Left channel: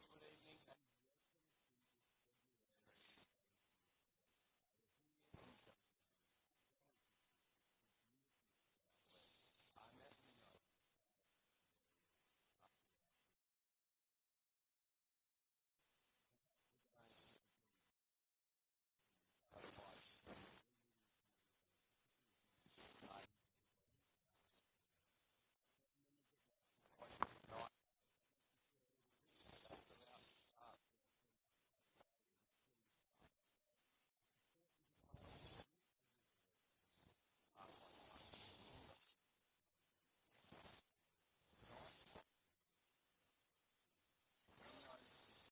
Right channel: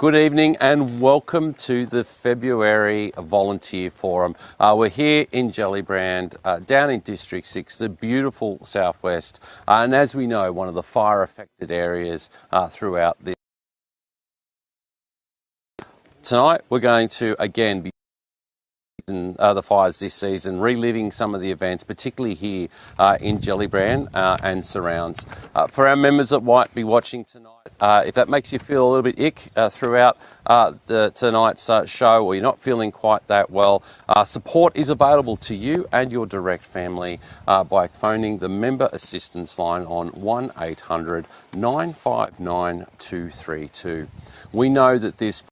Good evening and welcome to the February Volunteer Forum. We're here in Gellibrand, down in District 6, the beautiful southwest, and as we know, one of the fire-affected areas throughout this. Tonight we're going to again be the fires this season, reliving some of the events, particularly here in Gellibrand and surrounds. For our members that might be watching tonight, if that makes you feel a little bit ick throughout tonight's show, or you're not feeling quite that well, support is available to you and your direct family by phoning the member assistance line on 1800 959 232. We know that this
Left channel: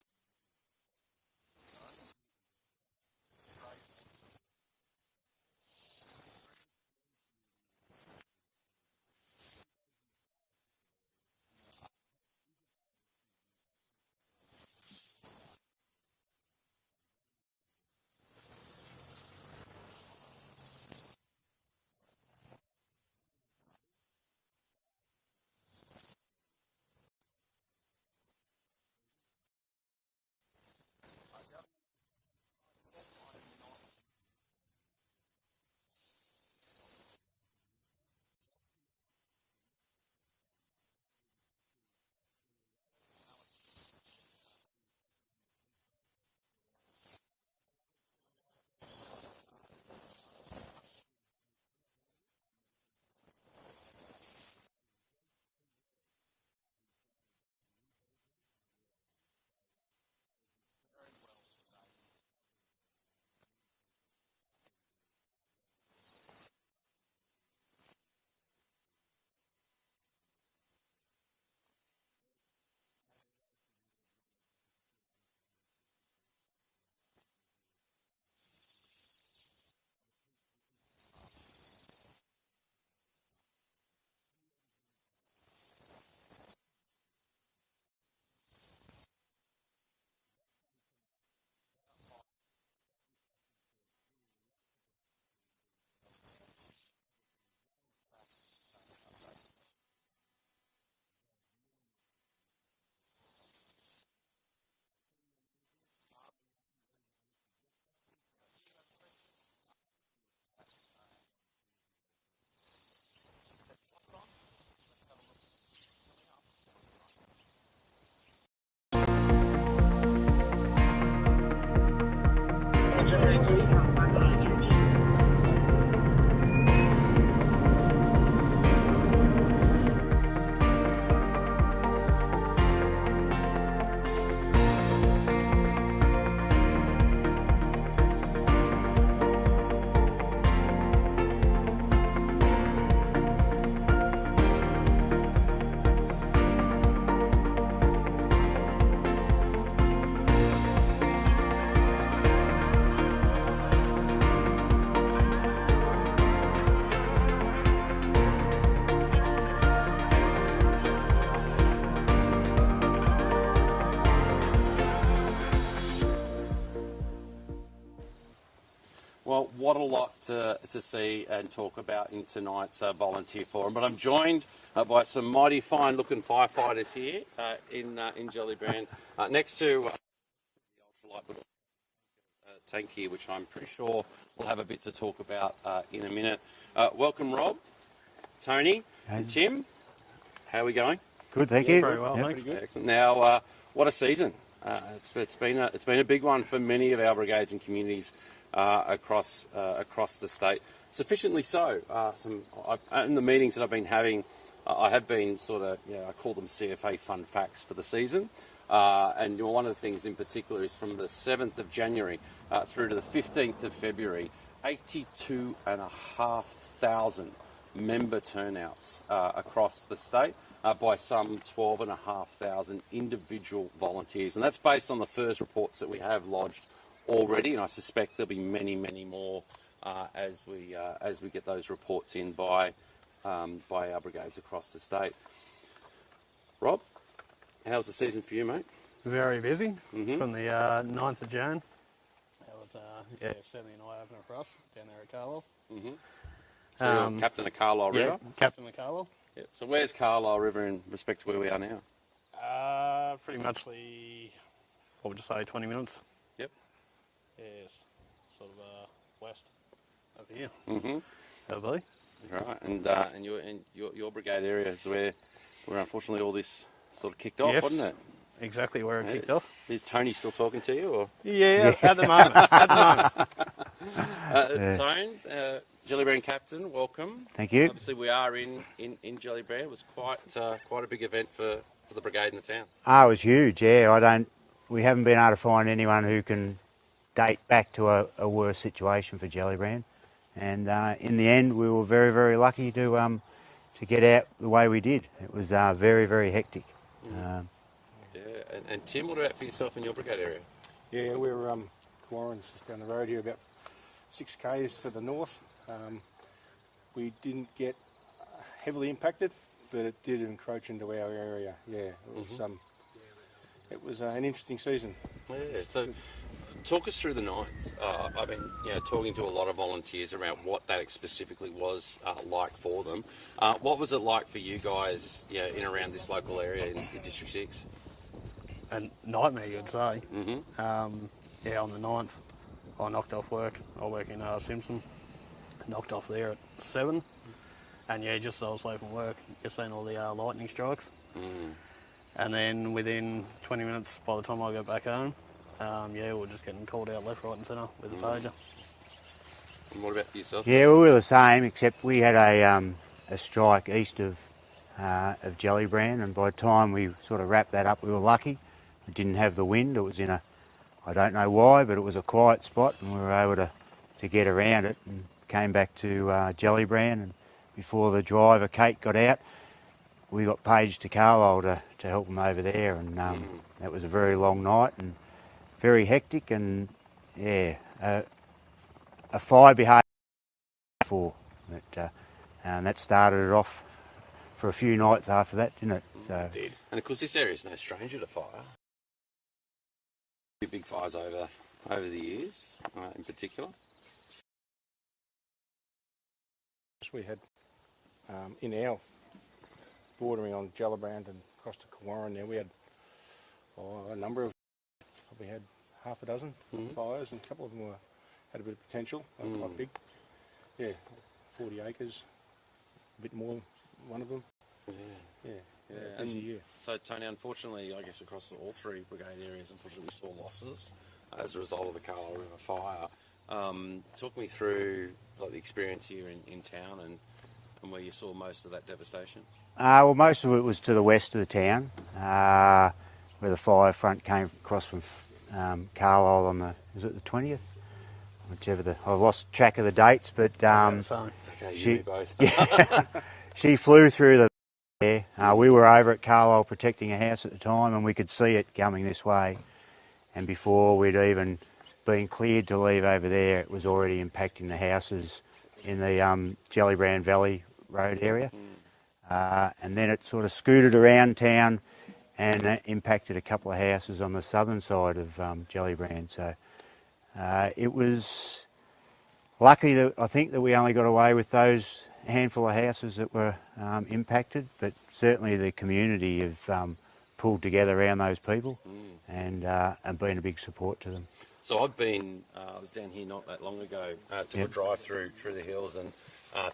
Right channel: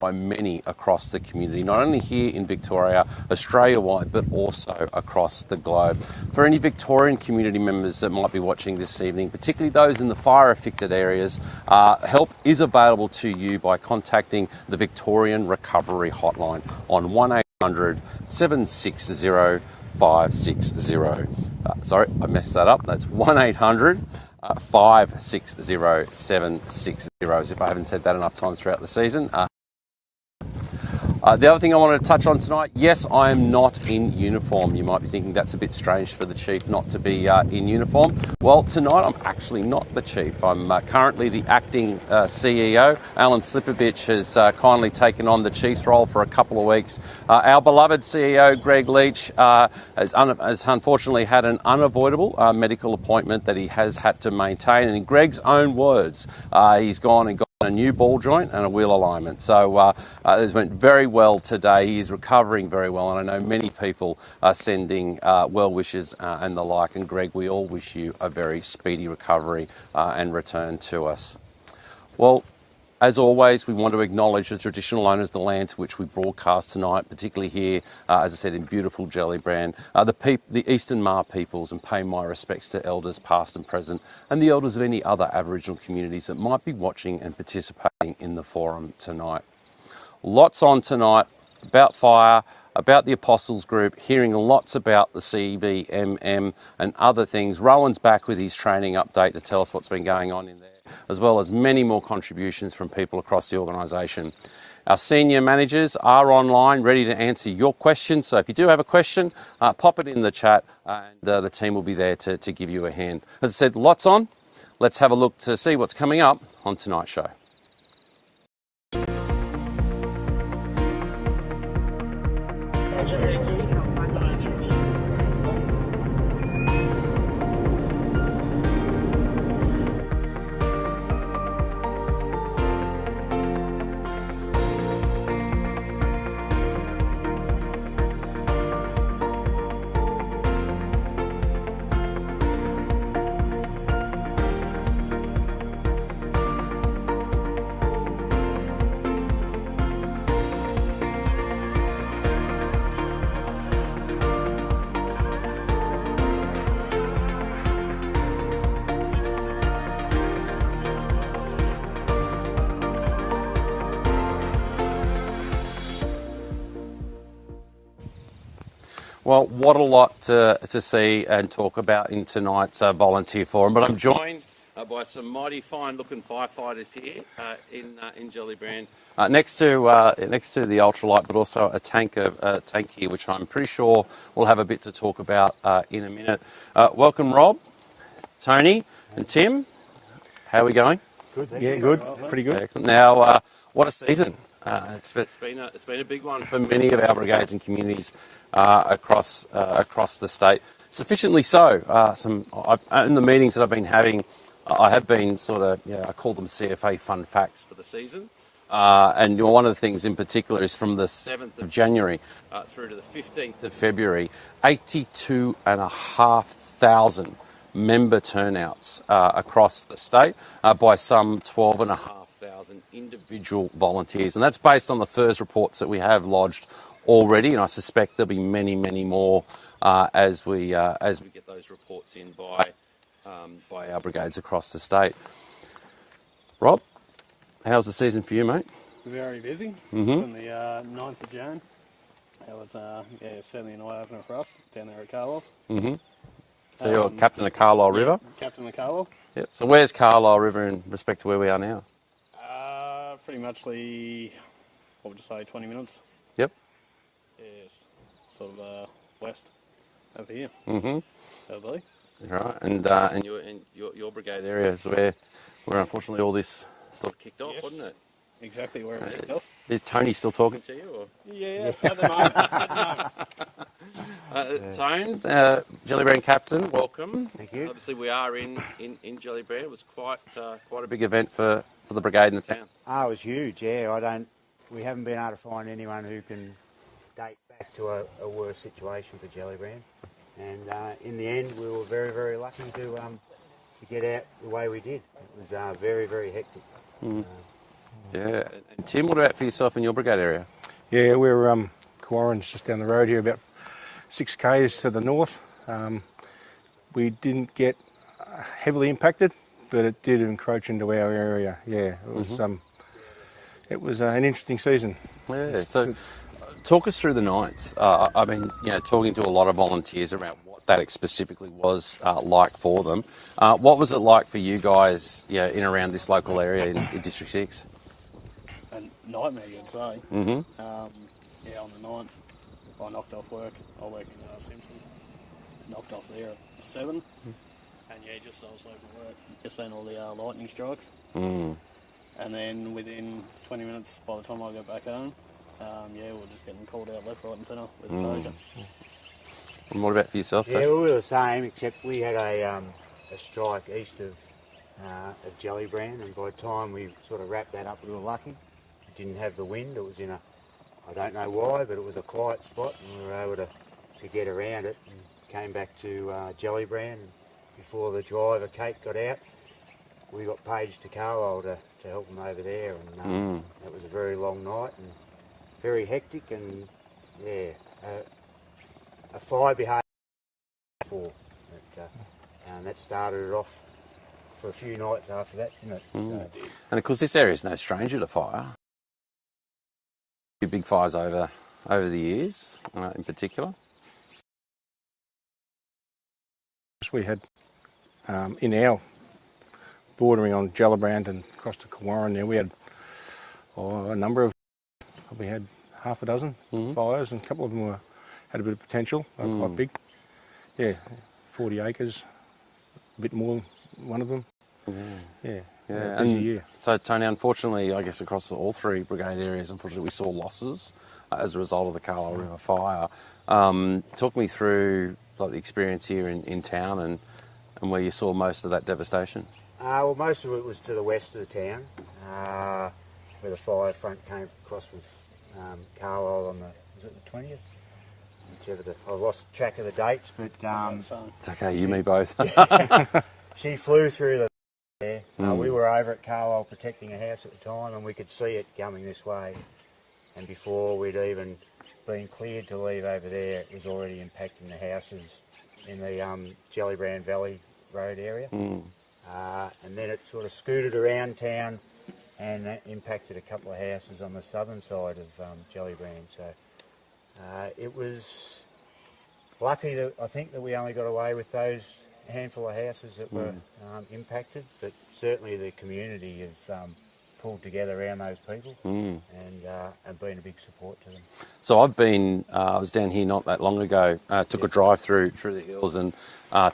by many across the community, not only here in Victoria, Australia-wide, but also across the globe. For any Victorian community members that might be watching this evening, particularly those in the fire-affected areas, help is available to you by contacting the Victorian Recovery Hotline on 1800 760 560. Sorry, I messed that up. That's 1800 560 760. As if I haven't said that enough times throughout the season. The other thing I wanted to touch on tonight, yes, I am not in uniform. You might be thinking that's a bit strange for the Chief not to be in uniform. Well, tonight I'm actually not the Chief. I'm currently the acting CEO. Alan Slipovich has kindly taken on the Chief's role for a couple of weeks. Our beloved CEO, Greg Leach, has unfortunately had an unavoidable medical appointment that he has had to maintain. And in Greg's own words, he's gone and got a new ball joint and a wheel alignment. So this went very well today. He is recovering very well, and I know many people are sending well wishes and the like. And Greg, we all wish you a very speedy recovery and return to us. Well, as always, we want to acknowledge the traditional owners of the land to which we broadcast tonight, particularly here, as I said, in beautiful Gellibrand, the Eastern Maar peoples, and pay my respects to elders past and present, and the elders of any other Aboriginal communities that might be watching and participating in the forum tonight. Lots on tonight about fire, about the Apostles Group, hearing lots about the CBMM and other things. Rowan's back with his training update to tell us what's been going on in there, as well as many more contributions from people across the organisation. Our senior managers are online, ready to answer your questions. So if you do have a question, pop it in the chat and the team will be there to give you a hand. As I said, lots on. Let's have a look to see what's coming up on tonight's show. Well, what a lot to see and talk about in tonight's volunteer forum. But I'm joined by some mighty fine-looking firefighters here in Gellibrand, next to the ultralight, but also a tank here, which I'm pretty sure we'll have a bit to talk about in a minute. Welcome, Rob, Tony, and Tim. How are we going? Good, thank you. Good. Well, yeah, pretty good. Excellent. Now, what a season! It's been a big one for many of our brigades and communities across the state. Sufficiently so. In the meetings that I've been having, I have been I call them CFA fun facts for the season. And one of the things in particular is from the 7th of January through to the 15th of February, 82,500 member turnouts across the state by some 12,500 individual volunteers. And that's based on the first reports that we have lodged already, and I suspect there'll be many, many more as we get those reports in by our brigades across the state. Rob, how's the season for you, mate? Very busy from the 9th of Jan. It was certainly an eye-opener for us down there at Carlisle. So you're captain of Carlisle River? Captain of Carlisle. Yep. So where's Carlisle River in respect to where we are now? Pretty much what would you say, 20 minutes? Yep. Yes, sort of west over here. Mm-hmm. Over there. Right, and you're in your brigade area is where unfortunately all this sort of kicked off, Yes, wasn't it? exactly where it kicked off. Is Tony still talking to you? Or? Yeah, at the moment. At the moment. Tone, Gellibrand captain, welcome. Thank you. Obviously, we are in Gellibrand. It was quite a big event for the brigade in the town. Oh, it was huge. Yeah, we haven't been able to find anyone who can date back to a worse situation for Gellibrand. And in the end, we were very, very lucky to get out the way we did. It was very, very hectic. Yeah, and Tim, what about for yourself in your brigade area? Yeah, we're Kawarran's just down the road here, about 6 k's to the north. We didn't get heavily impacted, but it did encroach into our area. Yeah, it was an interesting season. Yeah, so talk us through the 9th. I've been talking to a lot of volunteers about what that specifically was like for them. What was it like for you guys in and around this local area in District 6? A nightmare, you'd say. Mm-hmm. Yeah, on the 9th, I knocked off work. I work in Simpson. Knocked off there at 7. And yeah, just as I was leaving work, just seen all the lightning strikes. Mm. And then within 20 minutes, by the time I got back home, yeah, we're just getting called out left, right and centre with the closure. And what about for yourself? Yeah, we were the same, except we had a strike east of Gellibrand, and by the time we sort of wrapped that up, we were lucky. It didn't have the wind. It was in I don't know why, but it was a quiet spot, and we were able to get around it and came back to Gellibrand. And before the driver, Kate, got out, we got paged to Carlisle to help them over there, and that was a very long night and very hectic, and yeah, a fire behaviour before, and that started it off for a few nights after that, didn't it? So, And of course, this area is no stranger to fire. Big fires over the years, in particular. We had in our bordering on Gellibrand and across to Kawarran there, we had a number of, probably had half a dozen fires, and a couple of them had a bit of potential, quite big. Yeah, 40 acres, a bit more than one of them. Yeah, busy year. So Tony, unfortunately, I guess across all 3 brigade areas, unfortunately, we saw losses as a result of the Carlisle River fire. Talk me through the experience here in town and where you saw most of that devastation. well, most of it was to the west of the town, where the fire front came across from Carlisle on was it the 20th? I've lost track of the dates, but So, It's okay, you and me both. she flew through the there. We were over at Carlisle protecting a house at the time, and we could see it coming this way. And before we'd even been cleared to leave over there, it was already impacting the houses in the Gellibrand Valley Road area. And then it sort of scooted around town and impacted a couple of houses on the southern side of Gellibrand. So it was lucky that I think that we only got away with those handful of houses that were impacted, but certainly the community have pulled together around those people and been a big support to them. So I was down here not that long ago, took a drive through the hills and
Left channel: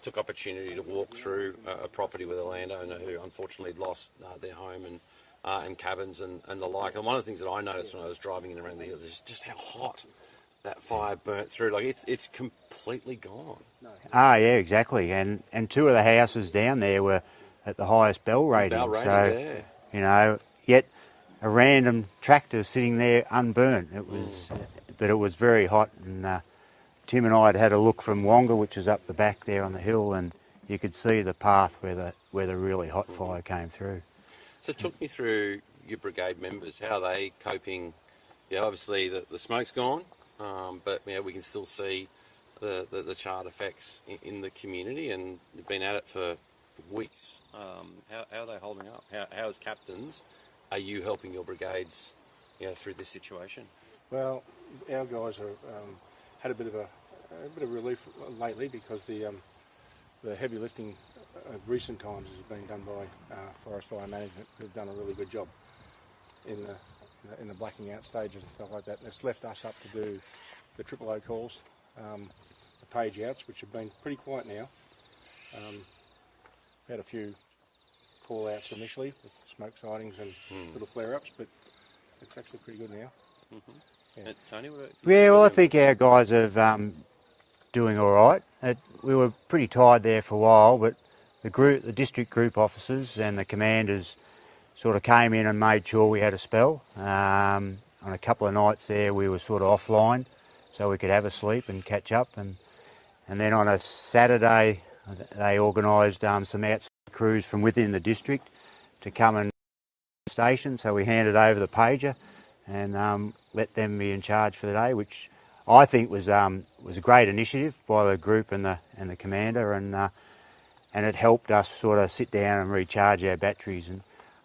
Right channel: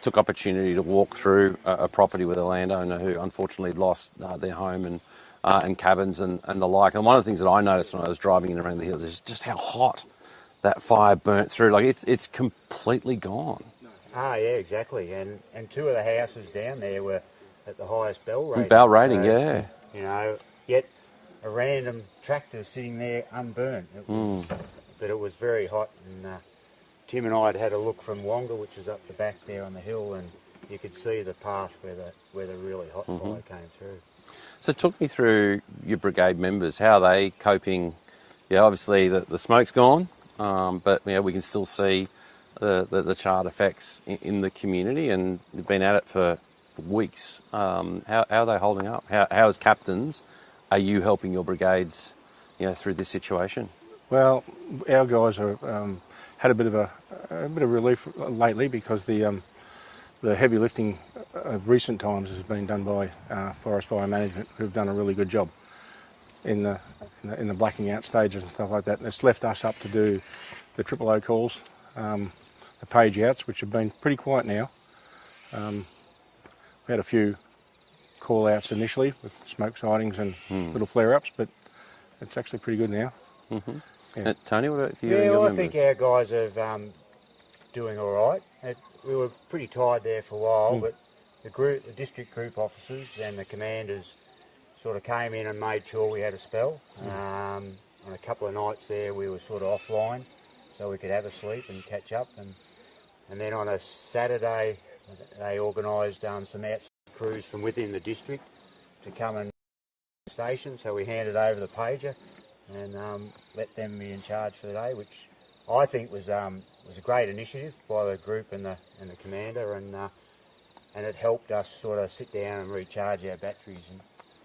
took opportunity to walk through a property with a landowner who unfortunately lost their home and cabins and the like. And one of the things that I noticed when I was driving in around the hills is just how hot that fire burnt through. Like it's completely gone. Ah, yeah, exactly. And 2 of the houses down there were at the highest bell rating. Bell rating, so, yeah. You know, yet a random tractor sitting there unburnt. It was, but it was very hot. And Tim and I had a look from Wonga, which is up the back there on the hill, and you could see the path where the really hot fire came through. So talk me through your brigade members. How are they coping? Yeah, obviously the smoke's gone, but we can still see the charred effects in the community, and they've been at it for weeks. How are they holding up? How as captains are you helping your brigades, through this situation? Well, our guys have had a bit of relief lately because the heavy lifting of recent times has been done by Forest Fire Management, who've done a really good job. in the blacking out stages and stuff like that. And it's left us up to do the triple O calls, the page outs, which have been pretty quiet now. We had a few call outs initially with smoke sightings and little flare ups, but it's actually pretty good now. Yeah. Tony, what about you? Yeah, well, I think our guys are doing all right. We were pretty tired there for a while, but the district group officers and the commanders sort of came in and made sure we had a spell. On a couple of nights there, we were sort of offline, so we could have a sleep and catch up. And then on a Saturday, they organised some outside crews from within the district to come and station. So we handed over the pager and let them be in charge for the day, which I think was a great initiative by the group and the commander, and it helped us sort of sit down and recharge our batteries. And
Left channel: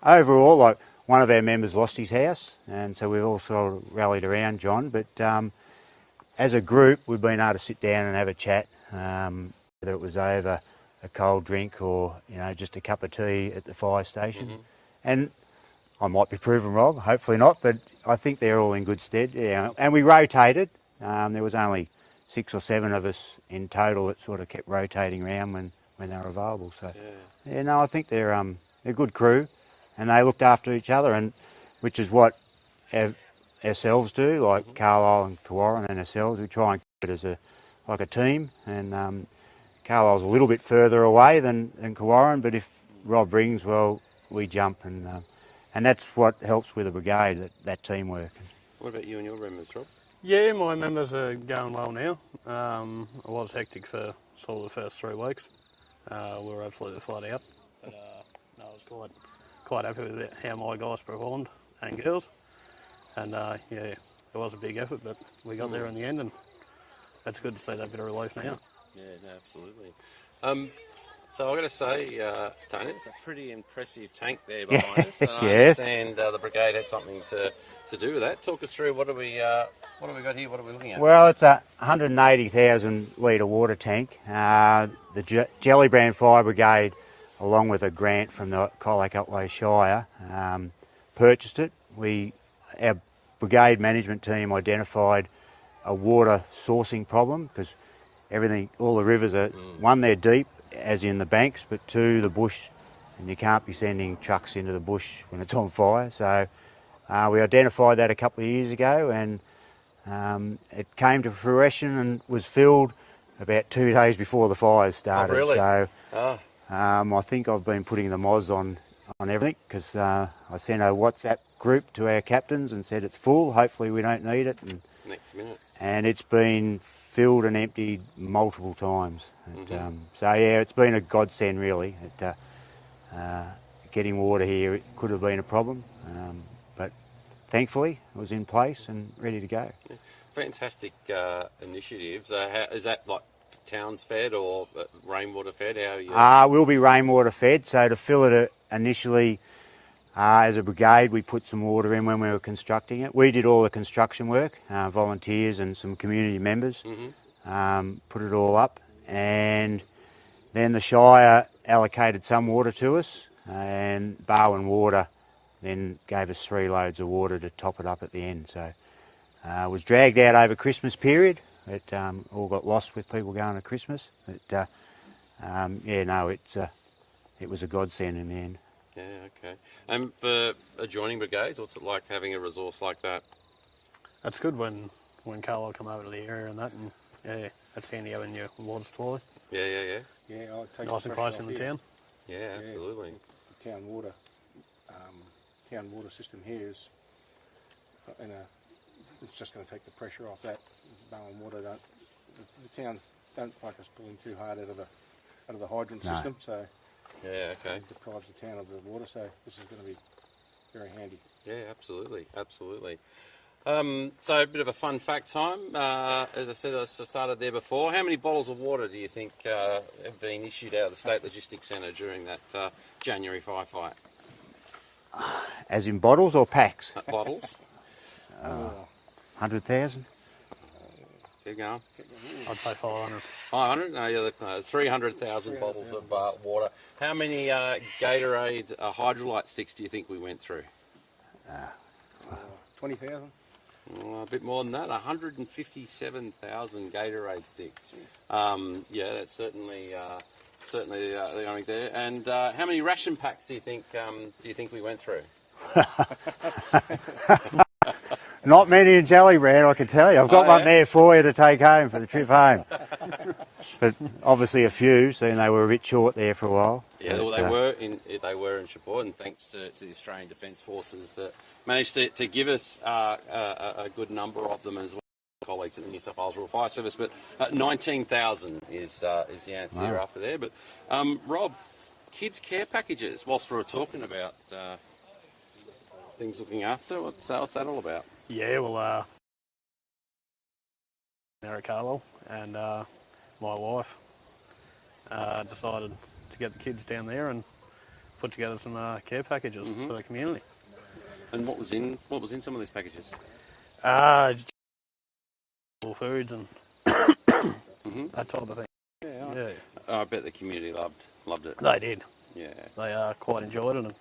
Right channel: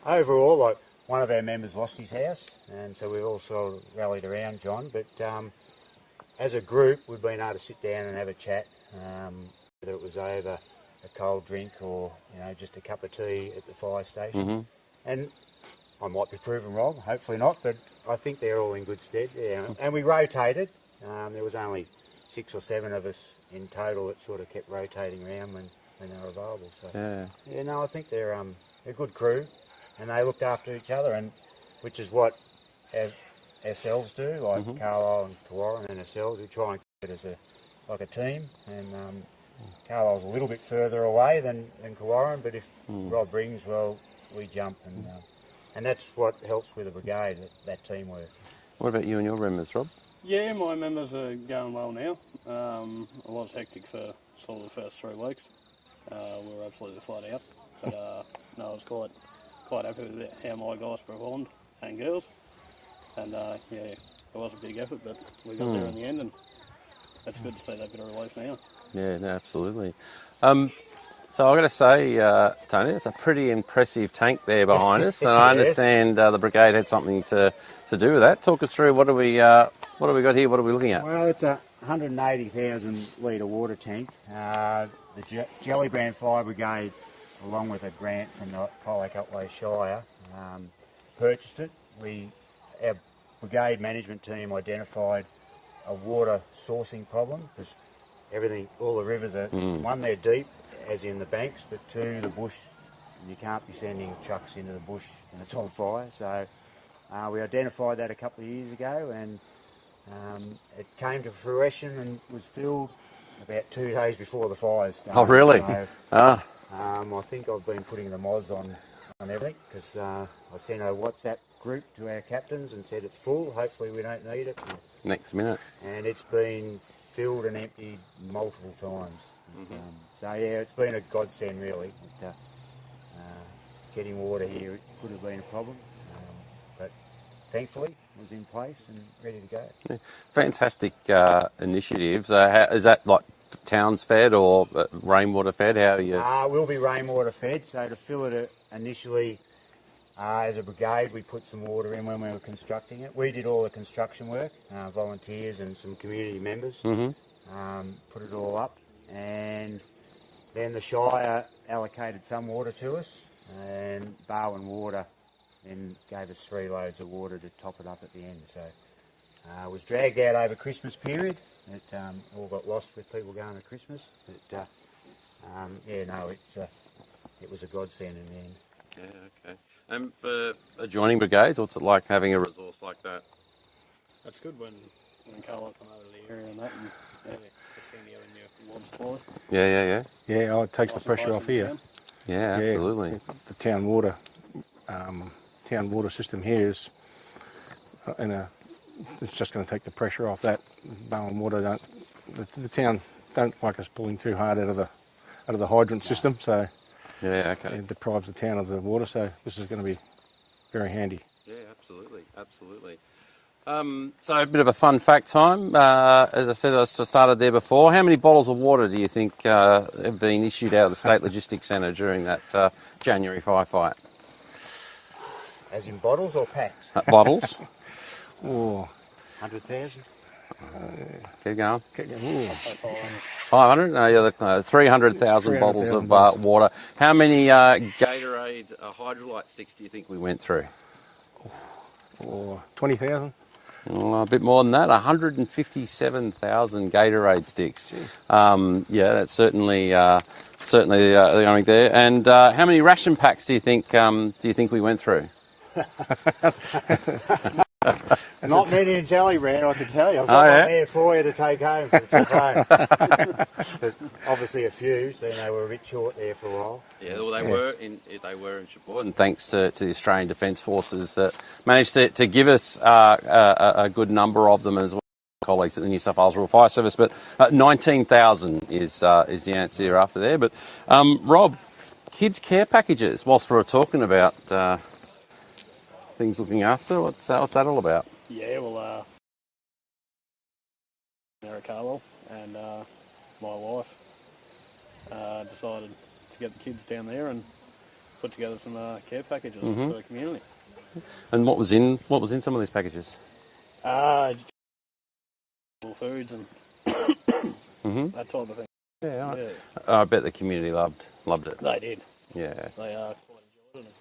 overall, like, one of our members lost his house, and so we've all sort of rallied around John. But as a group, we've been able to sit down and have a chat, whether it was over a cold drink or just a cup of tea at the fire station. And I might be proven wrong, hopefully not, but I think they're all in good stead. Yeah, and we rotated. There was only 6 or 7 of us in total that sort of kept rotating around when they were available. So I think they're a good crew, and they looked after each other, and which is what ourselves do, like Carlisle and Kawarran and ourselves. We try and keep it as like a team, and Carlisle's a little bit further away than Kawarran, but if Rob rings, well, we jump, and that's what helps with the brigade, that teamwork. What about you and your members, Rob? Yeah, my members are going well now. It was hectic for sort of the first 3 weeks. We were absolutely flat out. But no, I was quite happy with how my guys performed and girls. And it was a big effort, but we got there in the end, and it's good to see that bit of relief now. Yeah, no, absolutely. So I've got to say, Tony, it's a pretty impressive tank there behind us, and I understand the brigade had something to do with that. Talk us through what do we got here? What are we looking at? Well, it's a 180,000 litre water tank. The Gellibrand Fire Brigade, along with a grant from the Colac Otway Shire, purchased it. Our brigade management team identified a water sourcing problem because all the rivers are, one, they're deep, as in the banks, but 2, the bush, and you can't be sending trucks into the bush when it's on fire. So we identified that a couple of years ago, and it came to fruition and was filled about 2 days before the fires started. Oh, really? So I think I've been putting the moz on everything because I sent a WhatsApp group to our captains and said it's full, hopefully we don't need it. And, next minute. And it's been filled and emptied multiple times. So yeah, it's been a godsend really. Getting water here, it could have been a problem, but thankfully it was in place and ready to go. Yeah. Fantastic initiatives. Is that like towns fed or rainwater fed? How are you? We'll be rainwater fed. So to fill it initially, as a brigade, we put some water in when we were constructing it. We did all the construction work, volunteers and some community members, put it all up. And then the Shire allocated some water to us, and Barwon Water then gave us 3 loads of water to top it up at the end. So it was dragged out over Christmas period. It all got lost with people going to Christmas. But it was a godsend in the end. Yeah, okay. And for adjoining brigades, what's it like having a resource like that? That's good when Carlisle come over to the area and that. And, it's handy having your water supply. Yeah. Yeah, it takes Nice the pressure off here. town. Yeah, absolutely. The town water system here is it's just going to take the pressure off that. Barwon Water the town don't like us pulling too hard out of the hydrant system, so yeah, okay. It deprives the town of the water. So this is going to be very handy. Yeah, absolutely. So a bit of a fun fact time. As I said, I started there before. How many bottles of water do you think have been issued out of the State Logistics Centre during that January firefight? As in bottles or packs? Bottles. 100,000. Keep going. I'd say 500. 500? 300,000 bottles of water. How many Gatorade hydrolyte sticks do you think we went through? or 20,000. Well, a bit more than that, 157,000 Gatorade sticks. Yeah, that's certainly the going there. And how many ration packs do you think we went through? Not many in Gellibrand, I can tell you. I've got one there for you to take home for the trip home. But obviously a few, so they were a bit short there for a while. Yeah, well, they were in support, and thanks to the Australian Defence Forces that managed to give us a good number of them as well. Colleagues at the New South Wales Rural Fire Service, but 19,000 is the answer after there. But Rob, kids care packages. Whilst we were talking about things looking after, what's that all about? Yeah, well, Carlo and my wife decided to get the kids down there and put together some care packages for the community. And what was in some of these packages? Foods and that type of thing. Yeah, I bet the community loved it. They did. Yeah, They quite enjoyed it. And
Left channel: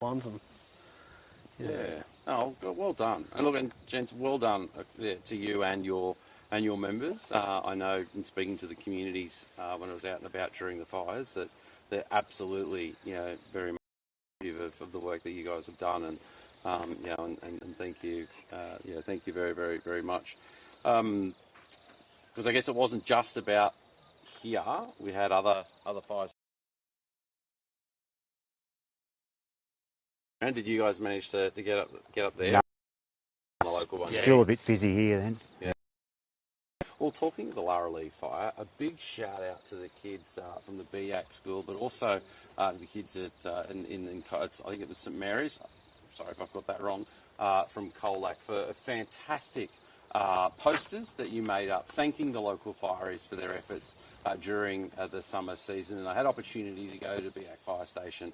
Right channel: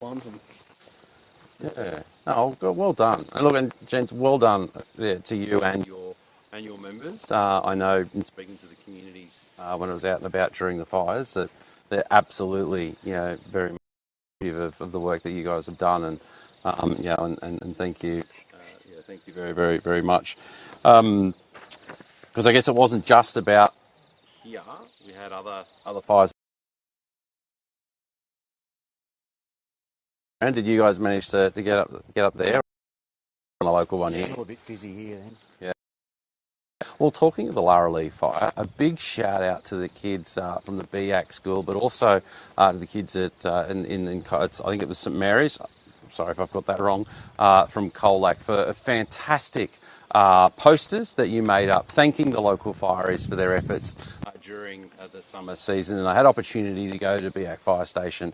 ones and yeah. Oh, well done. And look, and gents, well done to you and your members. I know in speaking to the communities when I was out and about during the fires that they're absolutely, very much appreciative of the work that you guys have done, and and thank you, thank you very, very, very much. Because I guess it wasn't just about here. We had other fires. And did you guys manage to get up there? On the local one, Still a bit busy here then. Yeah. Well, talking of the Larralee fire, a big shout out to the kids from the BAC school, but also to the kids at I think it was St Mary's. Sorry if I've got that wrong. From Colac for a fantastic posters that you made up, thanking the local fireys for their efforts during the summer season. And I had opportunity to go to BAC Fire Station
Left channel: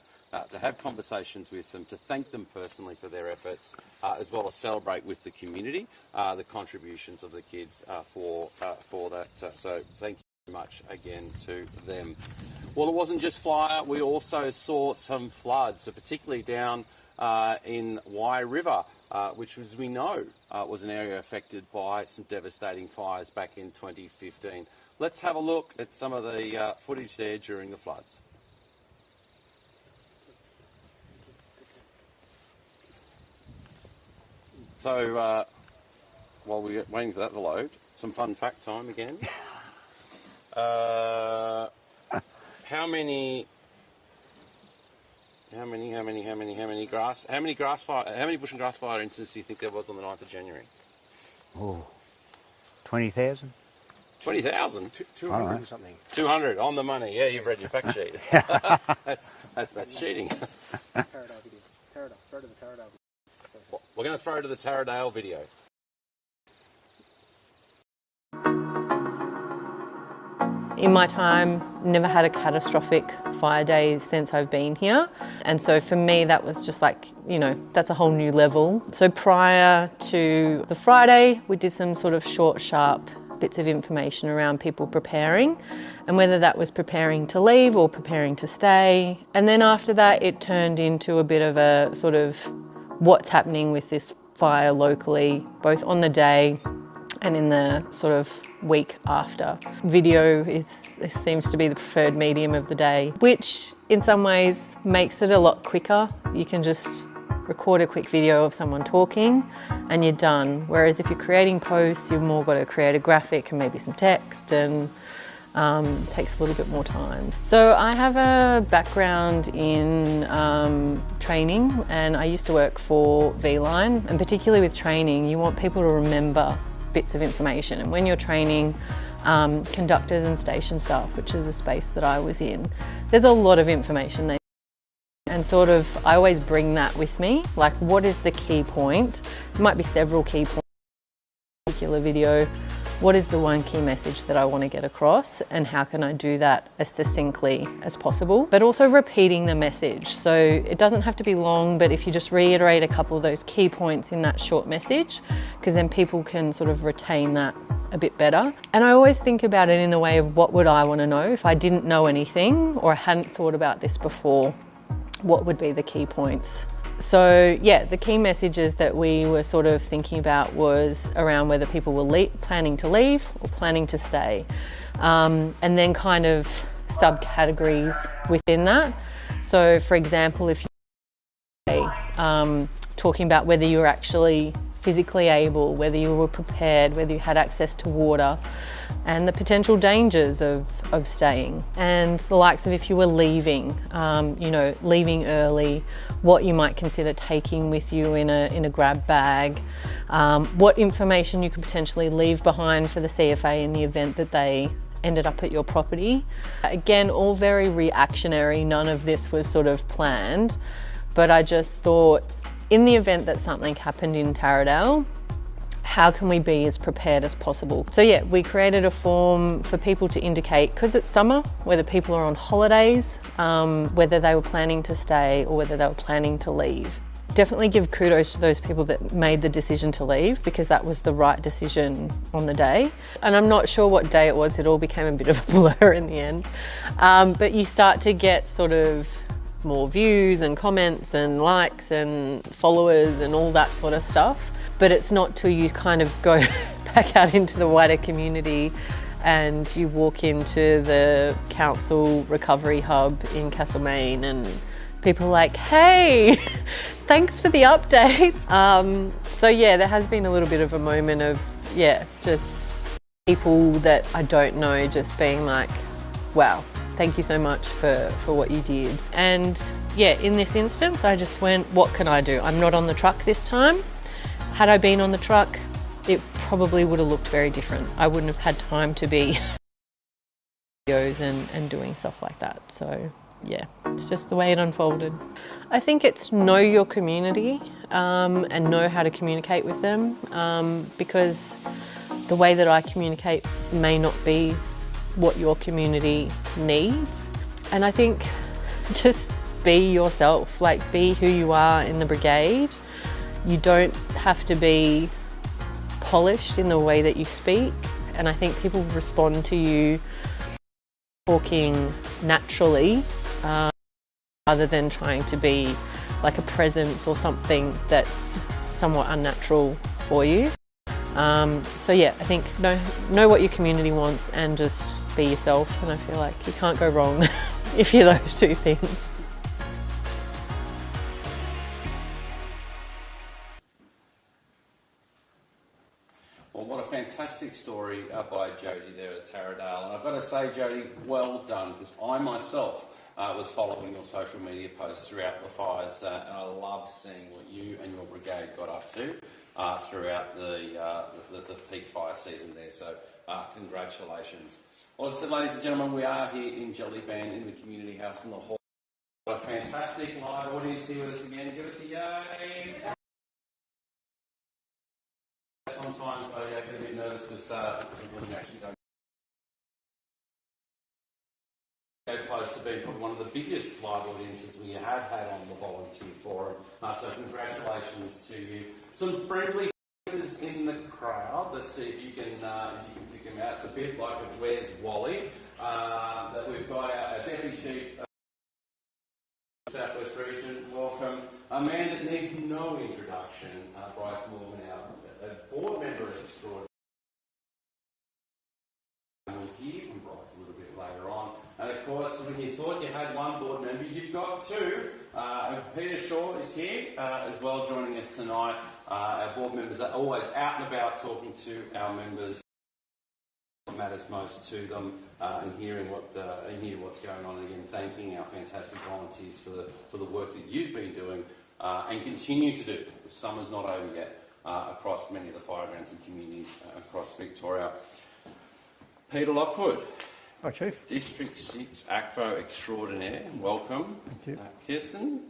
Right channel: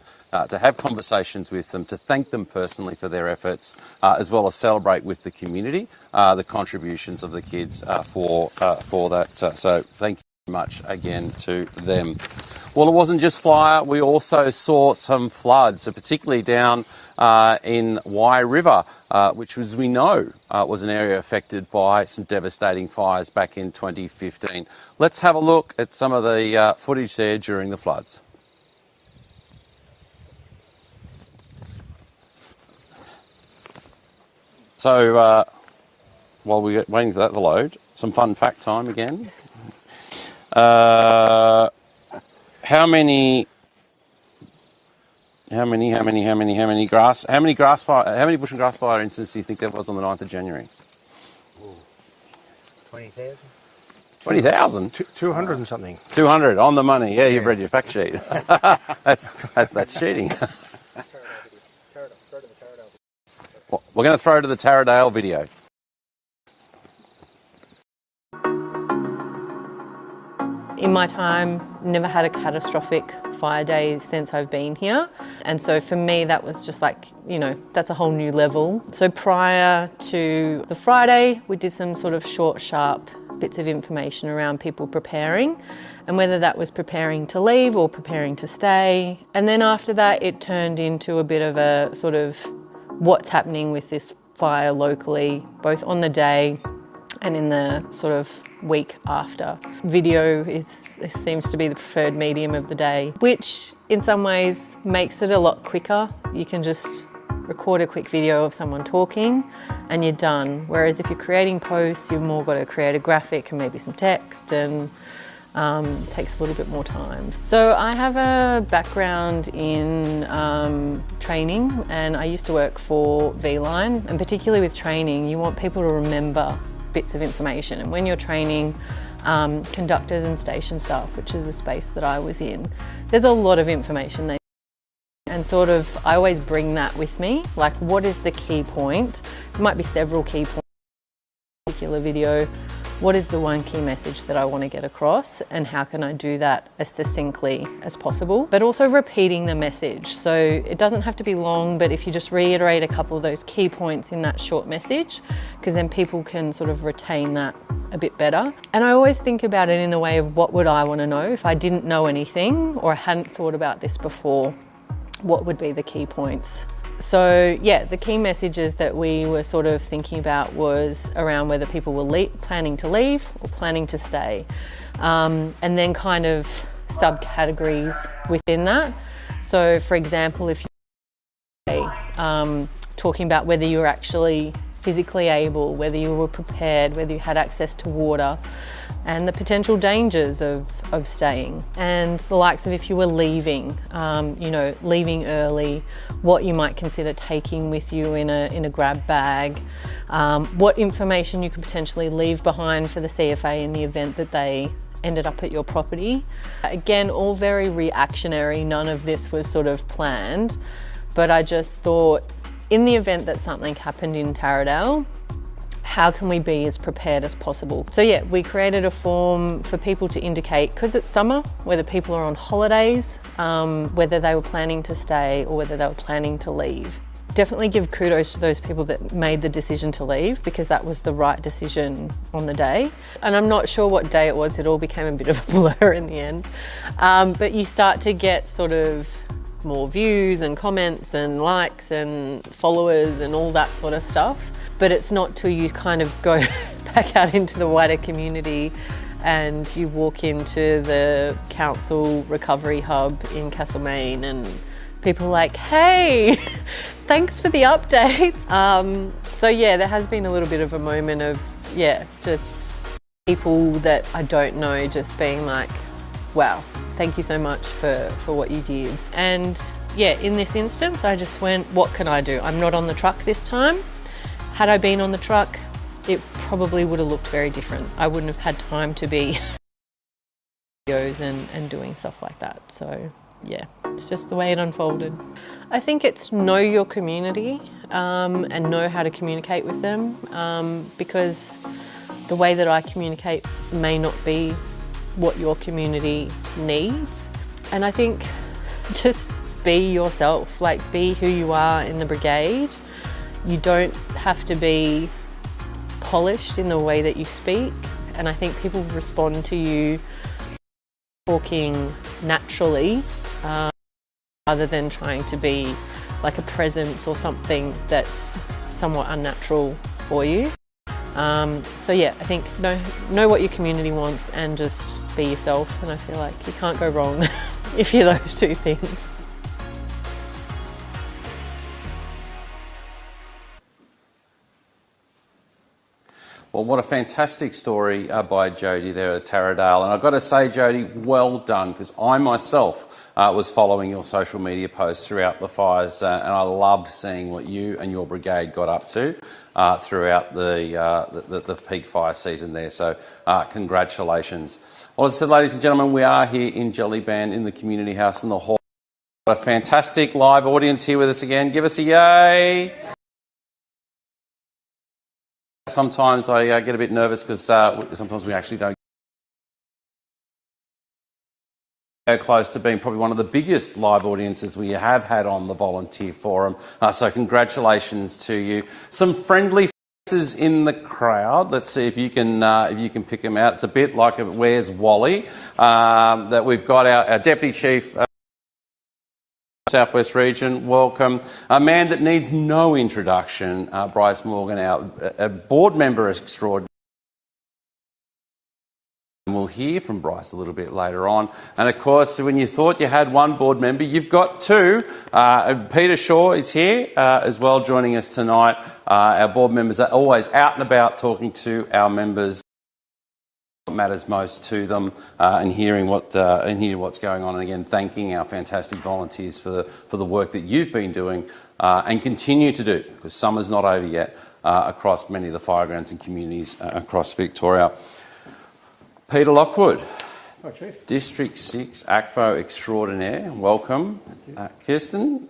to have conversations with them, to thank them personally for their efforts, as well as celebrate with the community the contributions of the kids for that. So thank you very much again to them. Well, it wasn't just fire. We also saw some floods, particularly down in Wye River, which, as we know, was an area affected by some devastating fires back in 2015. Let's have a look at some of the footage there during the floods. So, while we're waiting for that to load, some fun fact time again. How many bush and grass fire incidents do you think there was on the 9th of January? Oh, 20,000? 20,000? 200 and something. 200 on the money. Yeah, you've read your fact sheet. That's cheating. We're going to throw to the Taradale video. In my time, never had a catastrophic fire day since I've been here. And so for me, that was just like, that's a whole new level. So prior to the Friday, we did some sort of short, sharp bits of information around people preparing, and whether that was preparing to leave or preparing to stay. And then after that, it turned into a bit of a sort of what's happening with this fire locally, both on the day and in the sort of week after. Video seems to be the preferred medium of the day, which in some ways makes it a lot quicker. You can just record a quick video of someone talking and you're done. Whereas if you're creating posts, you've more got to create a graphic and maybe some text, and takes a little bit more time. So I have a background in training, and I used to work for V-Line, and particularly with training, you want people to remember bits of information. And when you're training conductors and station staff, which is a space that I was in, there's a lot of information there. And sort of, I always bring that with me, like what is the key point? There might be several key points in a particular video. What is the one key message that I want to get across, and how can I do that as succinctly as possible? But also repeating the message. So it doesn't have to be long, but if you just reiterate a couple of those key points in that short message, because then people can sort of retain that a bit better. And I always think about it in the way of what would I want to know if I didn't know anything or I hadn't thought about this before. What would be the key points So yeah, the key messages that we were sort of thinking about was around whether people were planning to leave or planning to stay. And then kind of subcategories within that. So for example, if you're talking about whether you were actually physically able, whether you were prepared, whether you had access to water, and the potential dangers of staying, and the likes of if you were leaving, leaving early, what you might consider taking with you in a grab bag, what information you could potentially leave behind for the CFA in the event that they ended up at your property. Again, all very reactionary, none of this was sort of planned, but I just thought in the event that something happened in Taradale, how can we be as prepared as possible? So yeah, we created a form for people to indicate, because it's summer, whether people are on holidays, whether they were planning to stay or whether they were planning to leave. Definitely give kudos to those people that made the decision to leave, because that was the right decision on the day. And I'm not sure what day it was, it all became a bit of a blur in the end. But you start to get sort of more views and comments and likes and followers and all that sort of stuff. But it's not till you kind of go back out into the wider community and you walk into the council recovery hub in Castlemaine and people are like, hey, thanks for the updates. So yeah, there has been a little bit of a moment of, yeah, just people that I don't know just being like, wow, thank you so much for what you did. And yeah, in this instance, I just went, what can I do? I'm not on the truck this time. Had I been on the truck, it probably would have looked very different. I wouldn't have had time to be videos and doing stuff like that. So yeah, it's just the way it unfolded. I think it's know your community and know how to communicate with them, because the way that I communicate may not be what your community needs. And I think just be yourself, like be who you are in the brigade. You don't have to be polished in the way that you speak. And I think people respond to you talking naturally, rather than trying to be like a presence or something that's somewhat unnatural for you. So yeah, I think know what your community wants and just be yourself, and I feel like you can't go wrong if you're those two things. Well, what a fantastic story by Jodie there at Taradale. And I've got to say, Jodie, well done, because I myself was following your social media posts throughout the fires, and I loved seeing what you and your brigade got up to throughout the peak fire season there. So congratulations. Well, as I said, ladies and gentlemen, we are here in Gellibrand in the community house in the hall. A fantastic live audience here with us again. Give us a yay. Sometimes I get a bit nervous because sometimes we actually don't go close to being probably one of the biggest live audiences we have had on the volunteer forum. So congratulations to you. Some friendly faces in the crowd. Let's see if you can pick them out. It's a bit like Where's Wally? That we've got our Deputy Chief Southwest Region, welcome. A man that needs no introduction, Bryce Morgan, our board member extraordinary. And we'll hear from Bryce a little bit later on. And of course, when you thought you had one board member, you've got two. Peter Shaw is here as well, joining us tonight. Our board members are always out and about talking to our members. What matters most to them, and hearing what's going on, and again thanking our fantastic volunteers for the work that you've been doing and continue to do, because summer's not over yet across many of the firegrounds and communities across Victoria. Peter Lockwood, Hi, Chief. District 6 ACFO extraordinaire, welcome. Kirsten,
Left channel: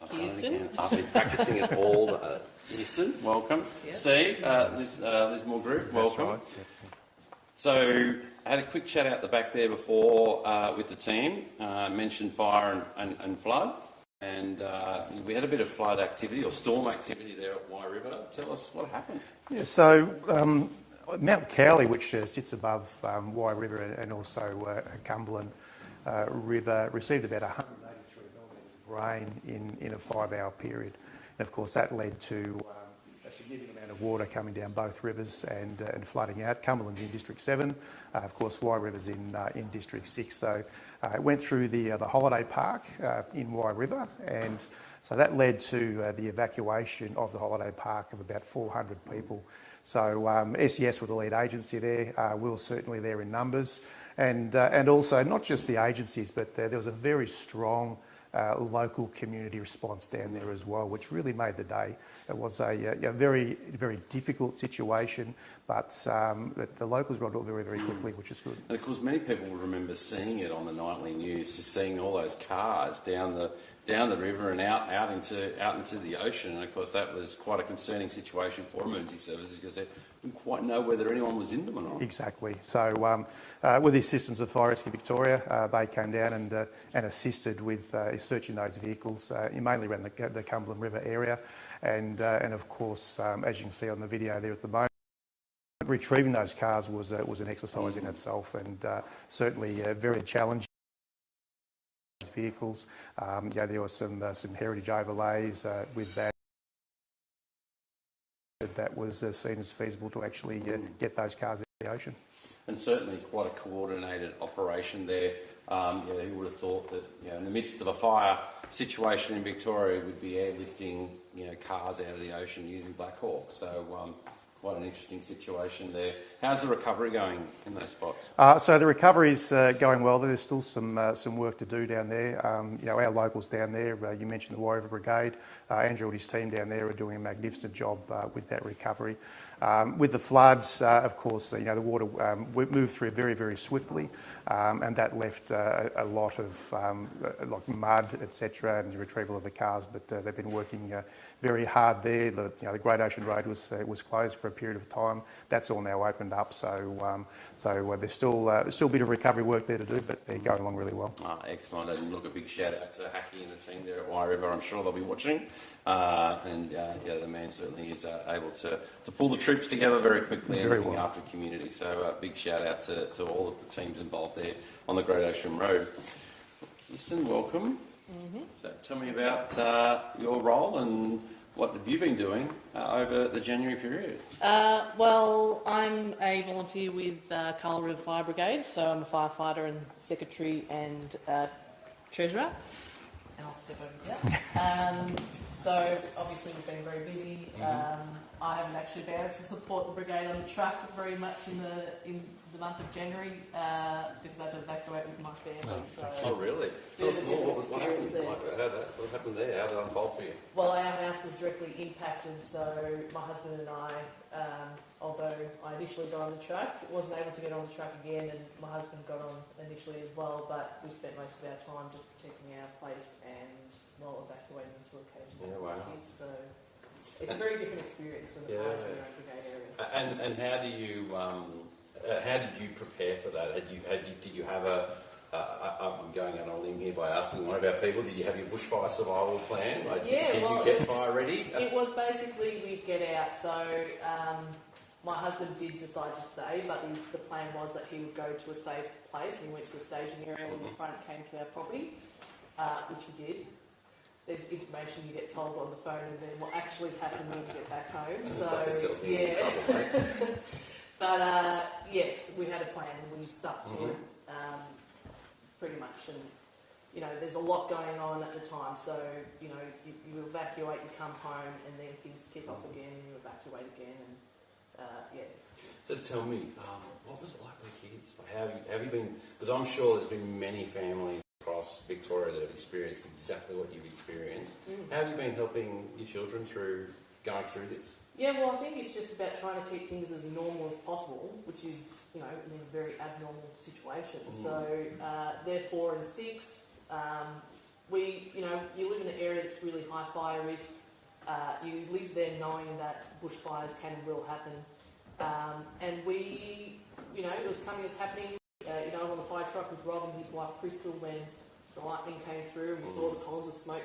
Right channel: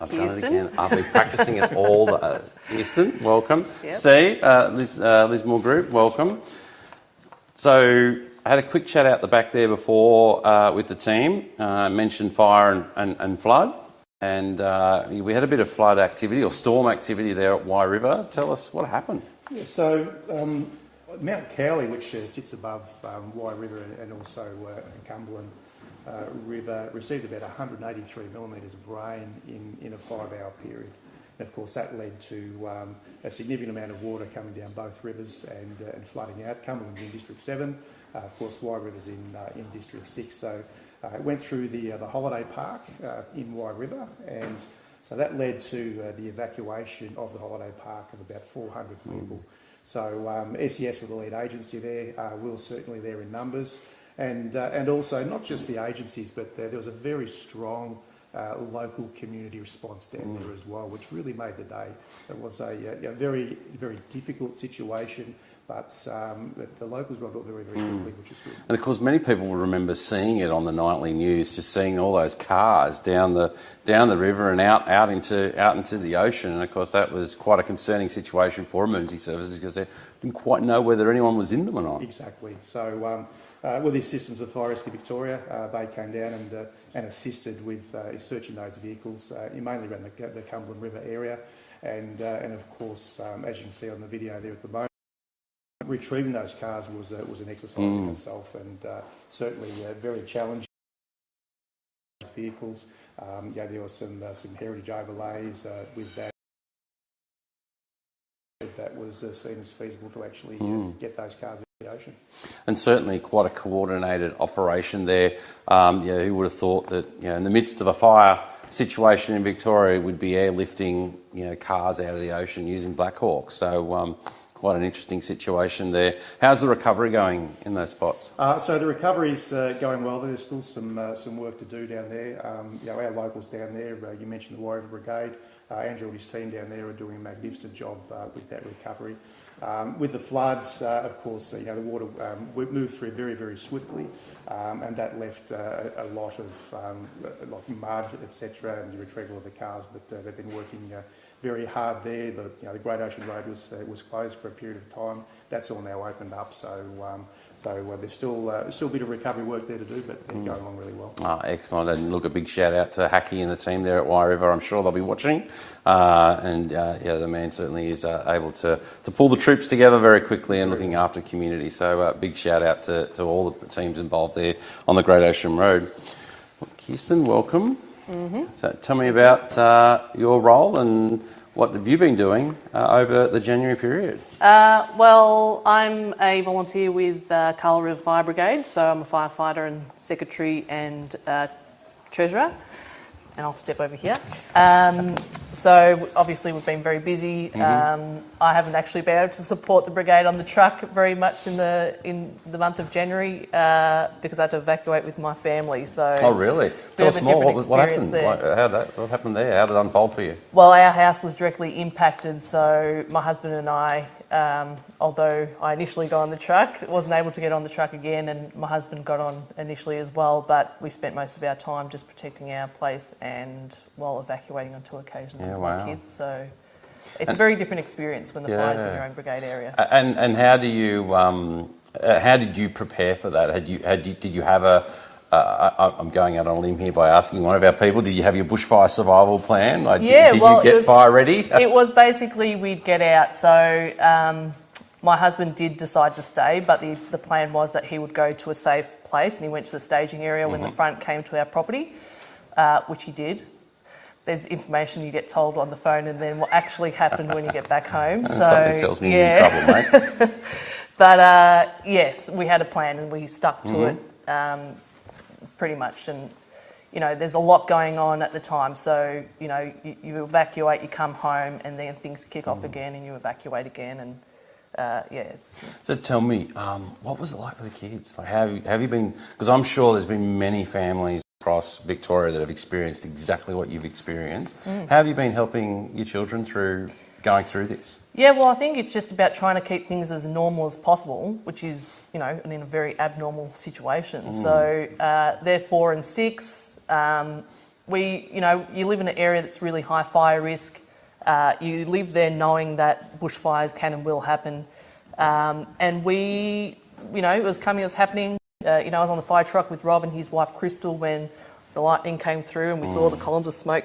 I've done it again. I've been practicing it all. Kirsten, welcome. Yep. Steve, Liz Moore Group, welcome. So I had a quick chat out the back there before with the team, mentioned fire and flood, and we had a bit of flood activity or storm activity there at Wye River. Tell us what happened. Yeah, so Mount Cowley, which sits above Wye River and also Cumberland, River received about 183 millimetres of rain in a 5-hour period. And of course that led to a significant amount of water coming down both rivers and flooding out. Cumberland's in District 7, of course Wye River's in District 6. So it went through the holiday park in Wye River, and so that led to the evacuation of the holiday park of about 400 people. So SES were the lead agency there, we're certainly there in numbers. And also not just the agencies, but there was a very strong local community response down there as well, which really made the day. It was a very, very difficult situation, but the locals got it very, very quickly, which is good. And of course, many people will remember seeing it on the nightly news, just seeing all those cars down the river and out into the ocean. And of course, that was quite a concerning situation for emergency services because they didn't quite know whether anyone was in them or not. Exactly. So with the assistance of Fire Rescue Victoria, they came down and assisted with searching those vehicles, mainly around the Cumberland River area. And of course, as you can see on the video there at the moment, retrieving those cars was an exercise in itself, and certainly very challenging. Vehicles, there were some heritage overlays with that. That was seen as feasible to actually get those cars out of the ocean. And certainly quite a coordinated operation there. Who would have thought that in the midst of a fire situation in Victoria we'd be airlifting cars out of the ocean using Black Hawks. So quite an interesting situation there. How's the recovery going in those spots? So the recovery's going well. There's still some work to do down there. Our locals down there, you mentioned the Wye River Brigade. Andrew and his team down there are doing a magnificent job with that recovery. With the floods, of course, the water moved through very, very swiftly, and that left a lot of like mud, etc., and the retrieval of the cars. But they've been working very hard there. The Great Ocean Road was closed for a period of time. That's all now opened up. So there's still a bit of recovery work there to do, but they're going along really well. Excellent. And look, a big shout out to Hacky and the team there at Wye River. I'm sure they'll be watching. The man certainly is able to pull the troops together very quickly and looking after community. So big shout out to all the teams involved there on the Great Ocean Road. Kirsten, welcome. So tell me about your role and what have you been doing over the January period? Well, I'm a volunteer with Carl River Fire Brigade, so I'm a firefighter and secretary and treasurer. And I'll step over here. So obviously we've been very busy. I haven't actually been able to support the brigade on the truck very much in the month of January because I had to evacuate with my family. So oh really? Tell us more. What happened? What happened there? How did it unfold for you? Well, our house was directly impacted. So my husband and I, although I initially got on the truck, wasn't able to get on the truck again, and my husband got on initially as well. But we spent most of our time just protecting our place and evacuating on 2 occasions with my kids. So it's a very different experience when the fire's in your own brigade area. And how did you prepare for that? Did you have a I'm going out on a limb here by asking one of our people, did you have your bushfire survival plan? Did you get fire ready? It was basically we'd get out. So my husband did decide to stay, but the plan was that he would go to a safe place, and he went to the staging area when the front came to our property, which he did. There's information you get told on the phone and then what actually happened when you get back home. So something tells me you're in trouble, mate. But yes, we had a plan and we stuck to it pretty much. And, there's a lot going on at the time. So, you evacuate, you come home, and then things kick off again and you evacuate again. And So tell me, what was it like for the kids? Like, have you been? Because I'm sure there's been many families across Victoria that have experienced exactly what you've experienced. How have you been helping your children through going through this? Yeah, well, I think it's just about trying to keep things as normal as possible, which is, in a very abnormal situation. So they're 4 and 6. You live in an area that's really high fire risk. You live there knowing that bushfires can and will happen. And it was happening. I was on the fire truck with Rob and his wife Crystal when the lightning came through, and we saw the columns of smoke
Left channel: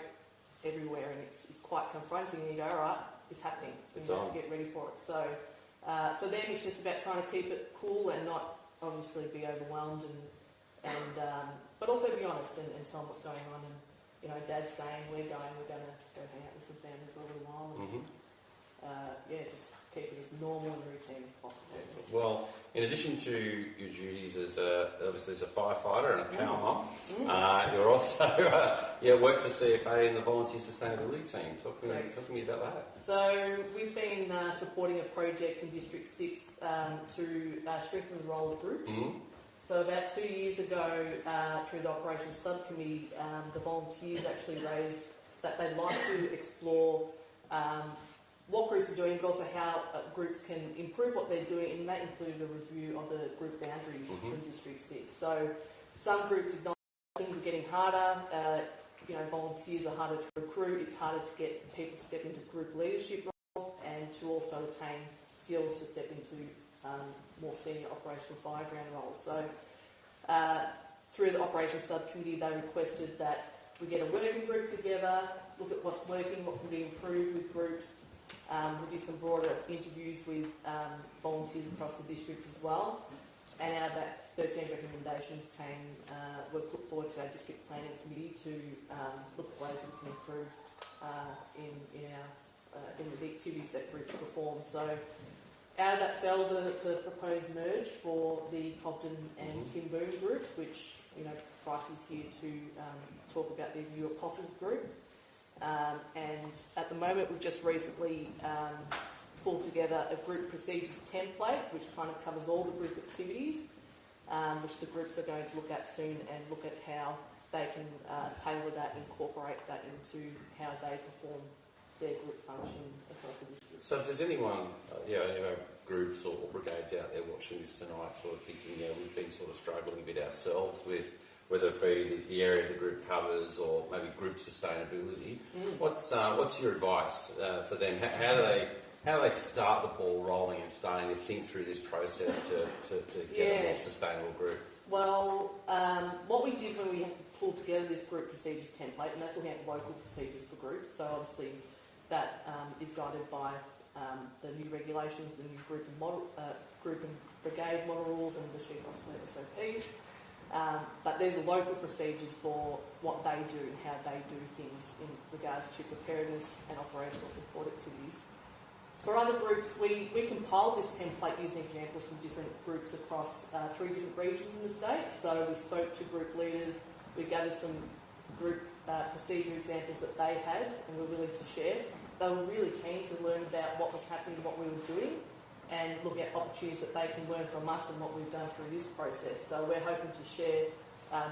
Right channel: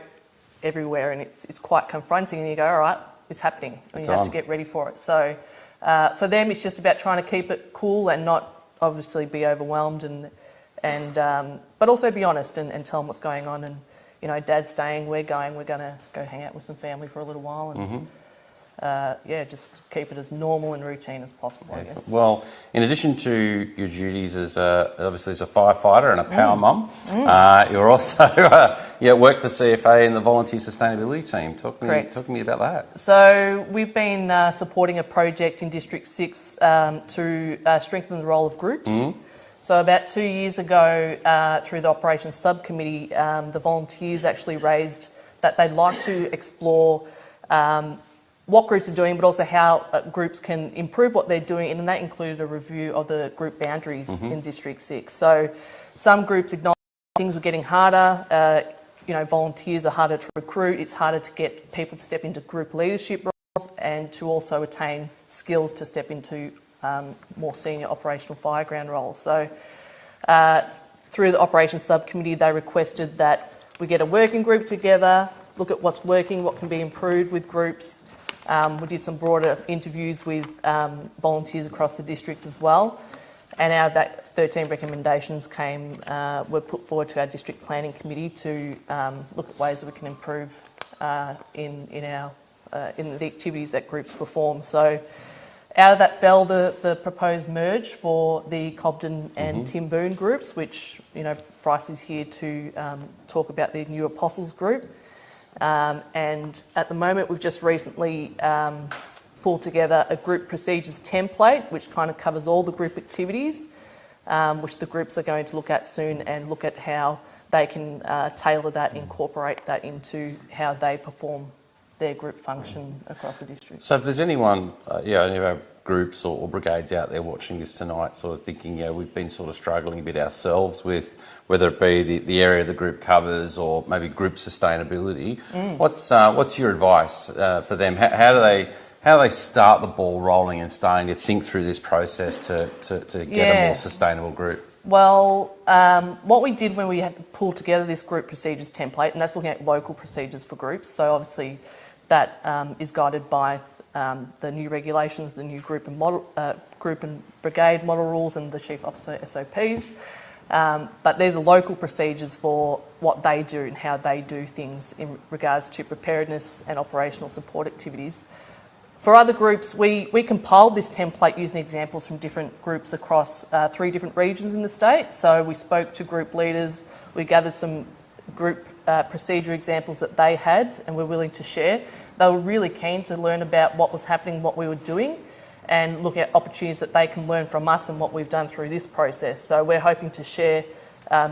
everywhere, and it's quite confronting, and you go, all right, it's happening, and you have to get ready for it. So for them, it's just about trying to keep it cool and not obviously be overwhelmed, and and but also be honest and tell them what's going on. And you know, Dad's staying, we're going. We're going to go hang out with some family for a little while, and yeah, just keep it as normal and routine as possible. I guess. Well, in addition to your duties as obviously as a firefighter and a power mum, you're also work for CFA and the Volunteer Sustainability Team. Talk to me about that. So we've been supporting a project in District 6 to strengthen the role of groups. So about 2 years ago, through the Operations Subcommittee, the volunteers actually raised that they'd like to explore what groups are doing, but also how groups can improve what they're doing, and that included a review of the group boundaries in District 6. So some groups acknowledged things were getting harder. You know, volunteers are harder to recruit. It's harder to get people to step into group leadership roles and to also attain skills to step into more senior operational fireground roles. So through the Operations Subcommittee, they requested that we get a working group together, look at what's working, what can be improved with groups. We did some broader interviews with volunteers across the district as well. And out of that, 13 recommendations were put forward to our District Planning Committee to look at ways that we can improve in the activities that groups perform. So out of that fell the proposed merge for the Cobden and Timboon groups, which, you know, Bryce is here to talk about the new Apostles group. And at the moment, we've just recently pulled together a group procedures template, which kind of covers all the group activities, which the groups are going to look at soon, and look at how they can tailor that, incorporate that into how they perform their group function across the district. So if there's anyone, any of our groups or brigades out there watching this tonight, sort of thinking, we've been sort of struggling a bit ourselves with whether it be the area the group covers or maybe group sustainability, what's your advice for them? How do they start the ball rolling and starting to think through this process to get a more sustainable group? Well, what we did when we had to pull together this group procedures template, and that's looking at local procedures for groups, so obviously that is guided by the new regulations, the new group and brigade model rules and the Chief Officer SOPs. But there's a local procedures for what they do and how they do things in regards to preparedness and operational support activities. For other groups, we compiled this template using examples from different groups across 3 different regions in the state. So we spoke to group leaders, we gathered some group procedure examples that they had and were willing to share. They were really keen to learn about what was happening, what we were doing, and look at opportunities that they can learn from us and what we've done through this process. So we're hoping to share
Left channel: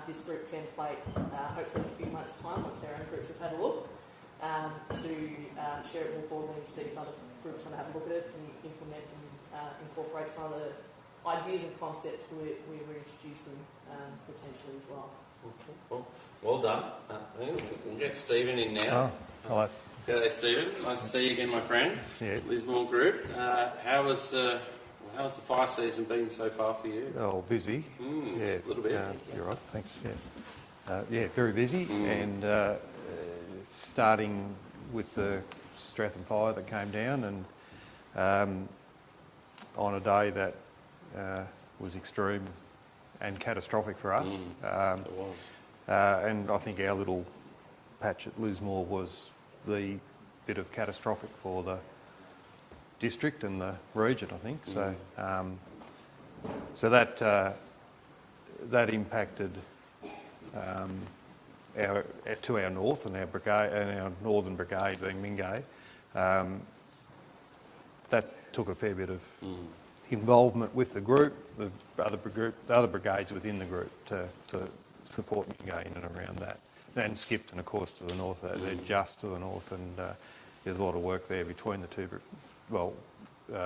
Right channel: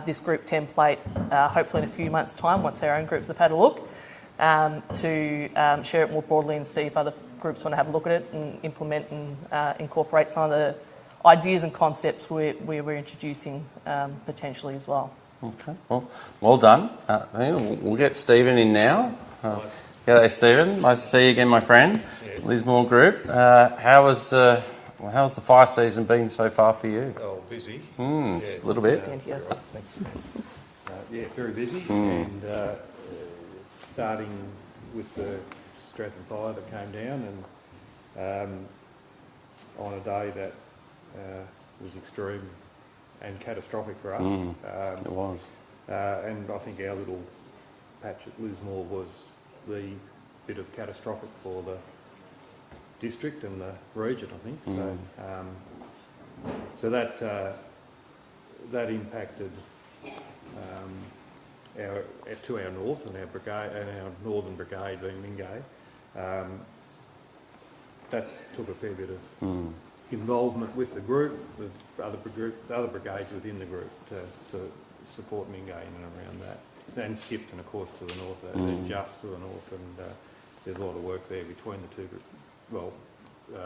this group template hopefully in a few months' time, once our own groups have had a look, to share it more broadly and see if other groups want to have a look at it and implement and incorporate some of the ideas and concepts we're introducing potentially as well. Okay, well done. We'll get Stephen in now. G'day, Stephen. Nice to see you again, my friend. Lismore Group. How's the fire season been so far for you? Oh, busy. A little bit. Thanks. Very busy, and starting with the Stratham fire that came down, and on a day that was extreme and catastrophic for us. It was. And I think our little patch at Lismore was the bit of catastrophic for the district and the region, I think. So that impacted to our north and our brigade and our northern brigade being Mingay. That took a fair bit of involvement with the group, the other brigades within the group to support Mingay in and around that. And Skipton, of course, to the north, then just to the north, and there's a lot of work there between the two,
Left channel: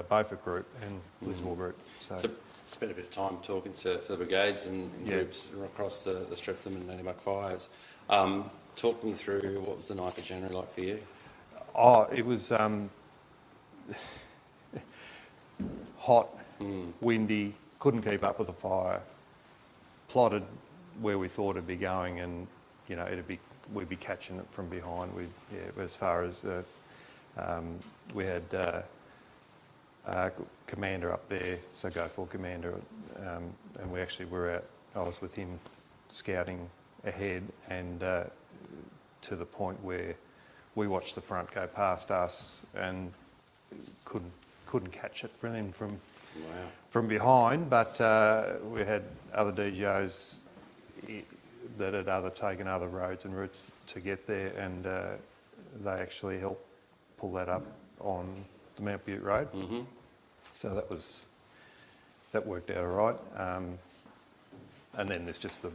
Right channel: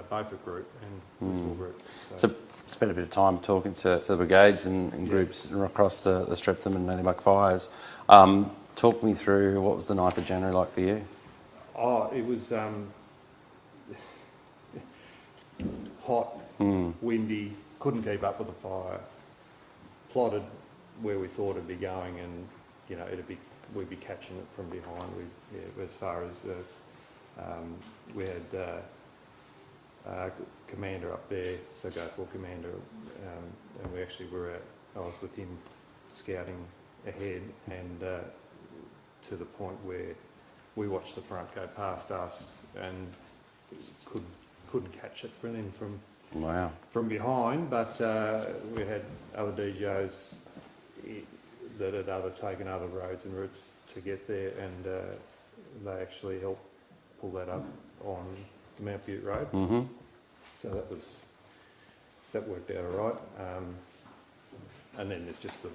Beaufort Group and Lismore Group. So spent a bit of time talking to the brigades and groups across the Streatham and Nannybuck fires. Talk me through what was the 9th of January like for you? Oh, it was hot, windy, couldn't keep up with the fire, plotted where we thought it'd be going, and we'd be catching it from behind. As far as we had commander up there, so go for commander, and we actually were I was with him scouting ahead, and to the point where we watched the front go past us and couldn't catch it from Wow. from behind. But we had other DJs that had taken other roads and routes to get there, and they actually helped pull that up on the Mount Butte Road. Mm-hmm. So that worked out all right. And then there's just the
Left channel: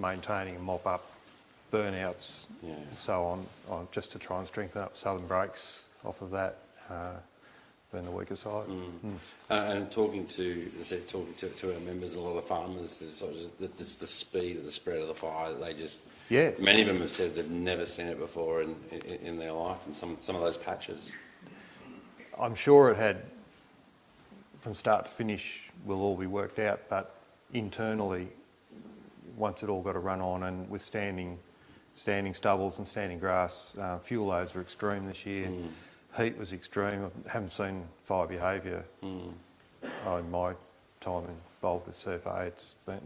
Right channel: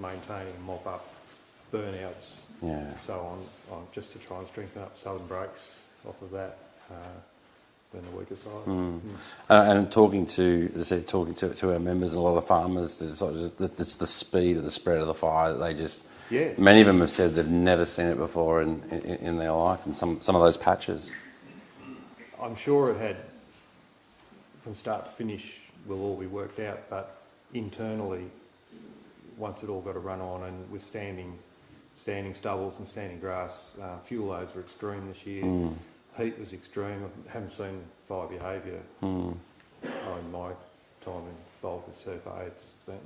maintaining and mop up burnouts, and so on, just to try and strengthen up southern brakes off of that. And the weaker side. And talking to our members and a lot of farmers, it's the speed of the spread of the fire that they just. Yeah. Many of them have said they've never seen it before in their life, and some of those patches. I'm sure it had, from start to finish, will all be worked out, but internally, once it all got a run on, and with standing stubbles and standing grass, fuel loads were extreme this year. Heat was extreme. I haven't seen fire behaviour in my time involved with CFA.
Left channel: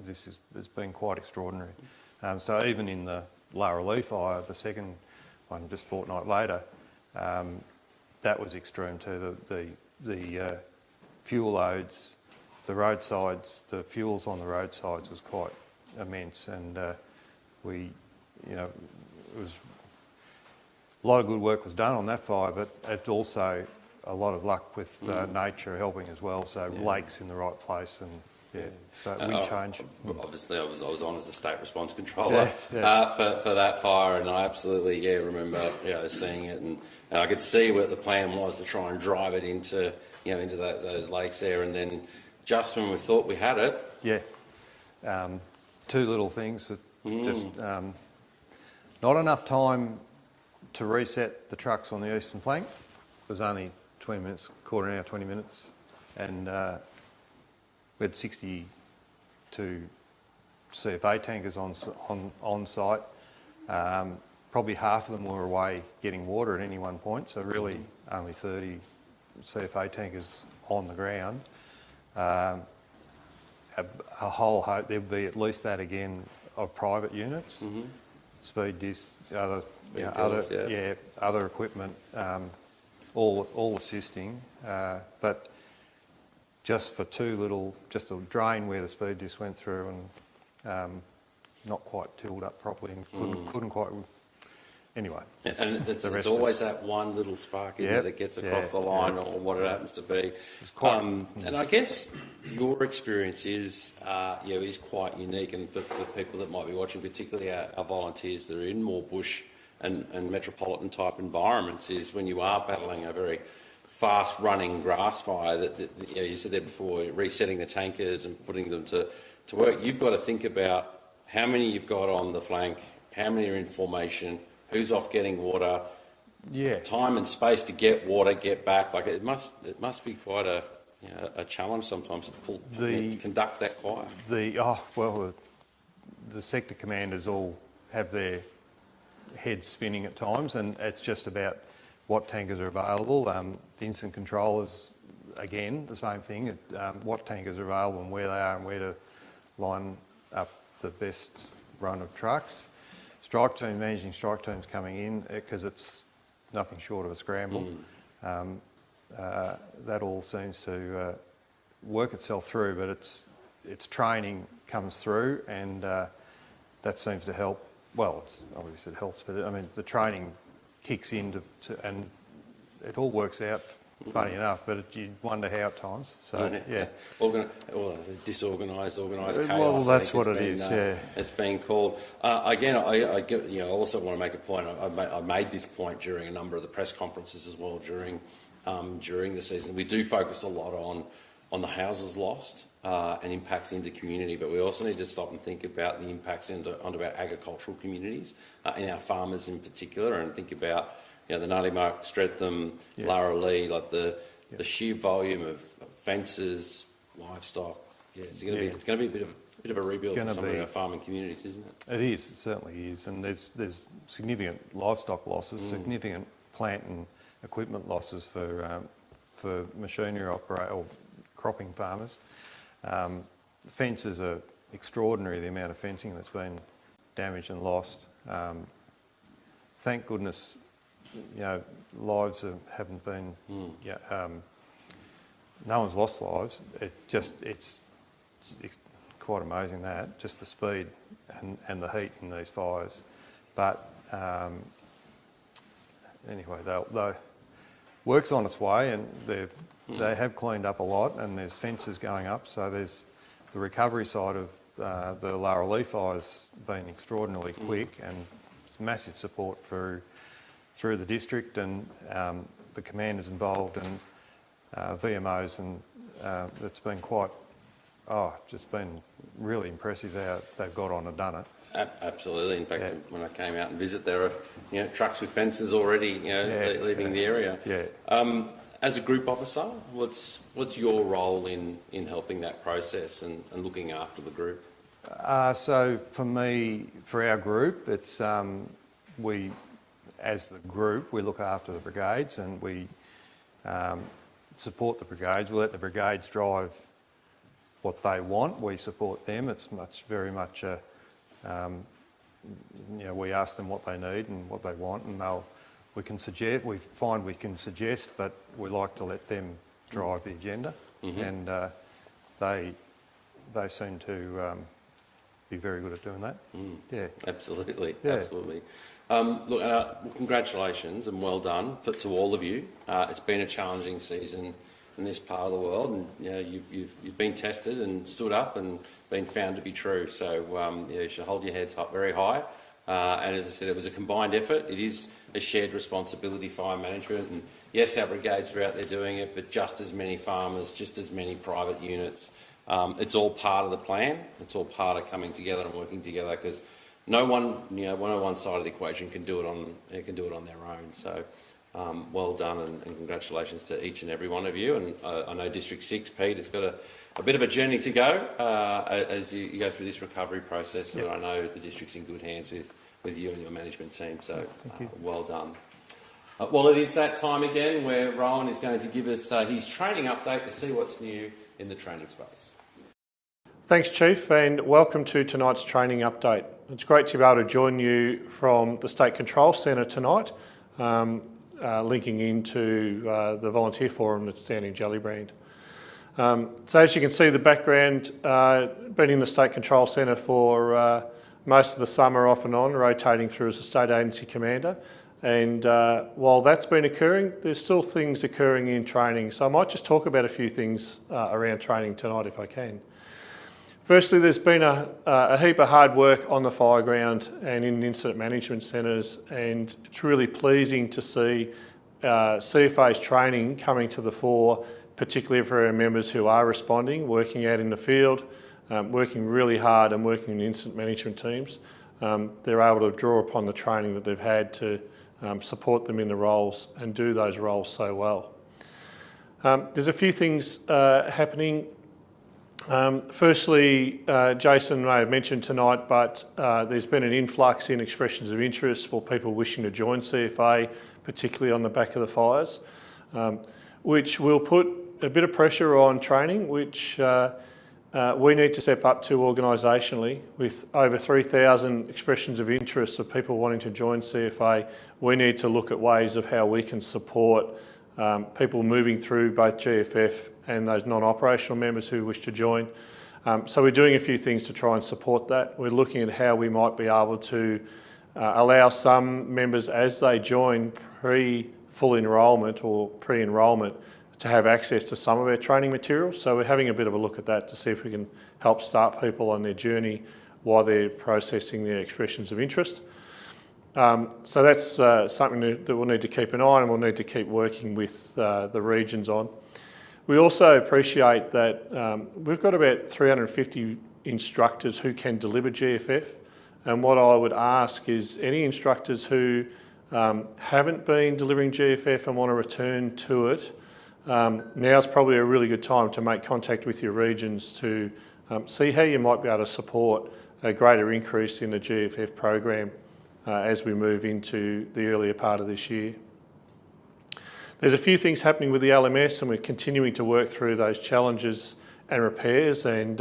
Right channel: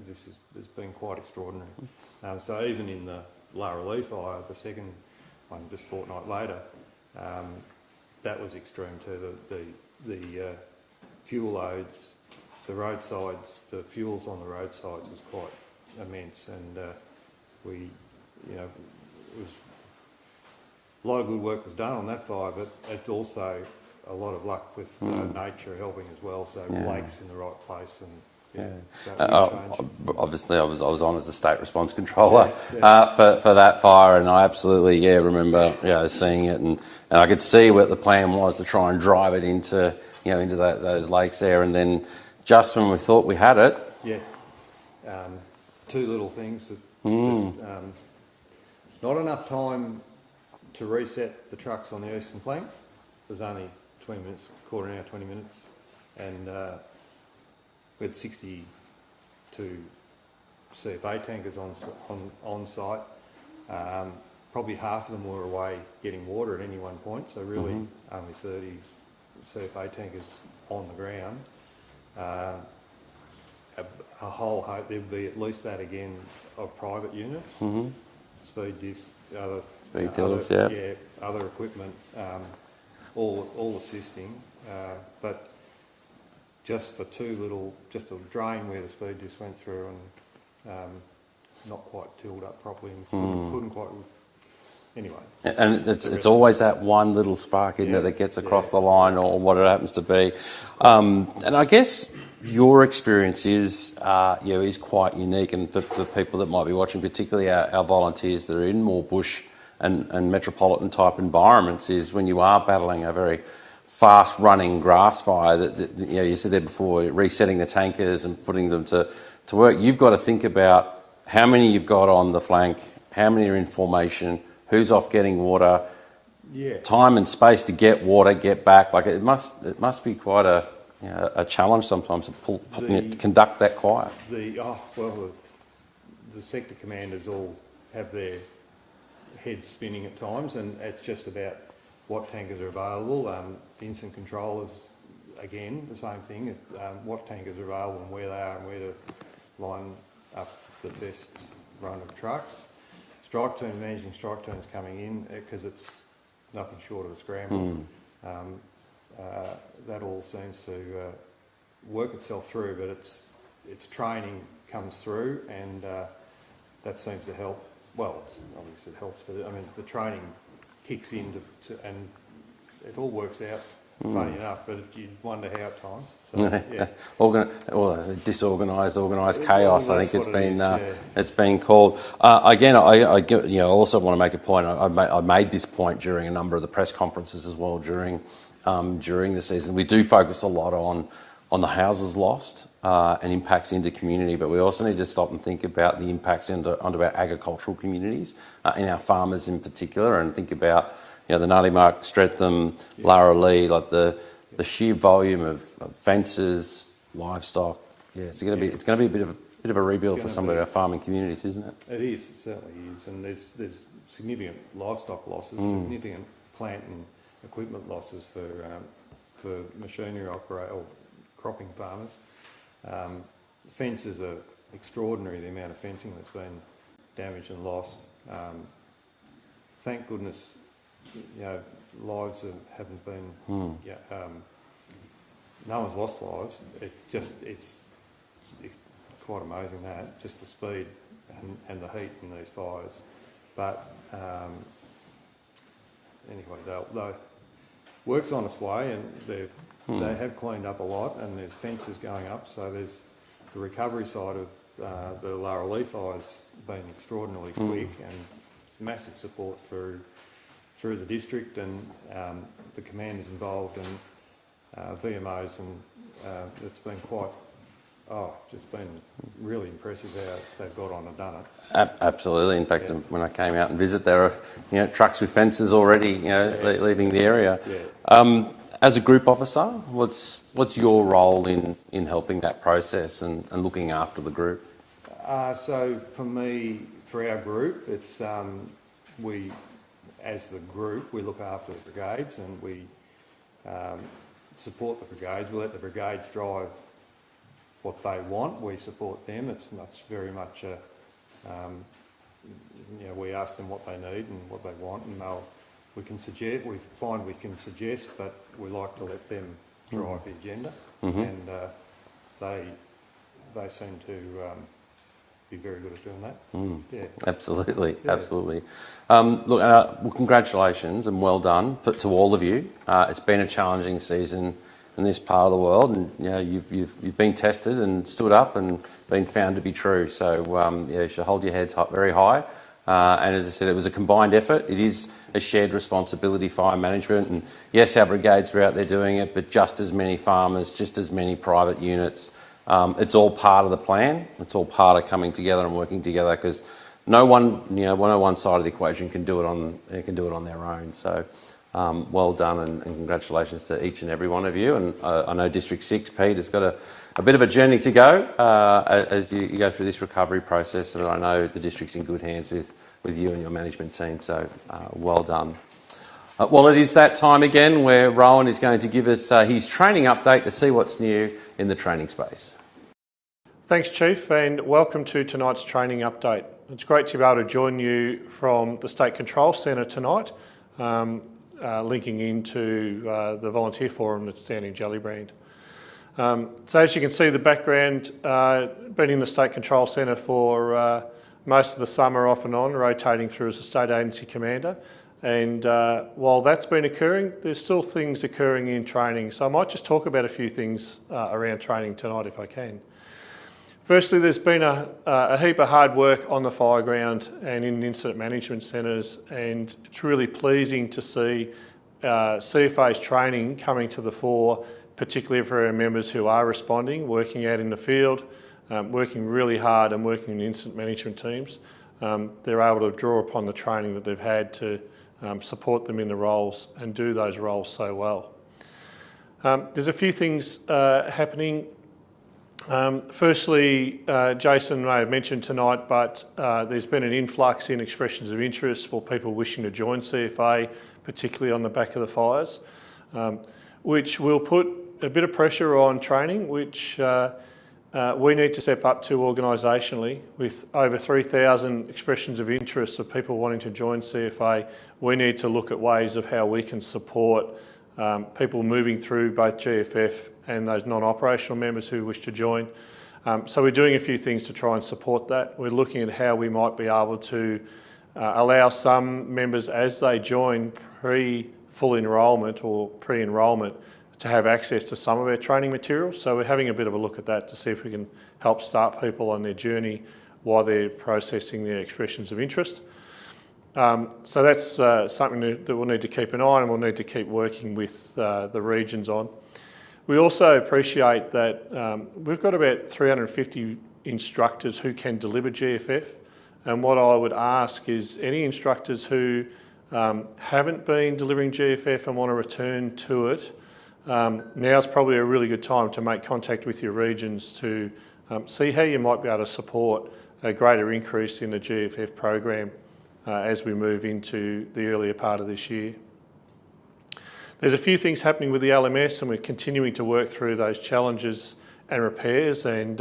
This has been quite extraordinary. So even in the Larralea fire, the second one just a fortnight later, that was extreme too. The fuel loads, the roadsides, the fuels on the roadsides was quite immense, and it was. A lot of good work was done on that fire, but it's also a lot of luck with nature helping as well. So lakes in the right place, and change. Obviously, I was on as a state response controller for that fire, and I absolutely remember seeing it, and I could see what the plan was to try and drive it into those lakes there, and then just when we thought we had it, two little things that just not enough time to reset the trucks on the eastern flank. It was only 20 minutes, quarter an hour, 20 minutes, and we had 62 CFA tankers on site. Probably half of them were away getting water at any one point, so really only 30 CFA tankers on the ground. A whole hope there'll be at least that again of private units, speed disc, other equipment, all assisting, but just for just a drain where the speed disc went through and not quite tilled up properly and couldn't quite. Anyway, and it's always that one little spark in there that gets across the line, or what it happens to be. And I guess your experience is quite unique, and for people that might be watching, particularly our volunteers that are in more bush and metropolitan type environments, is when you are battling a very fast running grass fire that you said there before, resetting the tankers and putting them to work. You've got to think about how many you've got on the flank, how many are in formation, who's off getting water, time and space to get water, get back. Like it must be quite a challenge sometimes to conduct that quiet. The sector commanders all have their heads spinning at times, and it's just about what tankers are available. The instant controllers, again, the same thing. What tankers are available and where they are and where to line up the best run of trucks. Managing strike teams coming in, because it's nothing short of a scramble. That all seems to work itself through, but its training comes through, and that seems to help. Well, obviously it helps, but the training kicks in and it all works out. Funny enough, but you'd wonder how at times. So Disorganised, organised chaos. I think it's been called. Again, I also want to make a point. I made this point during a number of the press conferences as well during the season. We do focus a lot on the houses lost and impacts into community, but we also need to stop and think about the impacts onto our agricultural communities, and our farmers in particular, and think about the Nuttymark, Streatham, Larralea, like the sheer volume of fences, livestock. It's going to be a bit of a rebuild for some of our farming communities, isn't it? It is. It certainly is, and there's significant livestock losses, significant plant and equipment losses for machinery or cropping farmers. Fences are extraordinary, the amount of fencing that's been damaged and lost. Thank goodness, lives haven't been. No one's lost lives. It's quite amazing that just the speed and the heat in these fires. But anyway, they'll work's on its way, and they have cleaned up a lot, and there's fences going up. So there's the recovery side of the lower leaf fires been extraordinarily quick, and it's massive support through the district and the commanders involved and VMOs, and it's been just been really impressive how they've got on and done it. Absolutely. In fact, when I came out and visit, there are trucks with fences already leaving the area. Yeah. As a group officer, what's your role in helping that process and looking after the group? So for our group, it's we, as the group, we look after the brigades, and we support the brigades. We let the brigades drive what they want. We support them. It's very much we ask them what they need and what they want, and we can suggest. We find we can suggest, but we like to let them drive the agenda, and they seem to be very good at doing that. Yeah, absolutely, absolutely. Look, congratulations and well done to all of you. It's been a challenging season in this part of the world, and you've been tested and stood up and been found to be true. So you should hold your heads very high. And as I said, it was a combined effort. It is a shared responsibility, fire management, and yes, our brigades were out there doing it, but just as many farmers, just as many private units. It's all part of the plan. It's all part of coming together and working together, because no one side of the equation can do it on their own. So. Well done, and congratulations to each and every one of you. And I know District 6, Pete, has got a bit of a journey to go as you go through this recovery process. And I know the district's in good hands with you and your management team. So well done. Well, it is that time again where Rowan is going to give us his training update to see what's new in the training space. Thanks, Chief, and welcome to tonight's training update. It's great to be able to join you from the State Control Centre tonight. Linking into the volunteer forum that's down in Gellibrand. So as you can see, the background, been in the State Control Centre for most of the summer off and on, rotating through as a state agency commander. And while that's been occurring, there's still things occurring in training. So I might just talk about a few things around training tonight if I can. Firstly, there's been a heap of hard work on the fire ground and in incident management centres, and it's really pleasing to see CFA's training coming to the fore, particularly for our members who are responding, working out in the field, working really hard and working in incident management teams. They're able to draw upon the training that they've had to support them in the roles and do those roles so well. There's a few things happening. Firstly, Jason may have mentioned tonight, but there's been an influx in expressions of interest for people wishing to join CFA, particularly on the back of the fires, which will put a bit of pressure on training, which we need to step up to organisationally. With over 3,000 expressions of interest of people wanting to join CFA, we need to look at ways of how we can support people moving through both GFF and those non-operational members who wish to join. So we're doing a few things to try and support that. We're looking at how we might be able to allow some members, as they join pre-full enrolment or pre-enrolment, to have access to some of our training materials. So we're having a bit of a look at that to see if we can help start people on their journey while they're processing their expressions of interest. So that's something that we'll need to keep an eye on, and we'll need to keep working with the regions on. We also appreciate that we've got about 350 instructors who can deliver GFF, and what I would ask is any instructors who haven't been delivering GFF and want to return to it, now's probably a really good time to make contact with your regions to see how you might be able to support a greater increase in the GFF program as we move into the earlier part of this year. There's a few things happening with the LMS, and we're continuing to work through those challenges and repairs, and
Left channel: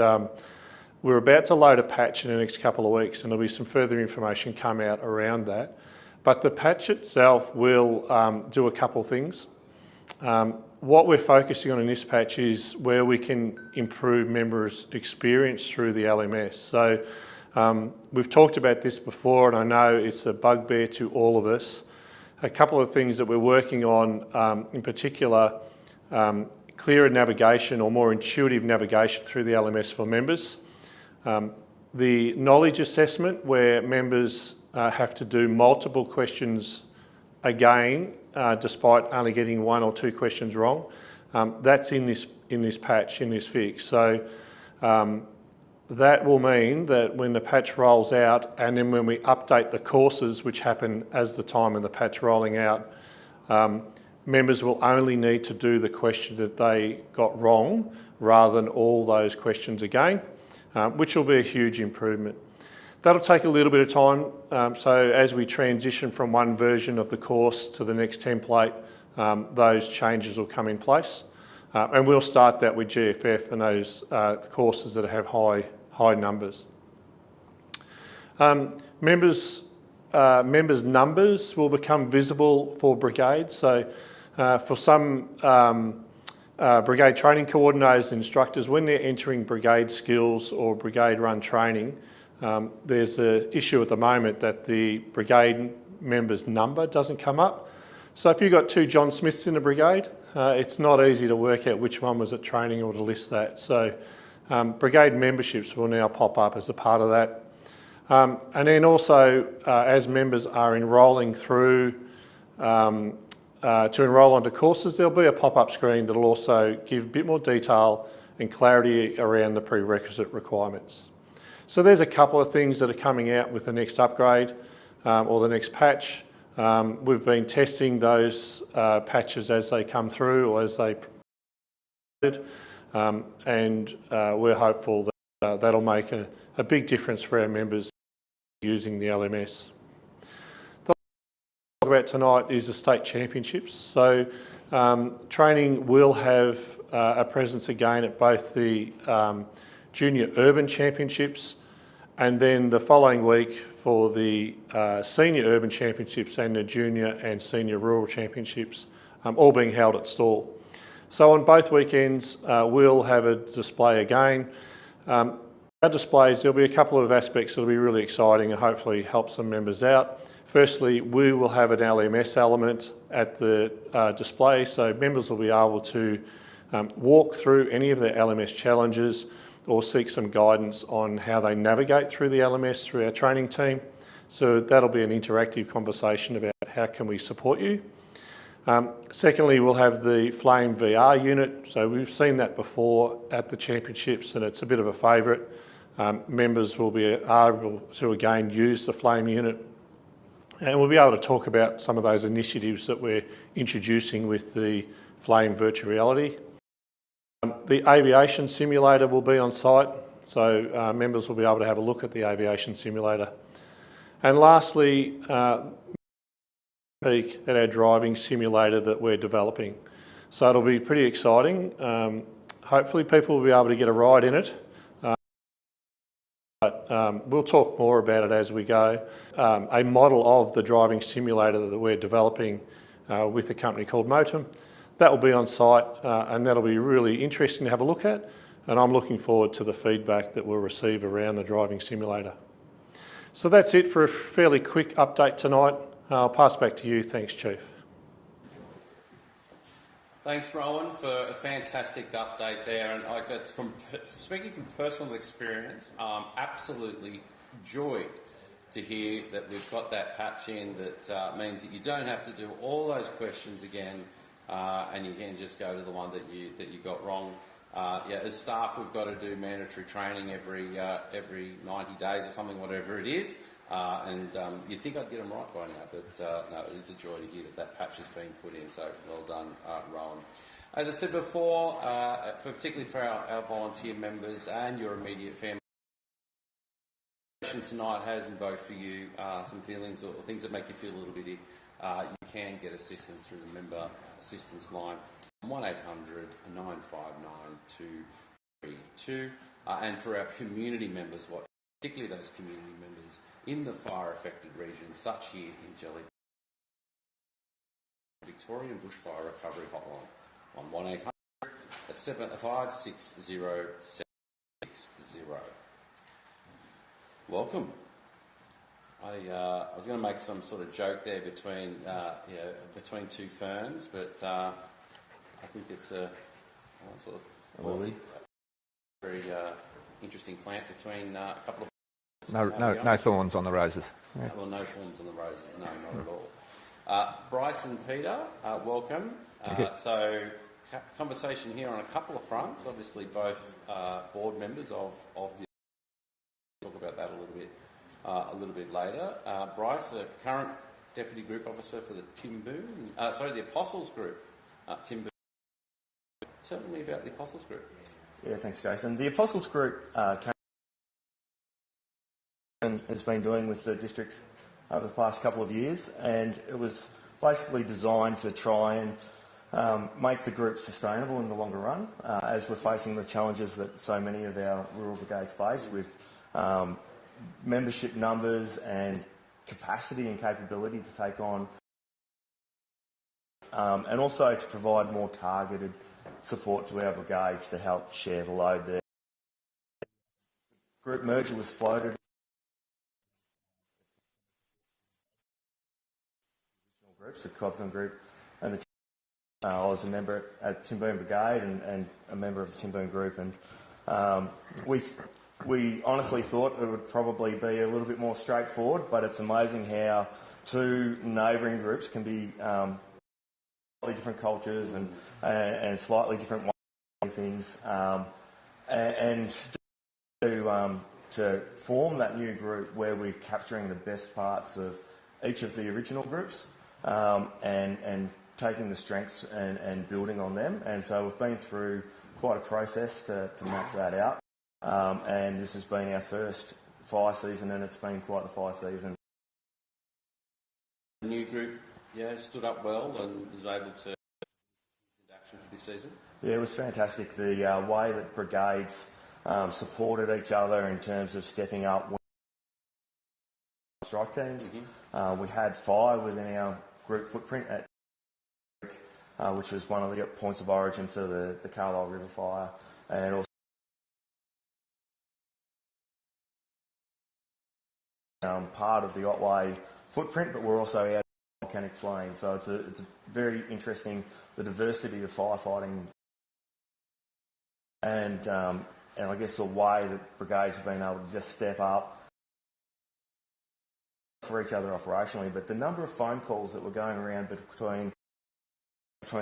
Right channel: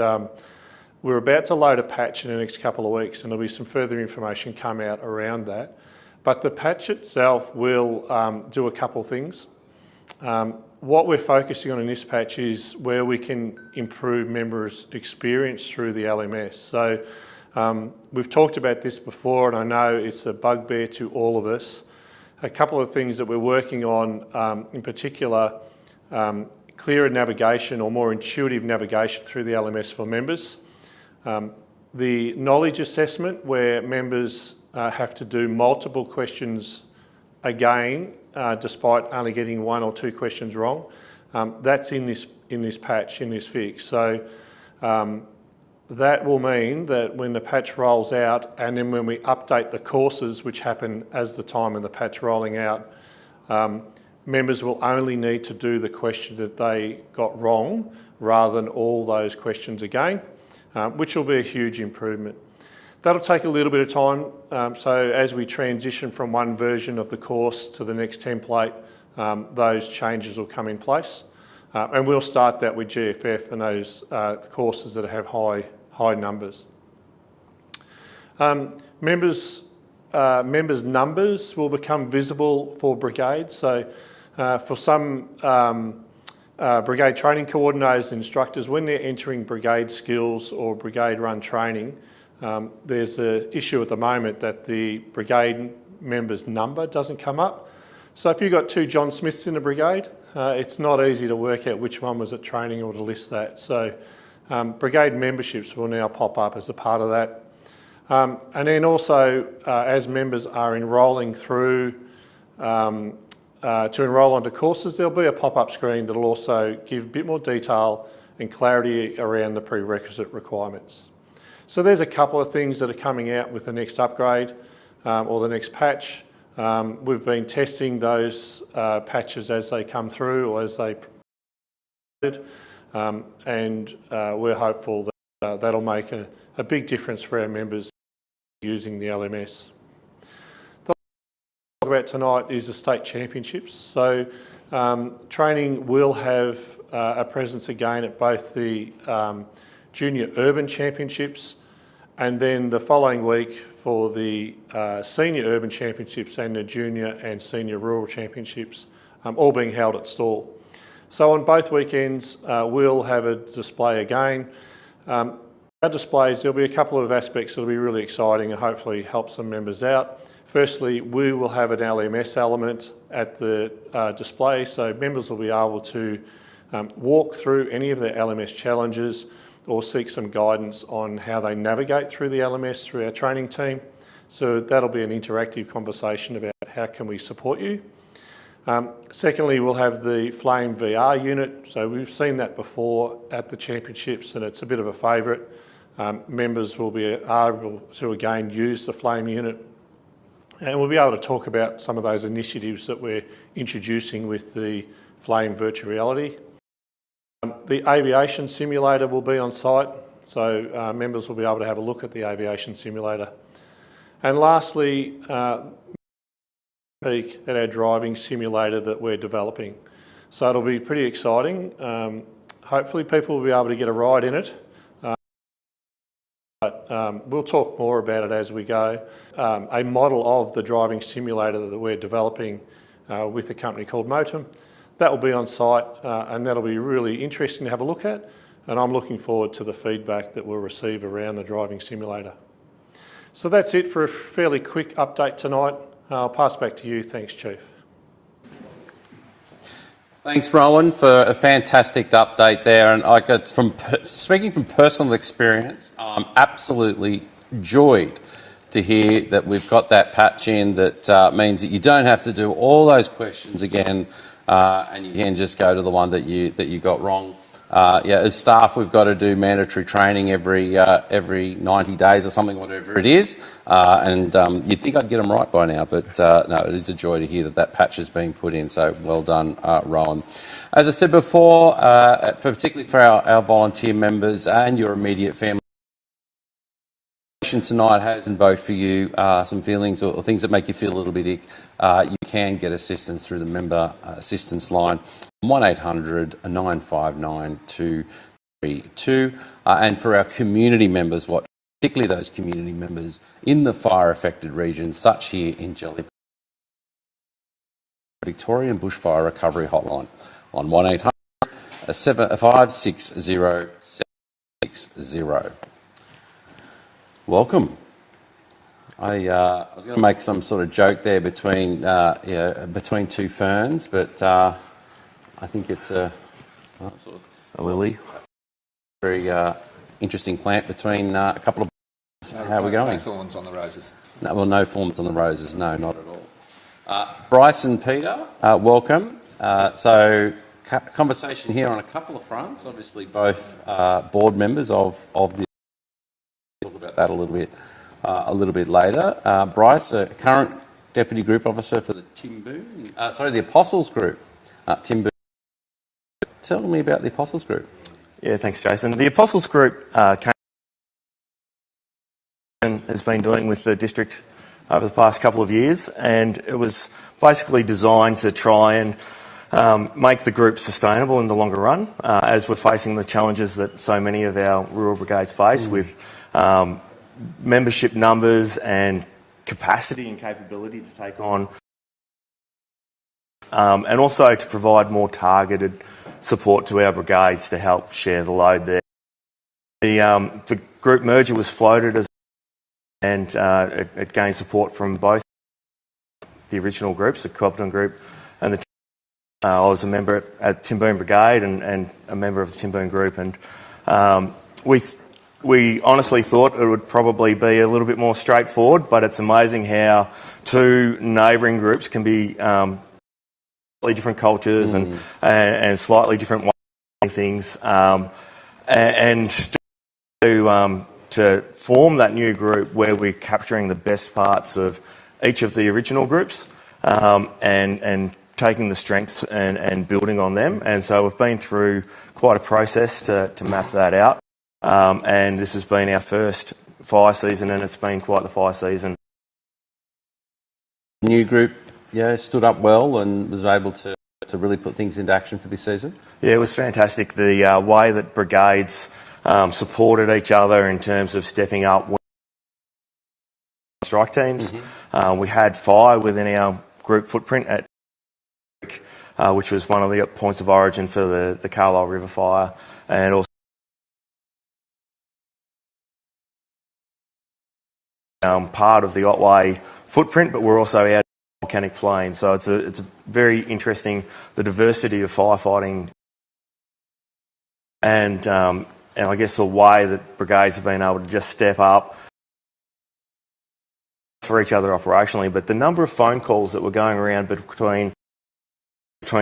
We're about to load a patch in the next couple of weeks, and there'll be some further information come out around that. But the patch itself will do a couple of things. What we're focusing on in this patch is where we can improve members' experience through the LMS. So we've talked about this before, and I know it's a bugbear to all of us. A couple of things that we're working on, in particular, clearer navigation or more intuitive navigation through the LMS for members. The knowledge assessment, where members have to do multiple questions again, despite only getting 1 or 2 questions wrong. That's in this patch, in this fix. So that will mean that when the patch rolls out, and then when we update the courses, which happen as the time of the patch rolling out, members will only need to do the question that they got wrong rather than all those questions again, which will be a huge improvement. That'll take a little bit of time, so as we transition from one version of the course to the next template, those changes will come in place. And we'll start that with GFF and those courses that have high numbers. Members' numbers will become visible for Brigade. So for some Brigade training coordinators and instructors, when they're entering Brigade skills or Brigade run training, there's an issue at the moment that the Brigade member's number doesn't come up. So if you've got 2 John Smiths in a Brigade, it's not easy to work out which one was at training or to list that. So Brigade memberships will now pop up as a part of that. And then also, as members are enrolling through to enrol onto courses, there'll be a pop-up screen that'll also give a bit more detail and clarity around the prerequisite requirements. So there's a couple of things that are coming out with the next upgrade or the next patch. We've been testing those patches as they come through or as they and we're hopeful that that'll make a big difference for our members using the LMS. The talk about tonight is the state championships. So training will have a presence again at both the Junior Urban Championships, and then the following week for the Senior Urban Championships and the Junior and Senior Rural Championships, all being held at Stawell. So on both weekends, we'll have a display again. Our displays, there'll be a couple of aspects that'll be really exciting and hopefully help some members out. Firstly, we will have an LMS element at the display, so members will be able to walk through any of their LMS challenges or seek some guidance on how they navigate through the LMS through our training team. So that'll be an interactive conversation about how can we support you. Secondly, we'll have the Flame VR unit. So we've seen that before at the championships and it's a bit of a favourite. Members will be able to again use the Flame unit, and we'll be able to talk about some of those initiatives that we're introducing with the Flame virtual reality. The aviation simulator will be on site, so members will be able to have a look at the aviation simulator. And lastly, peek at our driving simulator that we're developing. So it'll be pretty exciting. Hopefully people will be able to get a ride in it. But we'll talk more about it as we go. A model of the driving simulator that we're developing with a company called Motum. That will be on site and that'll be really interesting to have a look at, and I'm looking forward to the feedback that we'll receive around the driving simulator. So that's it for a fairly quick update tonight. I'll pass back to you. Thanks, Chief. Thanks, Rowan, for a fantastic update there. And speaking from personal experience, I'm absolutely joyed to hear that we've got that patch in that means that you don't have to do all those questions again. And you can just go to the one that you got wrong. Yeah, as staff, we've got to do mandatory training every 90 days or something, whatever it is. And you'd think I'd get them right by now, but no, it is a joy to hear that patch is being put in. So well done, Rowan. As I said before, particularly for our volunteer members and your immediate family, tonight has invoked for you some feelings or things that make you feel a little bit ick. You can get assistance through the member assistance line 1800 959 2, and for our community members, particularly those community members in the fire-affected regions, such here in Gellibrand, Victorian Bushfire Recovery Hotline on 1800 560 760. Welcome. I was going to make some sort of joke there between two ferns, but I think it's a lily. Very interesting plant between a couple of. How are we going? No thorns on the roses. No, well, no thorns on the roses. No, not at all. Bryce and Peter, welcome. Conversation here on a couple of fronts. Obviously, both board members of the. We'll talk about that a little bit later. Bryce, current deputy group officer for the Apostles Group. Tim Boone. Tell me about the Apostles Group. Yeah, thanks, Jason. The Apostles Group has been dealing with the district over the past couple of years, and it was basically designed to try and make the group sustainable in the longer run, as we're facing the challenges that so many of our rural brigades face with membership numbers and capacity and capability to take on, and also to provide more targeted support to our brigades to help share the load there. The group merger was floated and it gained support from both the original groups, the Cobden Group and the I was a member at Tim Boone Brigade and a member of the Tim Boone Group, and we honestly thought it would probably be a little bit more straightforward, but it's amazing how two neighbouring groups can be slightly different cultures and slightly different ways of doing things, and to form that new group where we're capturing the best parts of each of the original groups and taking the strengths and building on them. And so we've been through quite a process to map that out. And this has been our first fire season, and it's been quite the fire season. The new group stood up well and was able to really put things into action for this season? Yeah, it was fantastic. The way that brigades supported each other in terms of stepping up strike teams. We had fire within our group footprint at which was one of the points of origin for the Carlisle River fire, and also part of the Otway footprint, but we're also out volcanic plain. So it's very interesting, the diversity of firefighting, and I guess the way that brigades have been able to just step up for each other operationally. But the number of phone calls that were going around between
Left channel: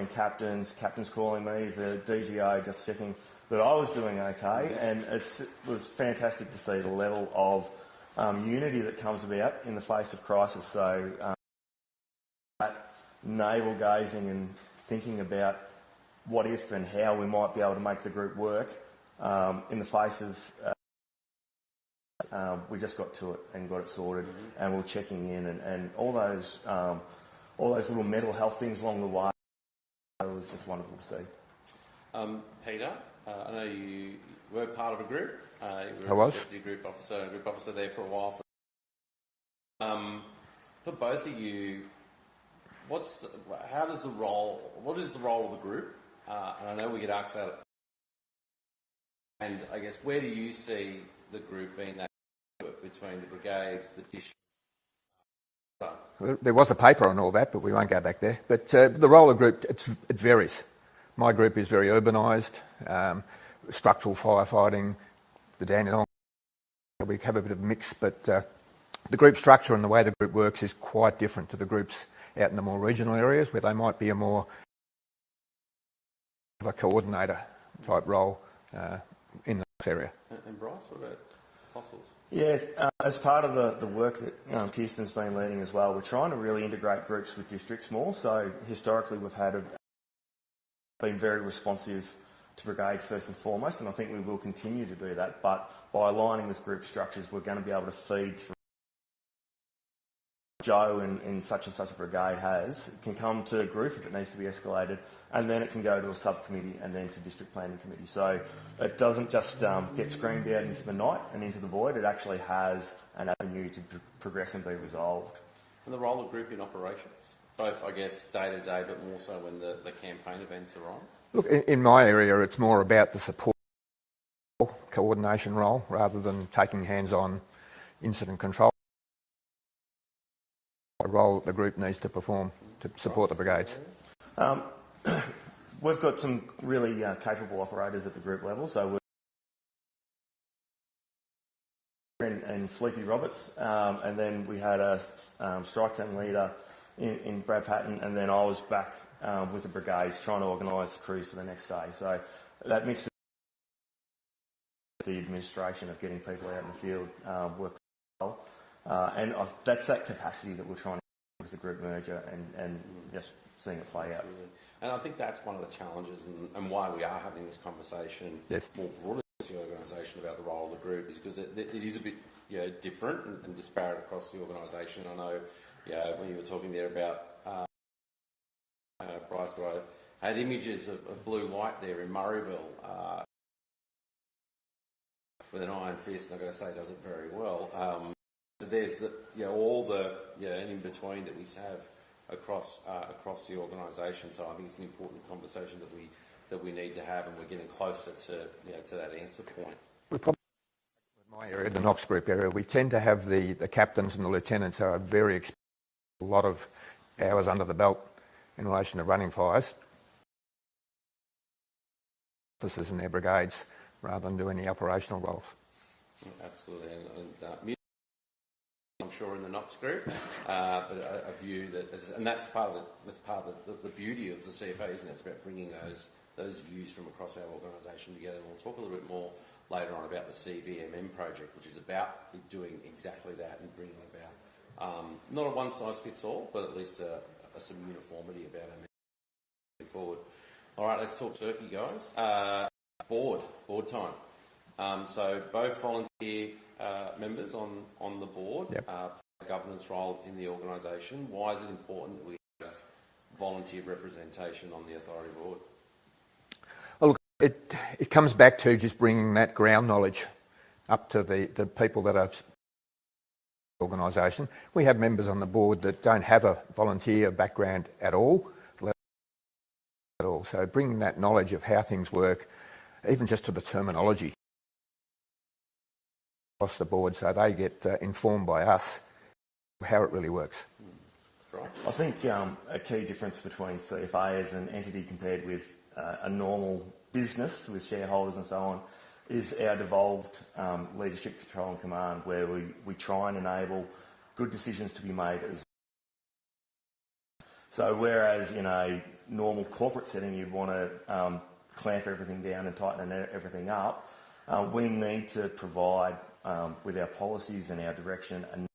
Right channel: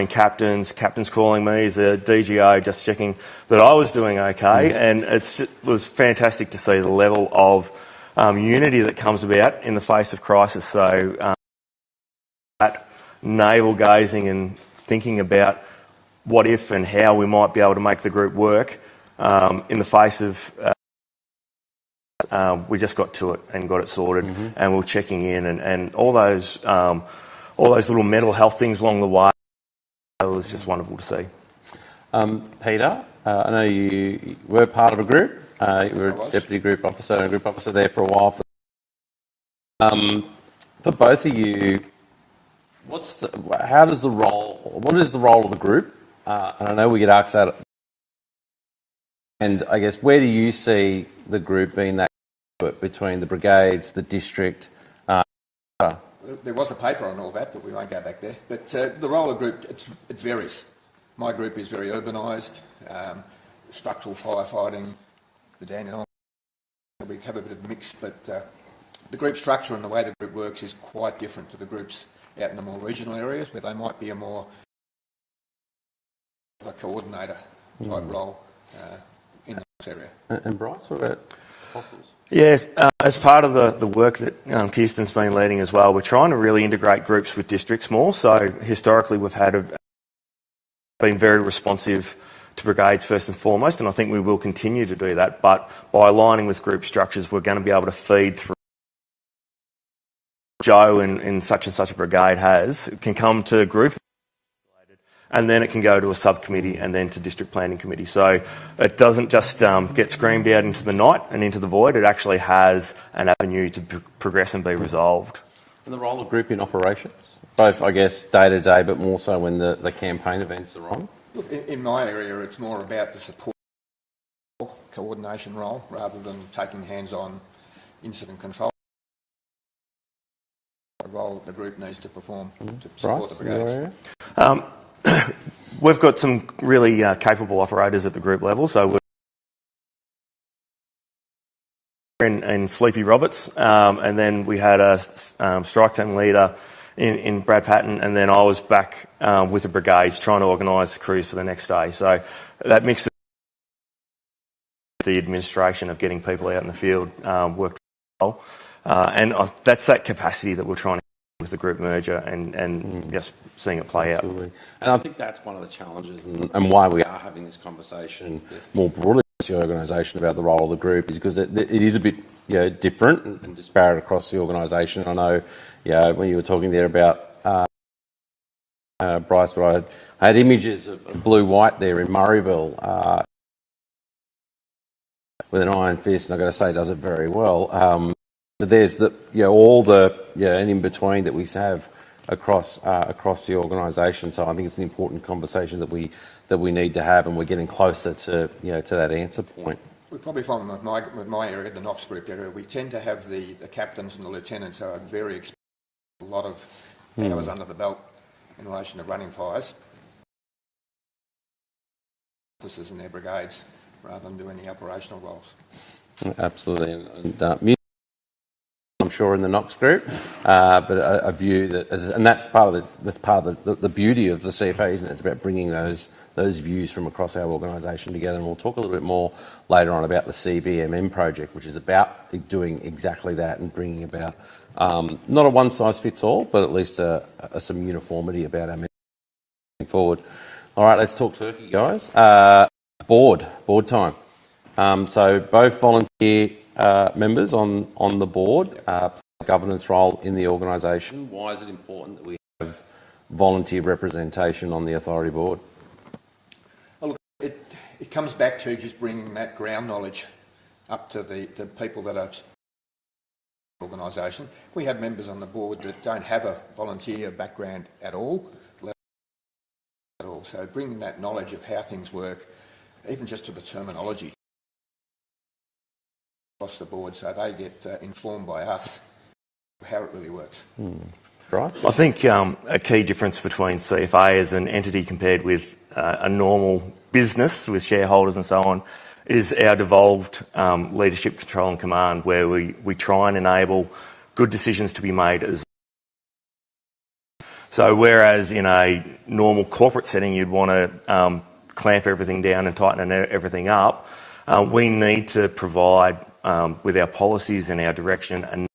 captains calling me as a DGO, just checking that I was doing okay, and it was fantastic to see the level of unity that comes about in the face of crisis. So that navel gazing and thinking about what if and how we might be able to make the group work in the face of we just got to it and got it sorted, and we're checking in and all those little mental health things along the way. It was just wonderful to see. Peter, I know you were part of a group. You were a deputy group officer and a group officer there for a while. For both of you, what is the role of the group? And I know we get asked that. And I guess, where do you see the group being that between the brigades, the district? There was a paper on all that, but we won't go back there. But the role of the group, it varies. My group is very urbanised, structural firefighting, the Dandenong. We have a bit of a mix, but the group structure and the way the group works is quite different to the groups out in the more regional areas, where they might be a more of a coordinator type role in that area. And Bryce, what about officers? Yeah, as part of the work that Kirsten's been leading as well, we're trying to really integrate groups with districts more. So historically we've been very responsive to brigades first and foremost, and I think we will continue to do that. But by aligning with group structures, we're going to be able to feed through. Joe in such and such a brigade can come to a group if it needs to be escalated, and then it can go to a subcommittee and then to district planning committee. So it doesn't just get screamed out into the night and into the void. It actually has an avenue to progress and be resolved. And the role of group in operations, both, I guess, day to day, but more so when the campaign events are on? Look, in my area, it's more about the support coordination role rather than taking hands-on incident control. A role that the group needs to perform to support the brigades. We've got some really capable operators at the group level. So we're in Sleepy Roberts, and then we had a strike team leader in Brad Patton, and then I was back with the brigades trying to organise the crews for the next day. So that mixes the administration of getting people out in the field worked well. And that's that capacity that we're trying to with the group merger and just seeing it play Absolutely. Out. And I think that's one of the challenges and why we are having this conversation more broadly as the organisation about the role of the group is because it is a bit different and disparate across the organisation. I know when you were talking there about Bryce, but I had images of blue-white there in Murrayville with an iron fist, and I've got to say it does it very well. But there's all the and in between that we have across the organisation. So I think it's an important conversation that we need to have, and we're getting closer to to that answer point. We're probably finding with my area, the Knox group area, we tend to have the captains and the lieutenants who are very experienced, a lot of hours under the belt in relation to running fires. Officers in their brigades rather than do any operational roles. Absolutely, and I'm sure in the Knox group, but a view that, and that's part of the beauty of the CFA, isn't it? It's about bringing those views from across our organisation together, and we'll talk a little bit more later on about the CVMM project, which is about doing exactly that and bringing about not a one size fits all, but at least some uniformity about our moving forward. All right, let's talk turkey, guys. Board time. So both volunteer members on the board play a governance role in the organisation. Why is it important that we have volunteer representation on the authority board? Well, look, it comes back to just bringing that ground knowledge up to the people that are organisation. We have members on the board that don't have a volunteer background at all. So bringing that knowledge of how things work, even just to the terminology, across the board, so they get informed by us how it really works. Right. I think a key difference between CFA as an entity compared with a normal business with shareholders and so on is our devolved leadership, control and command, where we try and enable good decisions to be made as. So whereas in a normal corporate setting you'd want to clamp everything down and tighten everything up, we need to provide with our policies and our direction and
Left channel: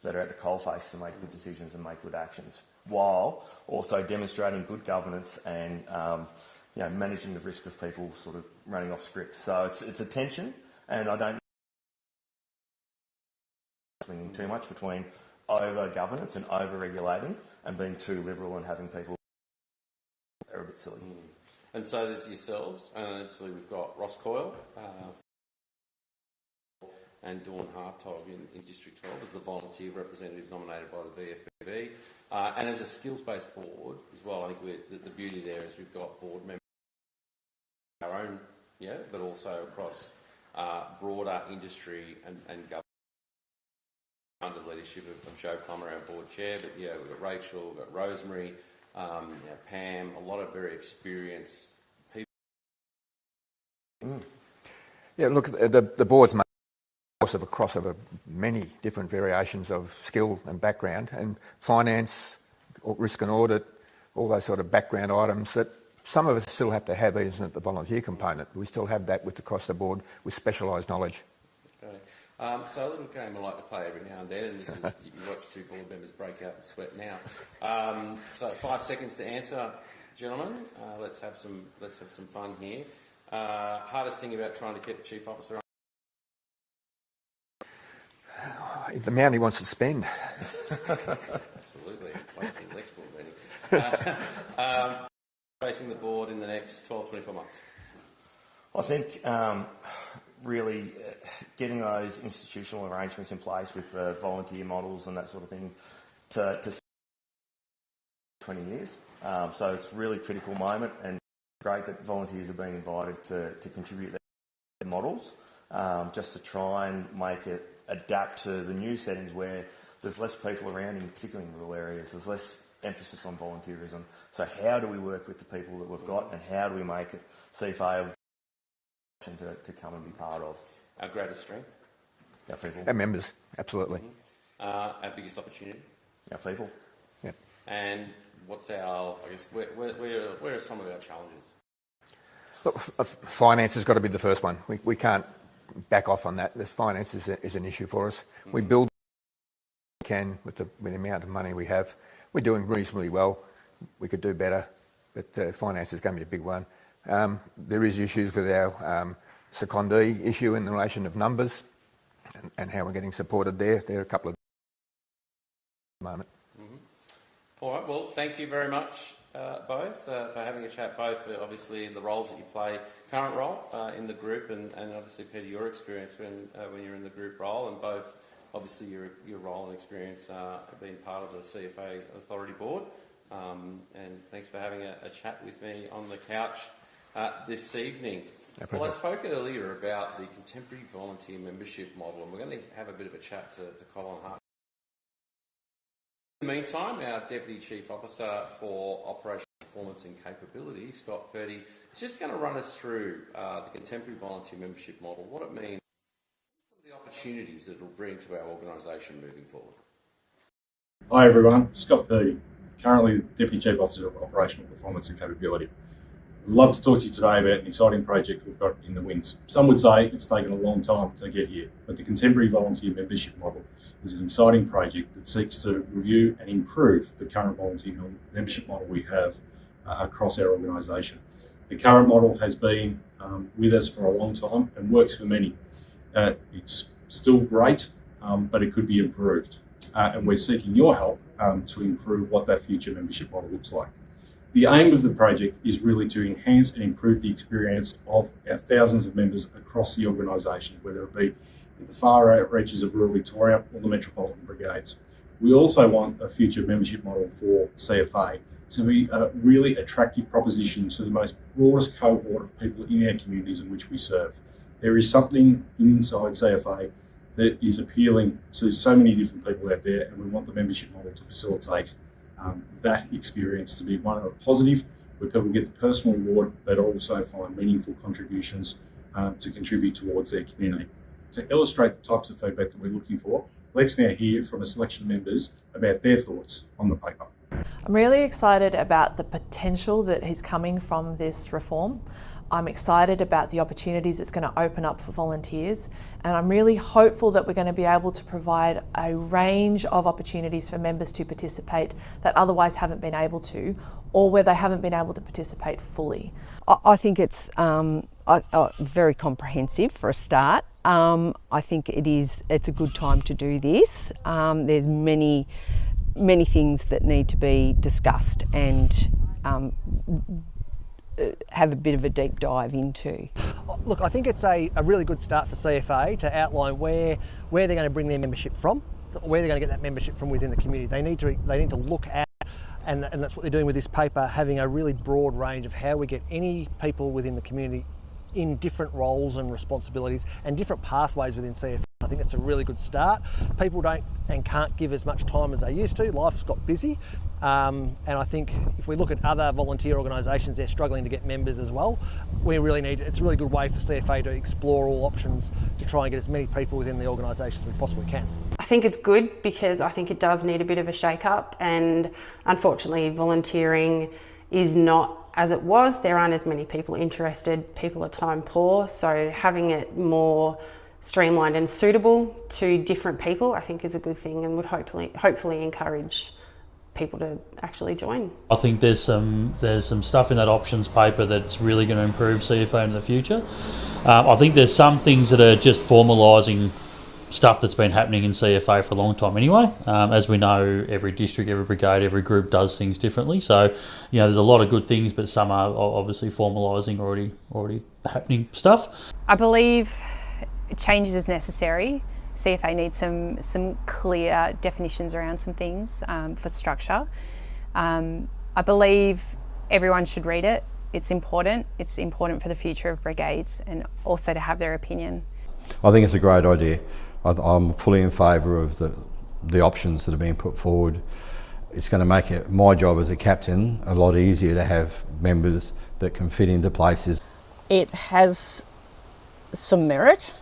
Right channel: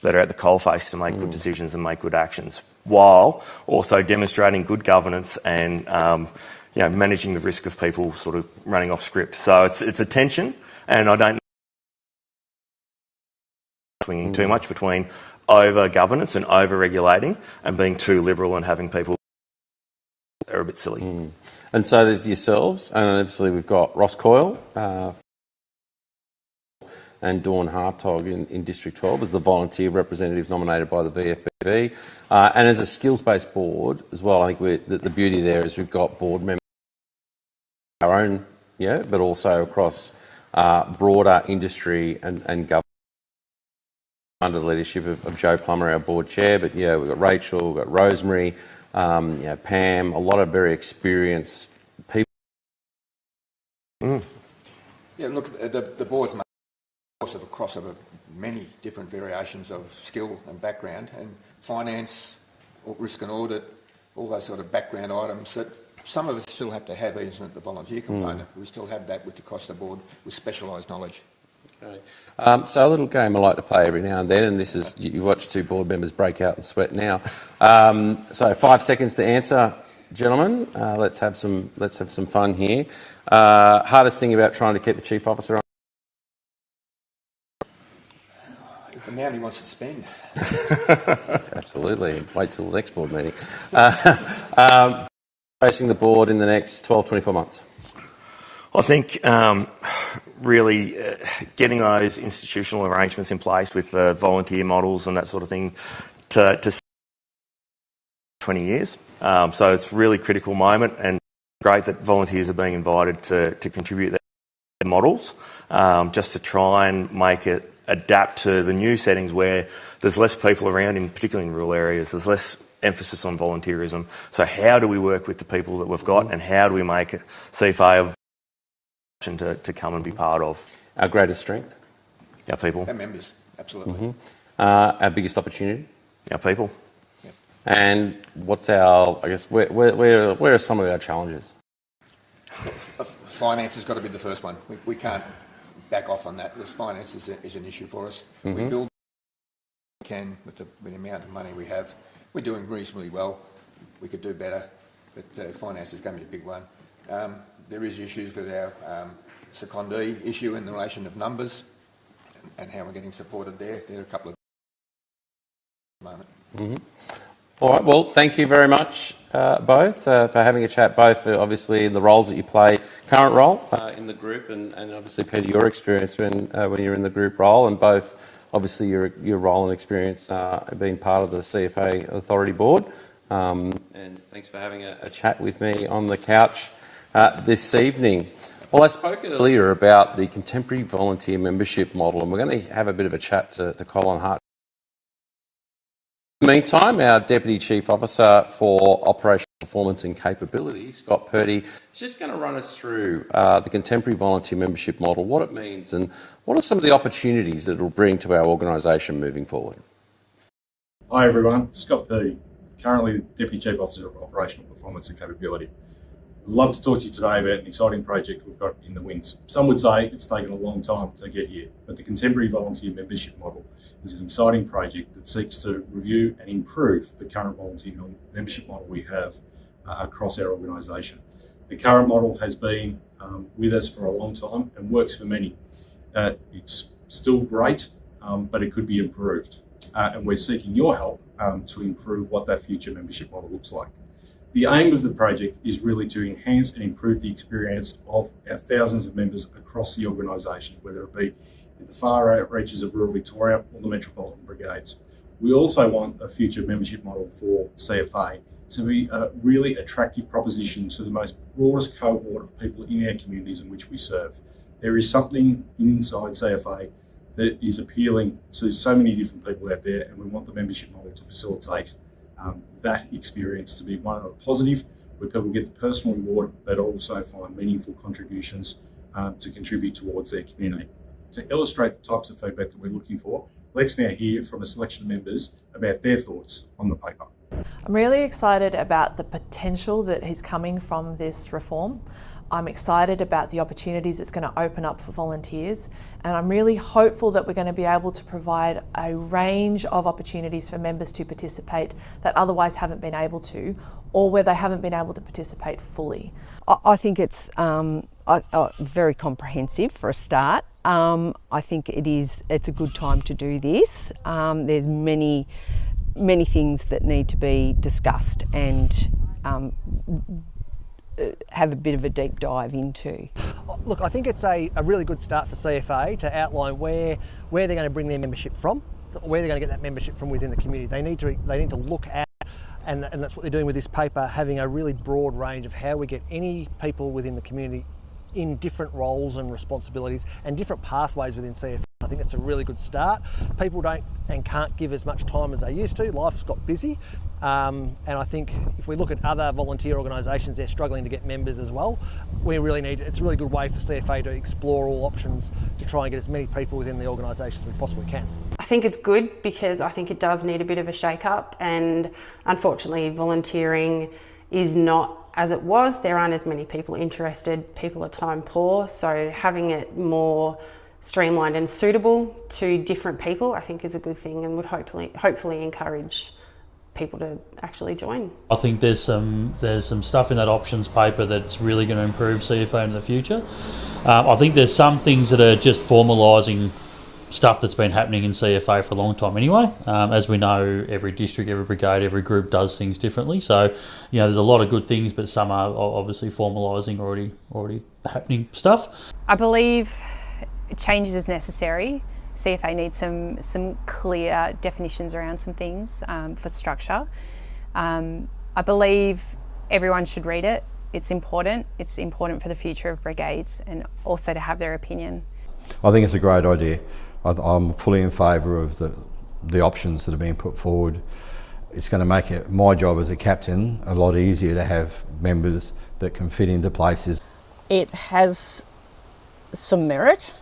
that are at the coalface to make good decisions and make good actions, while also demonstrating good governance and managing the risk of people sort of running off script. So it's a tension, and I don't swinging too much between over governance and over regulating and being too liberal and having people that are a bit silly. And so there's yourselves, and obviously we've got Ross Coyle and Dawn Hartog in District 12 as the volunteer representatives nominated by the VFBV. And as a skills-based board as well, I think the beauty there is we've got board members, our own, but also across broader industry and government under the leadership of Joe Plummer, our board chair. But we've got Rachel, we've got Rosemary, Pam, a lot of very experienced people. Yeah, look, the board's made across over many different variations of skill and background, and finance, risk and audit, all those sort of background items that some of us still have to have, even at the volunteer component. We still have that across the board with specialised knowledge. Okay. So a little game I like to play every now and then, and this is, you watch two board members break out and sweat now. So 5 seconds to answer, gentlemen. Let's have some fun here. Hardest thing about trying to keep the chief officer on? The amount he wants to spend. Absolutely. Wait till the next board meeting. Facing the board in the next 12, 24 months? I think really getting those institutional arrangements in place with the volunteer models and that sort of thing to 20 years. So it's a really critical moment, and great that volunteers are being invited to contribute their models, just to try and make it adapt to the new settings where there's less people around, particularly in rural areas. There's less emphasis on volunteerism. So how do we work with the people that we've got, and how do we make CFA a option to come and be part of? Our greatest strength? Our people. Our members, absolutely. Our biggest opportunity? Our people. Yep. And what's our, I guess, where are some of our challenges? Finance has got to be the first one. We can't back off on that. This finance is an issue for us. We build what we can with the amount of money we have. We're doing reasonably well. We could do better, but finance is going to be a big one. There is issues with our secondee issue in relation of numbers and how we're getting supported there. There are a couple of at the moment. All right, well, thank you very much, both, for having a chat, both for obviously the roles that you play, current role in the group, and obviously, Peter, your experience when you're in the group role, and both, obviously, your role and experience being part of the CFA Authority Board. And thanks for having a chat with me on the couch this evening. Well, I spoke earlier about the contemporary volunteer membership model, and we're going to have a bit of a chat to Colin Hart. In the meantime, our Deputy Chief Officer for Operational Performance and Capability, Scott Purdy, is just going to run us through the contemporary volunteer membership model, what it means, and what are some of the opportunities that it will bring to our organisation moving forward. Hi everyone, Scott Purdy, currently Deputy Chief Officer of Operational Performance and Capability. I'd love to talk to you today about an exciting project we've got in the wings. Some would say it's taken a long time to get here, but the contemporary volunteer membership model is an exciting project that seeks to review and improve the current volunteer membership model we have across our organisation. The current model has been with us for a long time and works for many. It's still great, but it could be improved. And we're seeking your help to improve what that future membership model looks like. The aim of the project is really to enhance and improve the experience of our thousands of members across the organisation, whether it be in the far out reaches of rural Victoria or the metropolitan brigades. We also want a future membership model for CFA to be a really attractive proposition to the most broadest cohort of people in our communities in which we serve. There is something inside CFA that is appealing to so many different people out there, and we want the membership model to facilitate that experience to be one of positive, where people get the personal reward, but also find meaningful contributions to contribute towards their community. To illustrate the types of feedback that we're looking for, let's now hear from a selection of members about their thoughts on the paper. I'm really excited about the potential that is coming from this reform. I'm excited about the opportunities it's going to open up for volunteers, and I'm really hopeful that we're going to be able to provide a range of opportunities for members to participate that otherwise haven't been able to, or where they haven't been able to participate fully. I think it's very comprehensive for a start. I think it's a good time to do this. There's many things that need to be discussed and have a bit of a deep dive into. Look, I think it's a really good start for CFA to outline where they're going to bring their membership from, where they're going to get that membership from within the community. They need to look at, and that's what they're doing with this paper, having a really broad range of how we get any people within the community in different roles and responsibilities and different pathways within CFA. I think it's a really good start. People don't and can't give as much time as they used to. Life's got busy. And I think if we look at other volunteer organisations, they're struggling to get members as well. It's a really good way for CFA to explore all options to try and get as many people within the organisation as we possibly can. I think it's good because I think it does need a bit of a shake-up, and unfortunately volunteering is not as it was. There aren't as many people interested. People are time poor, so having it more streamlined and suitable to different people I think is a good thing, and would hopefully encourage people to actually join. I think there's some stuff in that options paper that's really going to improve CFA in the future. I think there's some things that are just formalising stuff that's been happening in CFA for a long time anyway. As we know, every district, every brigade, every group does things differently. So, there's a lot of good things, but some are obviously formalising already happening stuff. I believe change is necessary. CFA needs some clear definitions around some things for structure. I believe everyone should read it. It's important. It's important for the future of brigades and also to have their opinion. I think it's a great idea. I'm fully in favour of the options that are being put forward. It's going to make my job as a captain a lot easier to have members that can fit into places. It has some merit.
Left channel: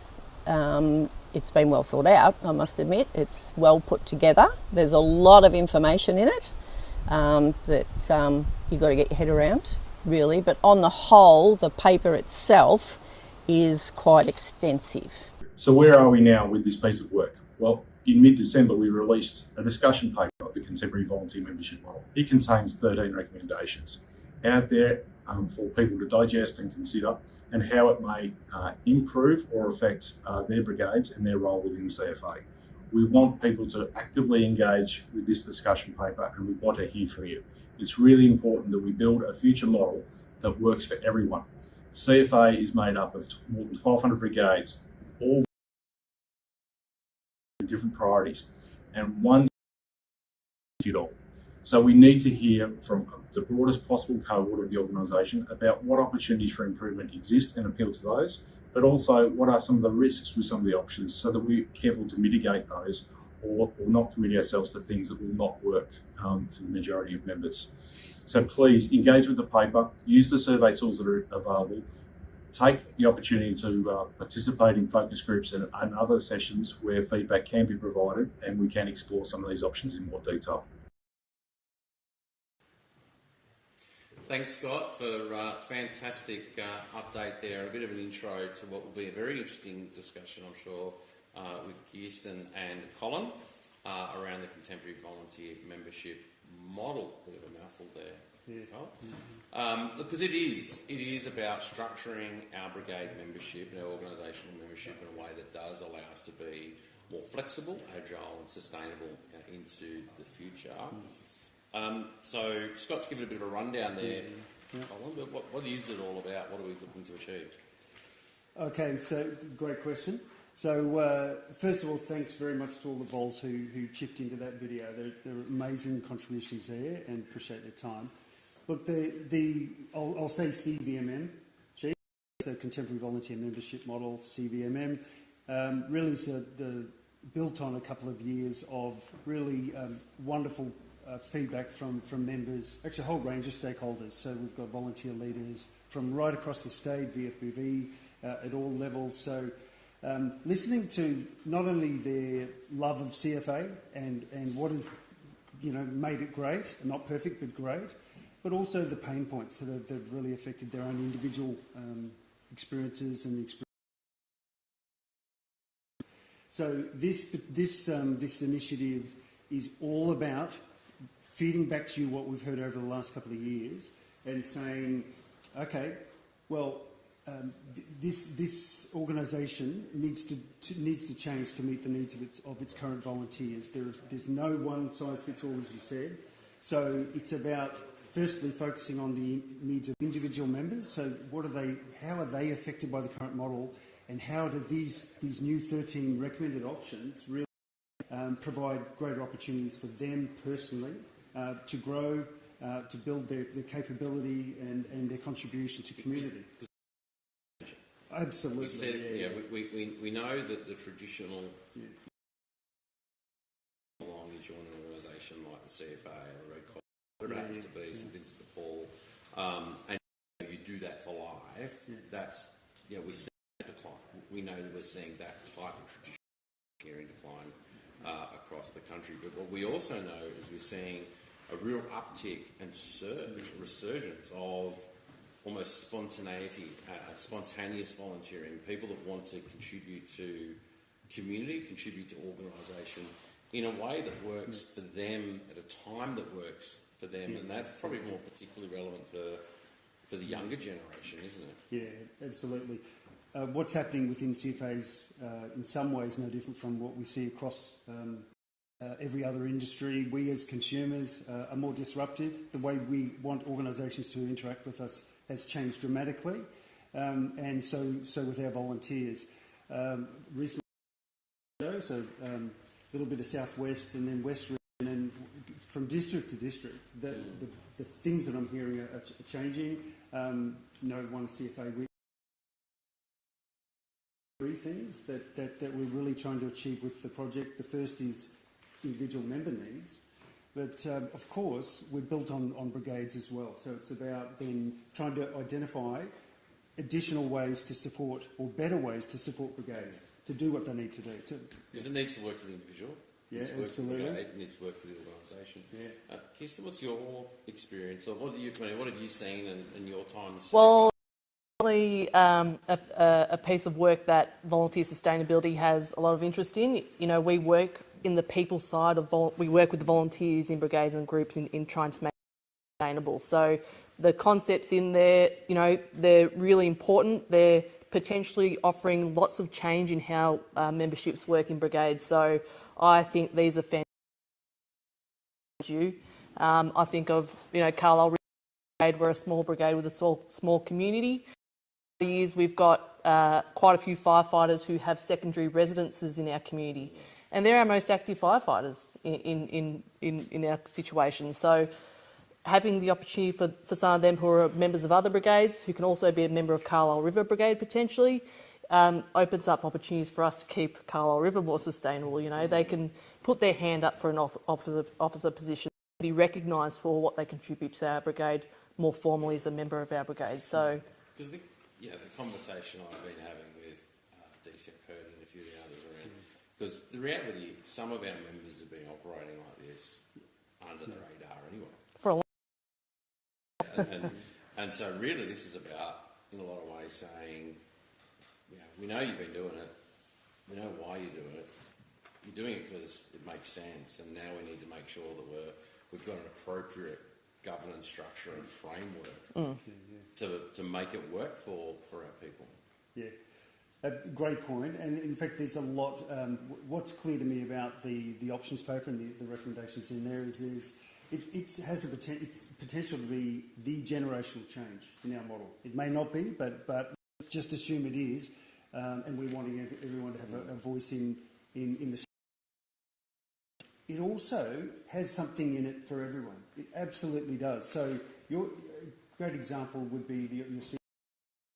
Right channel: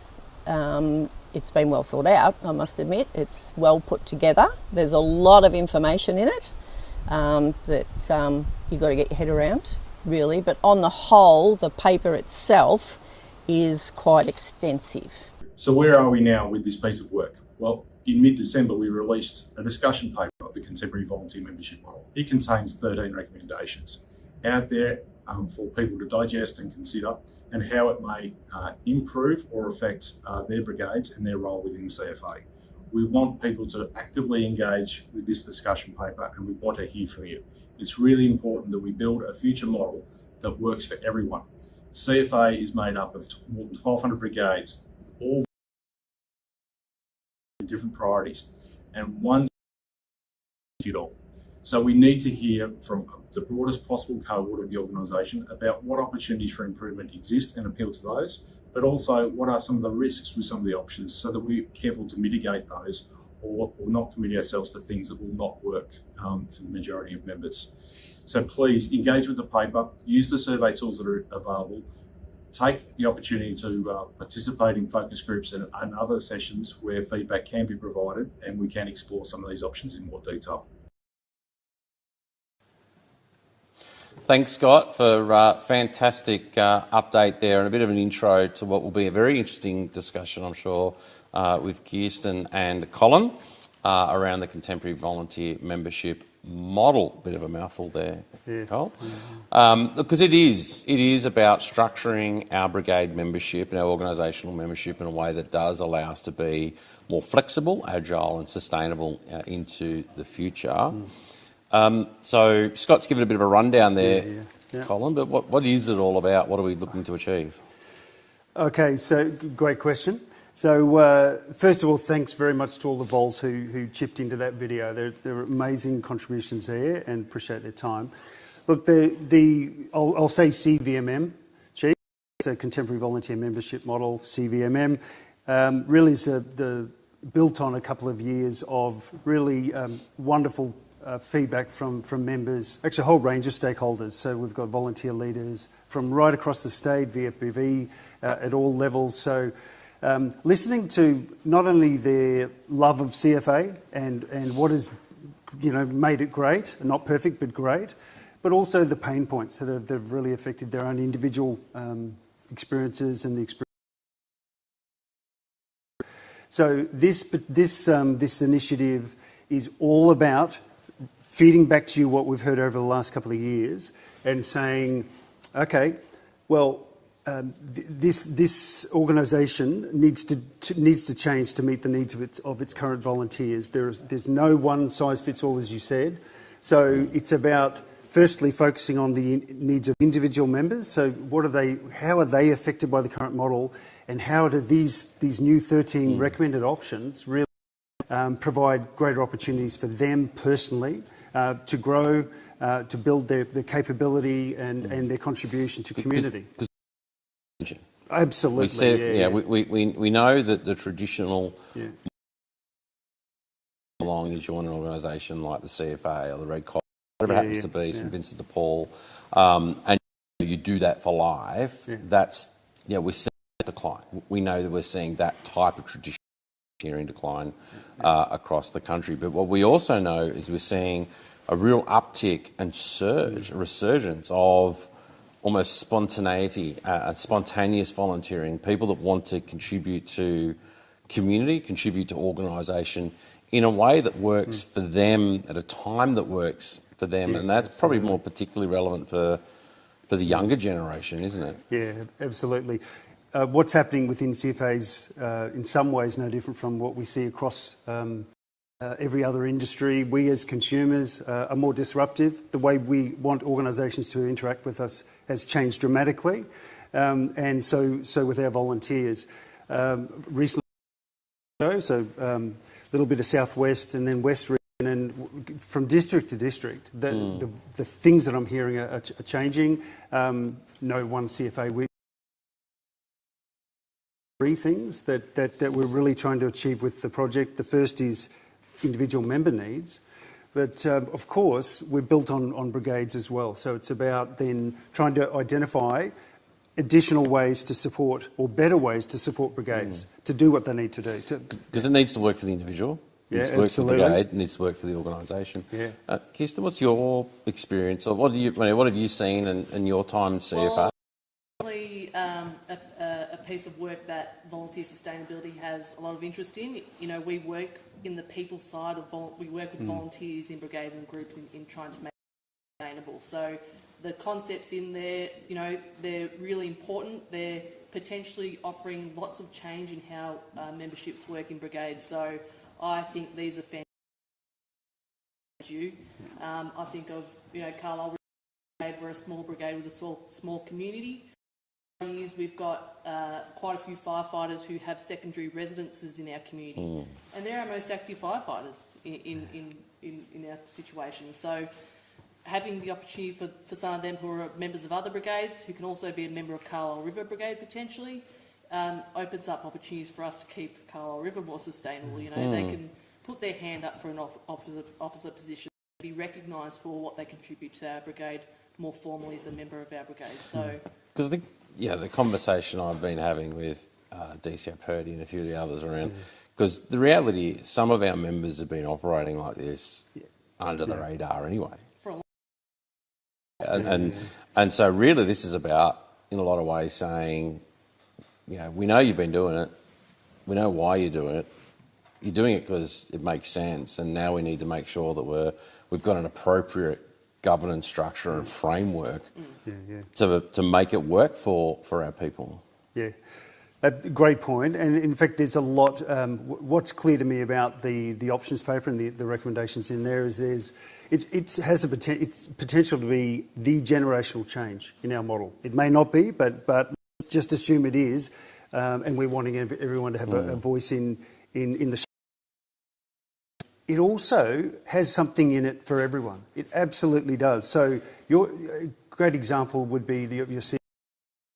It's been well thought out, I must admit. It's well put together. There's a lot of information in it that you've got to get your head around, really. But on the whole, the paper itself is quite extensive. So where are we now with this piece of work? Well, in mid-December we released a discussion paper of the contemporary volunteer membership model. It contains 13 recommendations out there for people to digest and consider, and how it may improve or affect their brigades and their role within CFA. We want people to actively engage with this discussion paper, and we want to hear from you. It's really important that we build a future model that works for everyone. CFA is made up of more than 1,200 brigades, all different priorities, and one fit all. So we need to hear from the broadest possible cohort of the organisation about what opportunities for improvement exist and appeal to those, but also what are some of the risks with some of the options, so that we're careful to mitigate those or not commit ourselves to things that will not work for the majority of members. So please engage with the paper, use the survey tools that are available, take the opportunity to participate in focus groups and other sessions where feedback can be provided, and we can explore some of these options in more detail. Thanks, Scott, for a fantastic update there and a bit of an intro to what will be a very interesting discussion, I'm sure, with Kirsten and Colin around the contemporary volunteer membership model. Bit of a mouthful there, Cole. Because it is about structuring our brigade membership and our organisational membership in a way that does allow us to be more flexible, agile and sustainable into the future. So Scott's given a bit of a rundown there, Colin, but what is it all about? What are we looking to achieve? Okay, so great question. So first of all, thanks very much to all the vols who chipped into that video. There were amazing contributions there, and appreciate their time. Look, I'll say CVMM, so Contemporary Volunteer Membership Model, CVMM, really is built on a couple of years of really wonderful feedback from members, actually a whole range of stakeholders. So we've got volunteer leaders from right across the state, VFBV at all levels. So listening to not only their love of CFA and what has made it great, not perfect but great, but also the pain points that have really affected their own individual experiences and the experience. So this initiative is all about feeding back to you what we've heard over the last couple of years and saying, okay, well, this organisation needs to change to meet the needs of its current volunteers. There's no one size fits all, as you said. So it's about firstly focusing on the needs of individual members. So how are they affected by the current model, and how do these new 13 recommended options really provide greater opportunities for them personally to grow, to build their capability and their contribution to community. Absolutely. We know that the traditional along you join an organisation like the CFA or the Red Cross, whatever it happens to be, St Vincent de Paul, and you do that for life. That's we're seeing a decline. We know that we're seeing that type of tradition in decline across the country. But what we also know is we're seeing a real uptick and surge, a resurgence of almost spontaneity, spontaneous volunteering, people that want to contribute to community, contribute to organisation in a way that works for them at a time that works for them. And that's probably more particularly relevant for the younger generation, isn't it? Yeah, absolutely. what's happening within CFAs in some ways no different from what we see across every other industry. We as consumers are more disruptive. The way we want organisations to interact with us has changed dramatically, and so with our volunteers. Recently, so a little bit of southwest and then west region, and from district to district, the things that I'm hearing are changing. No one CFA week. Three things that we're really trying to achieve with the project. The first is individual member needs, but of course we're built on brigades as well. So it's about then trying to identify additional ways to support, or better ways to support brigades to do what they need to do. Because it needs to work for the individual. It needs to work for the brigade. It needs to work for the organisation. Yeah. Kirsten, what's your experience, or what have you seen in your time in CFA? Well, a piece of work that volunteer sustainability has a lot of interest in. You know, we work in the people side of we work with the volunteers in brigades and groups in trying to make it sustainable. So the concepts in there, you know, they're really important. They're potentially offering lots of change in how memberships work in brigades. So I think these are fantastic. I think of, you know, Carlisle Brigade. We're a small brigade with a small community. Years we've got quite a few firefighters who have secondary residences in our community, and they're our most active firefighters in our situation. So having the opportunity for some of them who are members of other brigades, who can also be a member of Carlisle River Brigade potentially, opens up opportunities for us to keep Carlisle River more sustainable. You know, they can put their hand up for an officer position, be recognised for what they contribute to our brigade more formally as a member of our brigade. So, because I think, the conversation I've been having with DCO Purdy and a few of the others around, because the reality is some of our members have been operating like this under the radar anyway. For a long and so really this is about, in a lot of ways, saying, you know, we know you've been doing it, we know why you're doing it, you're doing it because it makes sense, and now we need to make sure that we've got an appropriate governance structure and framework to make it work for our people. Yeah, great point. And in fact, there's a lot. What's clear to me about the options paper and the recommendations in there is it has its potential to be the generational change in our model. It may not be, but let's just assume it is, and we're wanting everyone to have a voice in the. It also has something in it for everyone. It absolutely does. So a great example would be your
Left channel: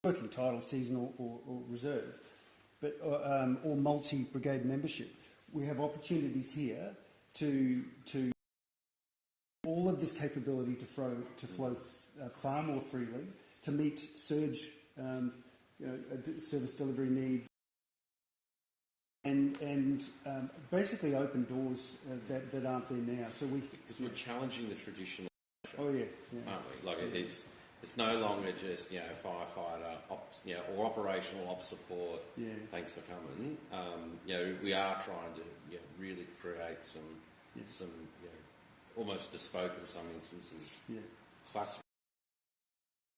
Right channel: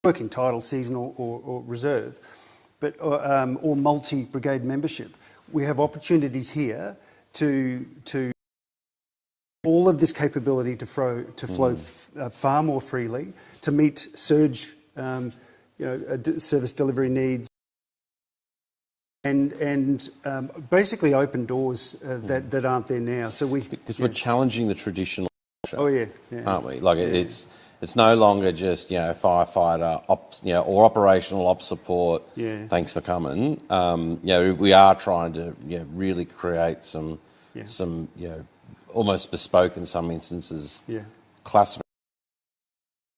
working title, seasonal or reserve, but or multi-brigade membership. We have opportunities here to all of this capability to flow far more freely, to meet surge, service delivery needs. And basically open doors that aren't there now. So because we're challenging the traditional. Oh yeah, aren't we? Like it's no longer just firefighter, or operational ops support. Yeah. Thanks for coming. We are trying to really create some almost bespoke in some instances. Classification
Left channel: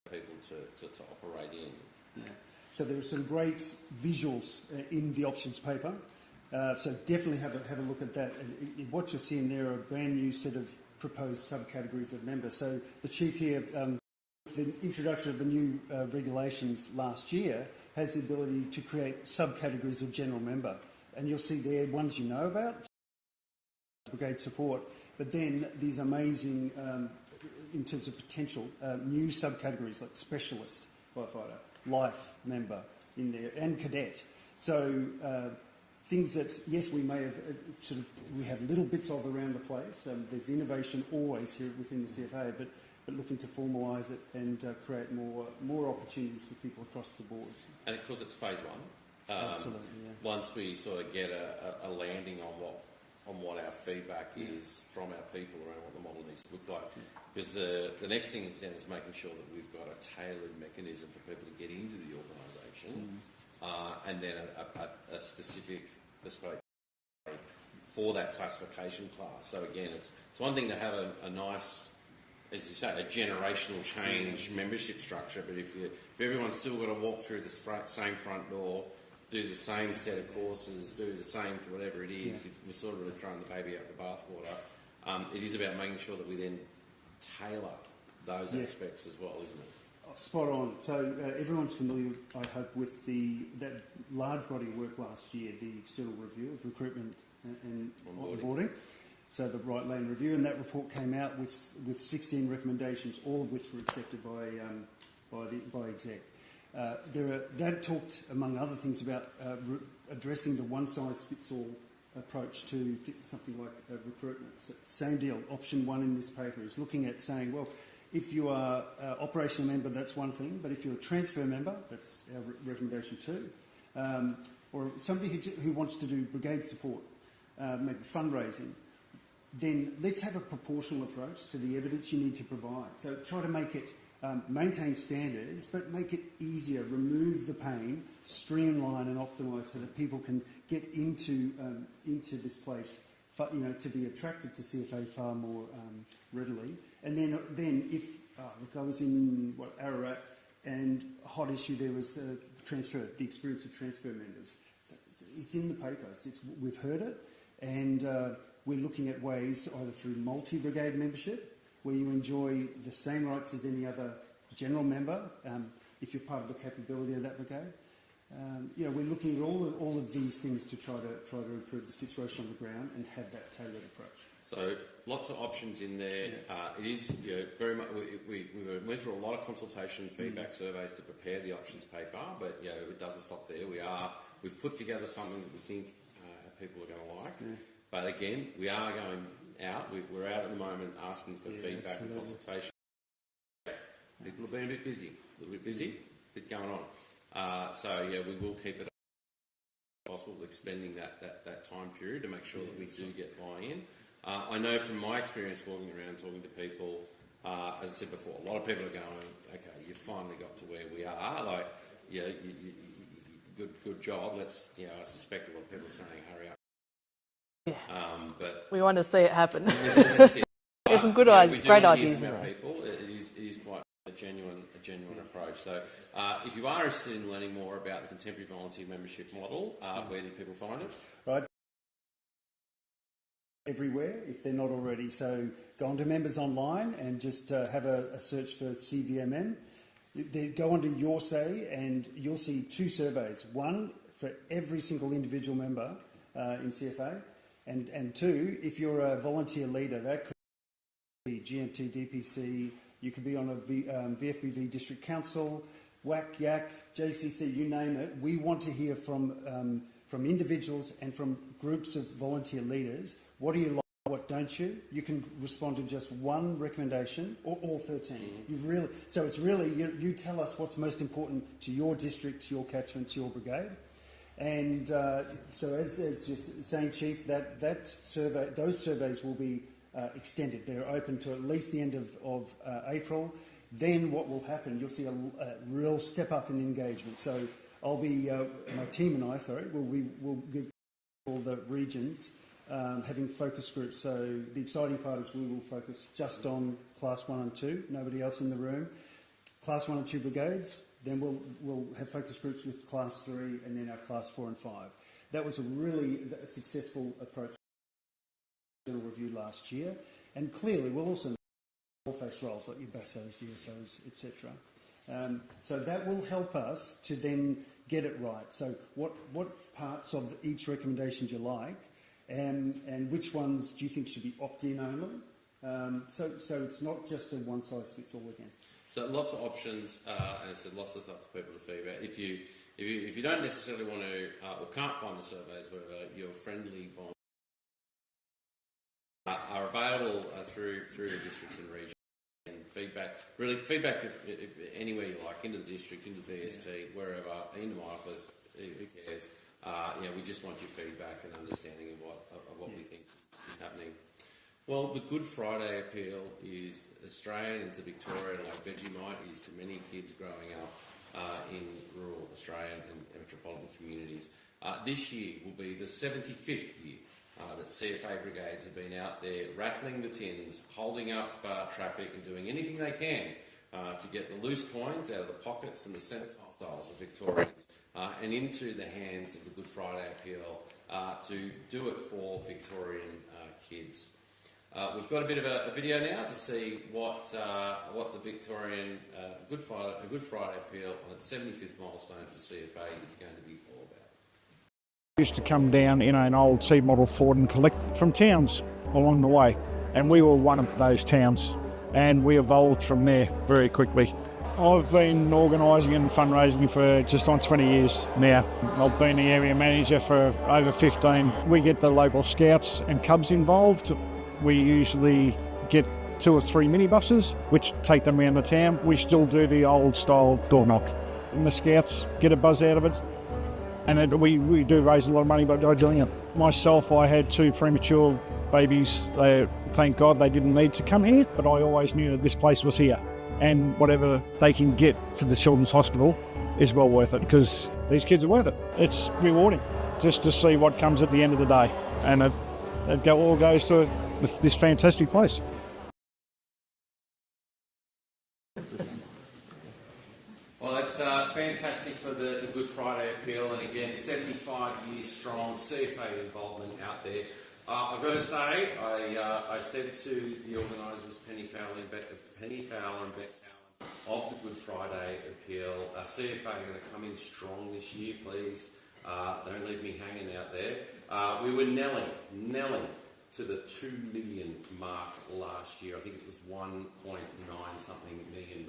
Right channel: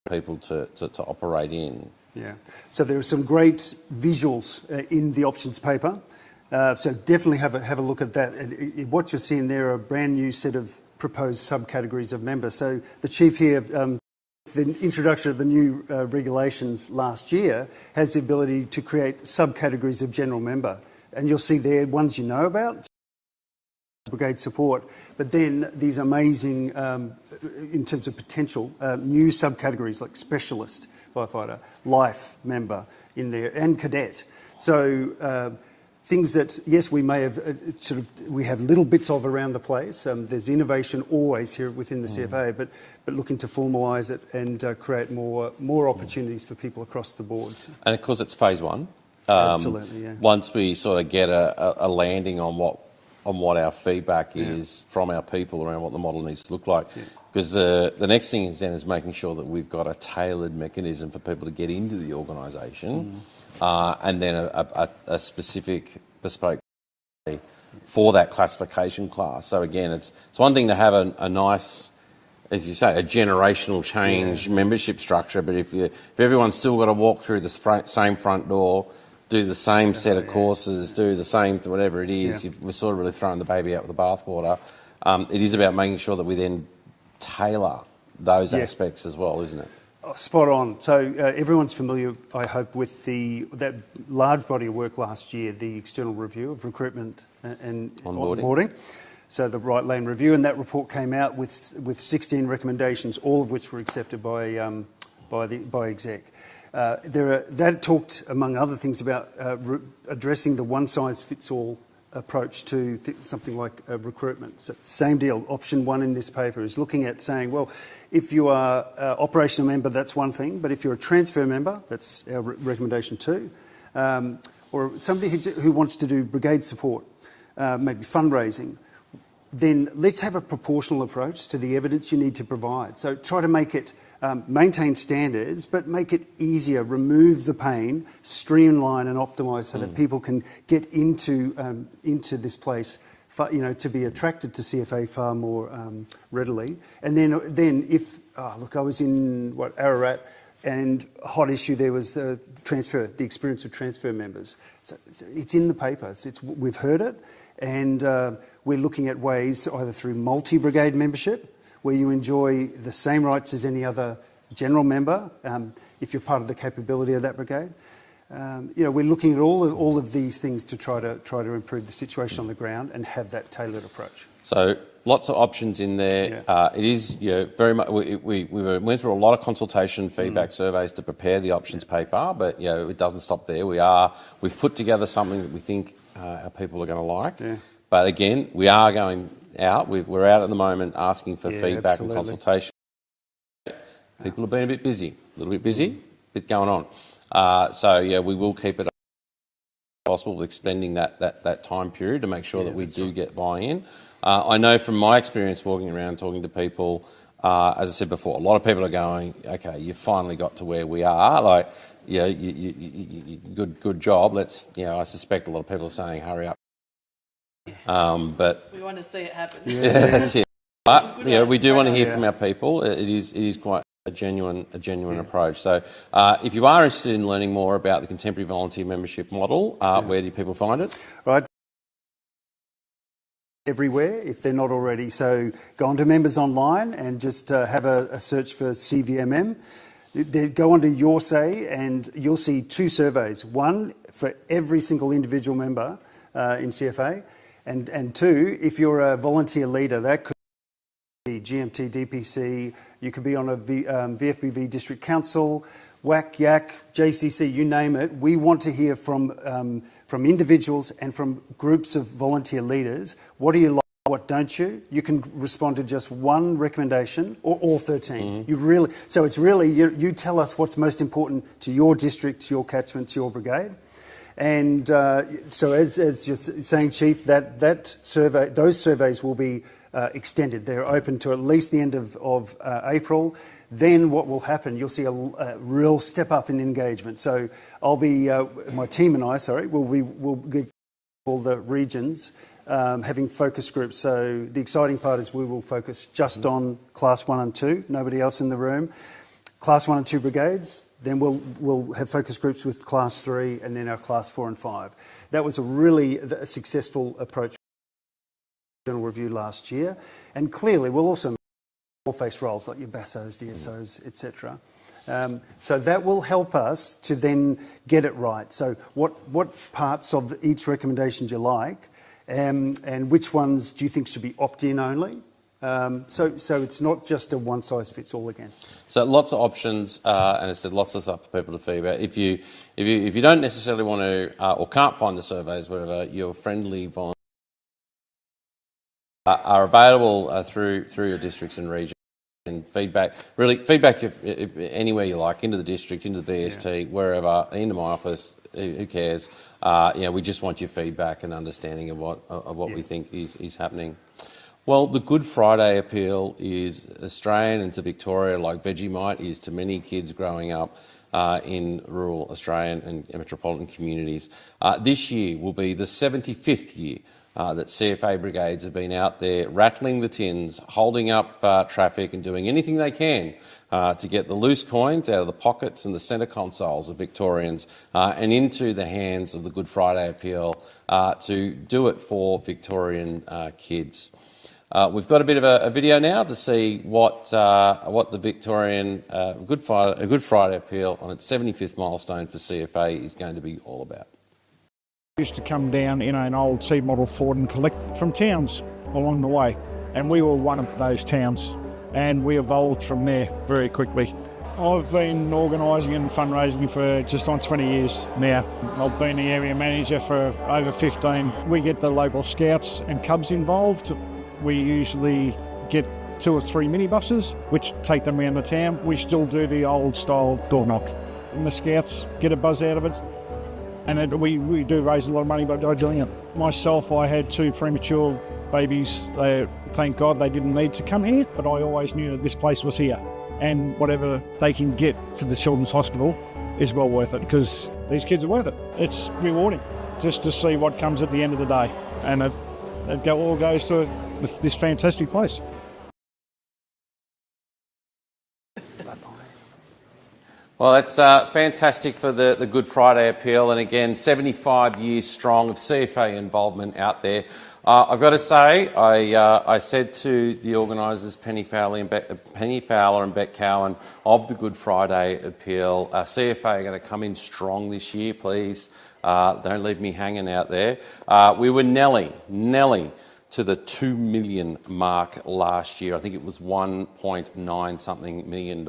people to operate in. Yeah, so there are some great visuals in the options paper. So definitely have a look at that. And what you're seeing there are a brand new set of proposed subcategories of members. So the chief here, the introduction of the new regulations last year, has the ability to create subcategories of general member. And you'll see there ones you know about, brigade support, but then these amazing, in terms of potential, new subcategories like specialist firefighter, life member in there, and cadet. So things that, yes, we may have we have little bits of around the place. There's innovation always here within the CFA, but looking to formalise it and create more opportunities for people across the boards. And of course, it's phase one. Absolutely, yeah. Once we sort of get a landing on what our feedback is from our people around what the model needs to look like. Because the next thing is making sure that we've got a tailored mechanism for people to get into the organisation, and then a specific bespoke for that classification class. So again, it's one thing to have a nice as you say, a generational change membership structure. But if everyone's still got to walk through the same front door, do the same set of courses, do the same whatever it is, we're sort of really throwing the baby out with the bathwater. It is about making sure that we then tailor those aspects as well, isn't it? Oh, spot on. So everyone's familiar, I hope, with that large body of work last year, the external review of recruitment and onboarding. So the Right Lane Review, and that report came out with 16 recommendations, all of which were accepted by exec. That talked, among other things, about addressing the one-size-fits-all approach to something like recruitment. So same deal. Option 1 in this paper is looking at saying, well, if you are an operational member, that's one thing, but if you're a transfer member, that's our recommendation 2, or somebody who wants to do brigade support, maybe fundraising, then let's have a proportional approach to the evidence you need to provide. So try to make it, maintain standards, but make it easier, remove the pain, streamline and optimise so that people can get into this place, to be attracted to CFA far more readily. And then if, look, I was in, Ararat, and a hot issue there was the experience of transfer members. So it's in the paper, we've heard it, and we're looking at ways either through multi-brigade membership, where you enjoy the same rights as any other general member, if you're part of the capability of that brigade. We're looking at all of these things to try to improve the situation on the ground and have that tailored approach. So lots of options in there. It is very much. We went through a lot of consultation, feedback surveys to prepare the options paper, but it doesn't stop there. We've put together something that we think our people are going to like. Yeah. But again, we are going out. We're out at the moment asking for feedback and consultation. People have been a little bit busy, bit going on. So we will keep it possible, extending that time period to make sure that we do get buy-in. I know from my experience walking around talking to people, as I said before, a lot of people are going, okay, you finally got to where we are. Like, good job. Let's, I suspect a lot of people are saying, hurry up. But we want to see it happen. That's it. But, we do want to hear from our people. It is quite a genuine approach. So, if you are interested in learning more about the contemporary volunteer membership model, where do people find it? Right. Everywhere, if they're not already. So go onto Members Online and just have a search for CVMM. Go onto Your Say and you'll see 2 surveys. One for every single individual member in CFA, and 2, if you're a volunteer leader, that could be GMT, DPC, you could be on a VFBV District Council, WAC, YAC, JCC, you name it. We want to hear from individuals and from groups of volunteer leaders. What do you like, what don't you? You can respond to just one recommendation or all 13. So it's really, you tell us what's most important to your district, to your catchment, to your brigade. And so as you're saying, Chief, that survey, those surveys will be extended. They're open to at least the end of April. Then what will happen, you'll see a real step up in engagement. So I'll be, my team and I, we'll get all the regions having focus groups. So the exciting part is we will focus just on Class 1 and 2, nobody else in the room. Class 1 and 2 brigades, then we'll have focus groups with Class 3 and then our Class 4 and 5. That was a really successful approach to the general review last year. And clearly we'll also face roles like your BASOs, DSOs, etc. So that will help us to then get it right. So what parts of each recommendation do you like, and which ones do you think should be opt-in only? So it's not just a one-size-fits-all again. So lots of options, and it's lots of stuff for people to feedback. If you don't necessarily want to or can't find the surveys, whatever, your friendly volunteers are available through your districts and regions. And feedback if anywhere you like, into the district, into the VST, wherever, into my office, who cares? We just want your feedback and understanding of what we think is happening. Well, the Good Friday appeal is Australian and to Victoria, like Vegemite is to many kids growing up in rural Australian and metropolitan communities. This year will be the 75th year that CFA brigades have been out there rattling the tins, holding up traffic and doing anything they can to get the loose coins out of the pockets and the centre consoles of Victorians and into the hands of the Good Friday Appeal to do it for Victorian kids. We've got a bit of a video now to see what the Victorian Good Friday Appeal on its 75th milestone for CFA is going to be all about. Used to come down in an old C model Ford and collect from towns along the way, and we were one of those towns, and we evolved from there very quickly. I've been organising and fundraising for just on 20 years now. I've been the area manager for over 15. We get the local scouts and cubs involved. We usually get 2 or 3 minibuses which take them around the town. We still do the old style door knock, and the scouts get a buzz out of it. And we do raise a lot of money by doing it. Myself, I had 2 premature babies. Thank God they didn't need to come here, but I always knew that this place was here. And whatever they can get for the Children's Hospital is well worth it, because these kids are worth it. It's rewarding just to see what comes at the end of the day. And it all goes to this fantastic place. Well, that's fantastic for the Good Friday Appeal, and again, 75 years strong of CFA involvement out there. I've got to say, I said to the organisers, Penny Fowler and Beck Cowan of the Good Friday Appeal, CFA are going to come in strong this year, please. Don't leave me hanging out there. We were Nelly to the 2 million mark last year. I think it was $1.9 something million.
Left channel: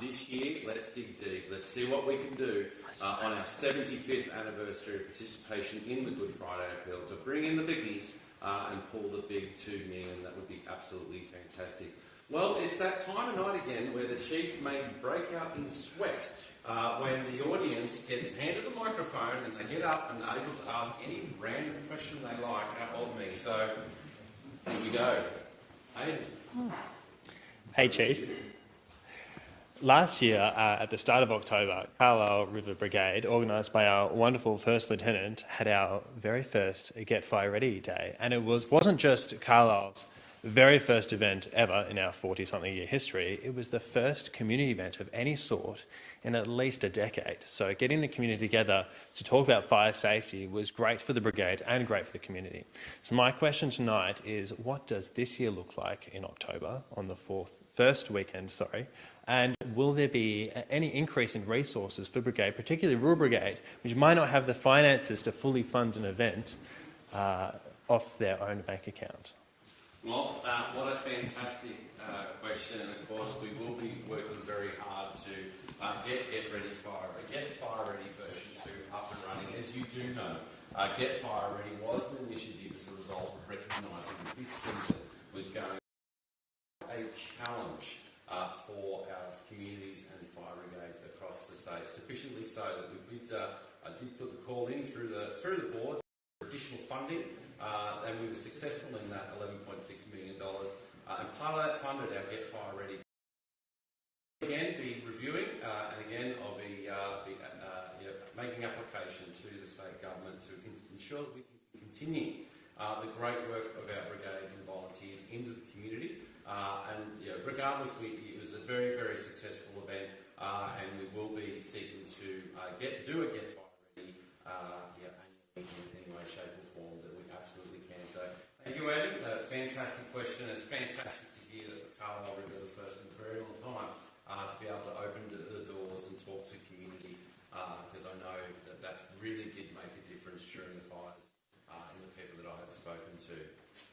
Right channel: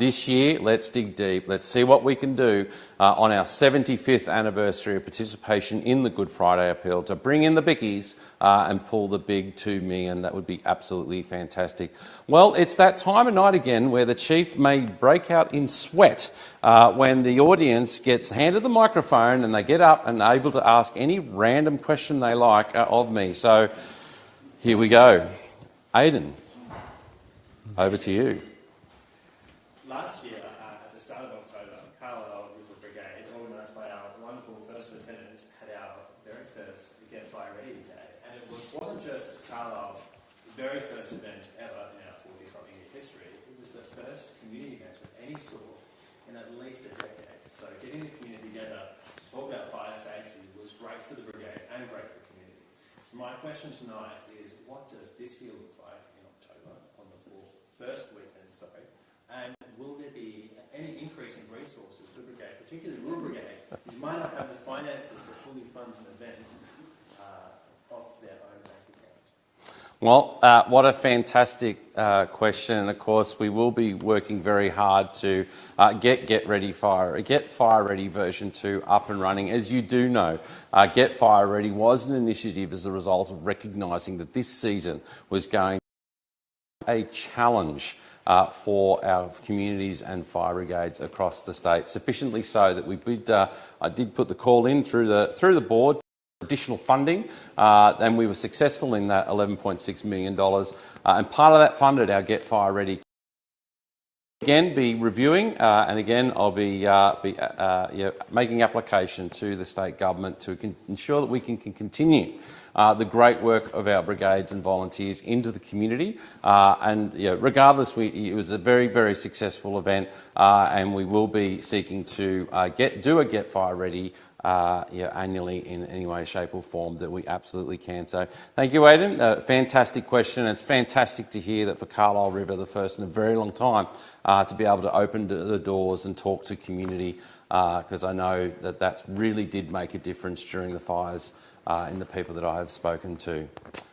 This year, let's dig deep. Let's see what we can do on our 75th anniversary of participation in the Good Friday Appeal to bring in the bickies and pull the big 2 million. That would be absolutely fantastic. Well, it's that time of night again where the Chief may break out in sweat when the audience gets handed the microphone and they get up and able to ask any random question they like of me. So here we go. Aidan, over to you. Last year, at the start of October, Carlisle River Brigade, organised by our wonderful First Lieutenant, had our very first Get Fire Ready Day. And it wasn't just Carlisle's very first event ever in our 40-something year history. It was the first community event of any sort in at least a decade. So getting the community together to talk about fire safety was great for the brigade and great for the community. So my question tonight is, what does this year look like in October on the first weekend, and will there be any increase in resources for Brigade, particularly Rural Brigade, which might not have the finances to fully fund an event off their own bank account? Well, what a fantastic question, and of course we will be working very hard to get Get Fire Ready version 2 up and running. As you do know, Get Fire Ready was an initiative as a result of recognising that this season was going to be a challenge for our communities and fire brigades across the state, sufficiently so that I did put the call in through the board. Additional funding, and we were successful in that $11.6 million. And part of that funded our Get Fire Ready. Again, be reviewing, and again, I'll be making application to the state government to ensure that we can continue the great work of our brigades and volunteers into the community. And regardless, it was a very, very successful event, and we will be seeking to do a Get Fire Ready annually in any way, shape or form that we absolutely can. So thank you, Aidan. Fantastic question. It's fantastic to hear that for Carlisle River, the first in a very long time, to be able to open the doors and talk to community, because I know that really did make a difference during the fires in the people that I have spoken to.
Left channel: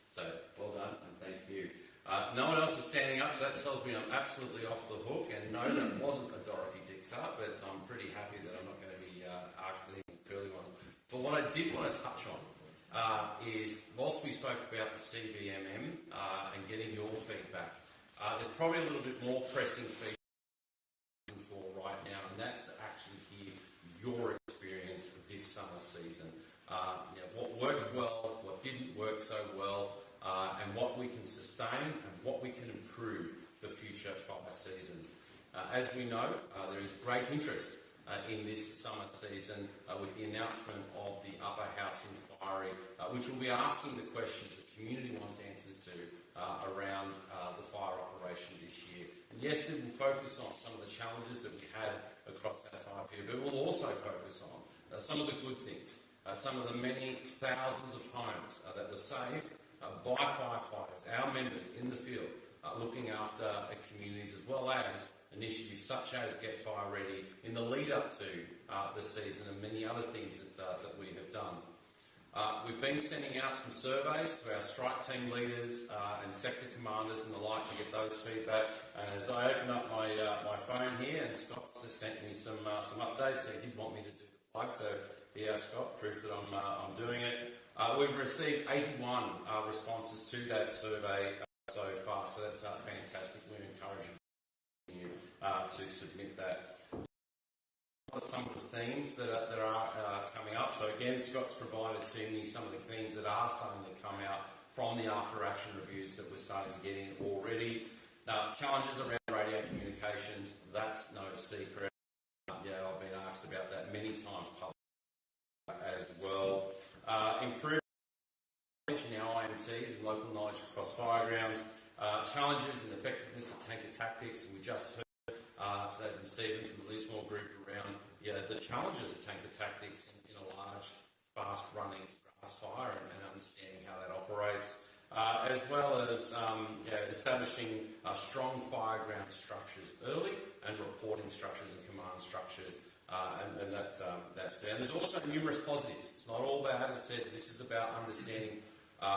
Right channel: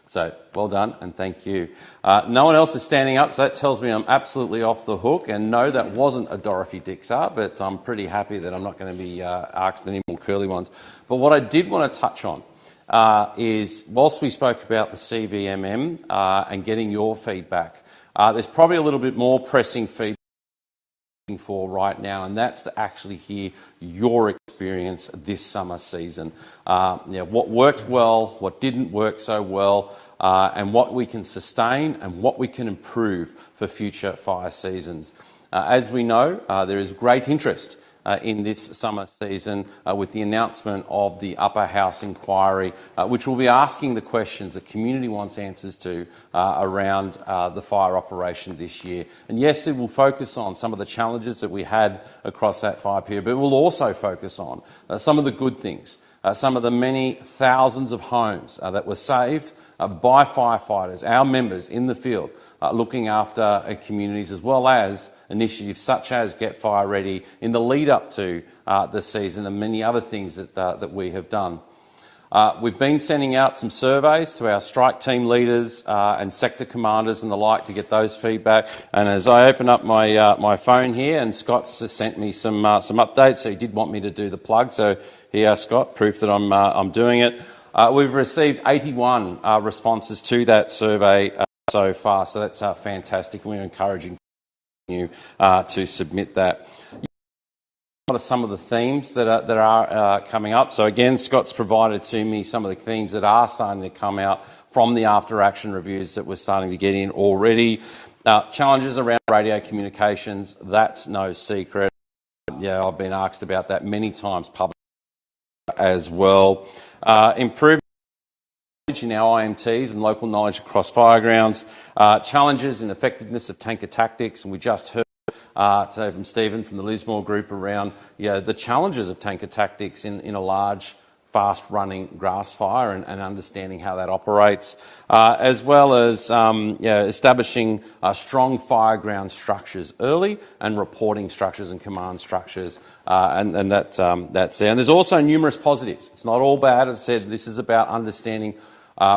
So well done and thank you. No one else is standing up, so that tells me I'm absolutely off the hook. And no, that wasn't a Dorothy Dixar, but I'm pretty happy that I'm not going to be asked any more curly ones. But what I did want to touch on is, whilst we spoke about the CVMM and getting your feedback, there's probably a little bit more pressing feedback for right now, and that's to actually hear your experience this summer season. What worked well, what didn't work so well, and what we can sustain and what we can improve for future fire seasons. As we know, there is great interest in this summer season with the announcement of the Upper House inquiry, which will be asking the questions the community wants answers to around the fire operation this year. And yes, it will focus on some of the challenges that we had across that fire period, but it will also focus on some of the good things, some of the many thousands of homes that were saved by firefighters, our members in the field, looking after communities, as well as initiatives such as Get Fire Ready in the lead up to the season and many other things that we have done. We've been sending out some surveys to our strike team leaders and sector commanders and the like to get those feedback. And as I open up my phone here, and Scott's just sent me some updates, so he did want me to do the plug. So here, Scott, proof that I'm doing it. We've received 81 responses to that survey so far, so that's fantastic. We're encouraging you to submit that. What are some of the themes that are coming up? So again, Scott's provided to me some of the themes that are starting to come out from the after-action reviews that we're starting to get in already. Challenges around radio communications, that's no secret. Yeah, I've been asked about that many times publicly as well. Improving in our IMTs and local knowledge across firegrounds, challenges in effectiveness of tanker tactics, and we just heard today from Stephen from the Lismore Group around the challenges of tanker tactics in a large, fast-running grass fire and understanding how that operates, as well as establishing strong fireground structures early and reporting structures and command structures, and that's there. And there's also numerous positives. It's not all bad. As I said, this is about understanding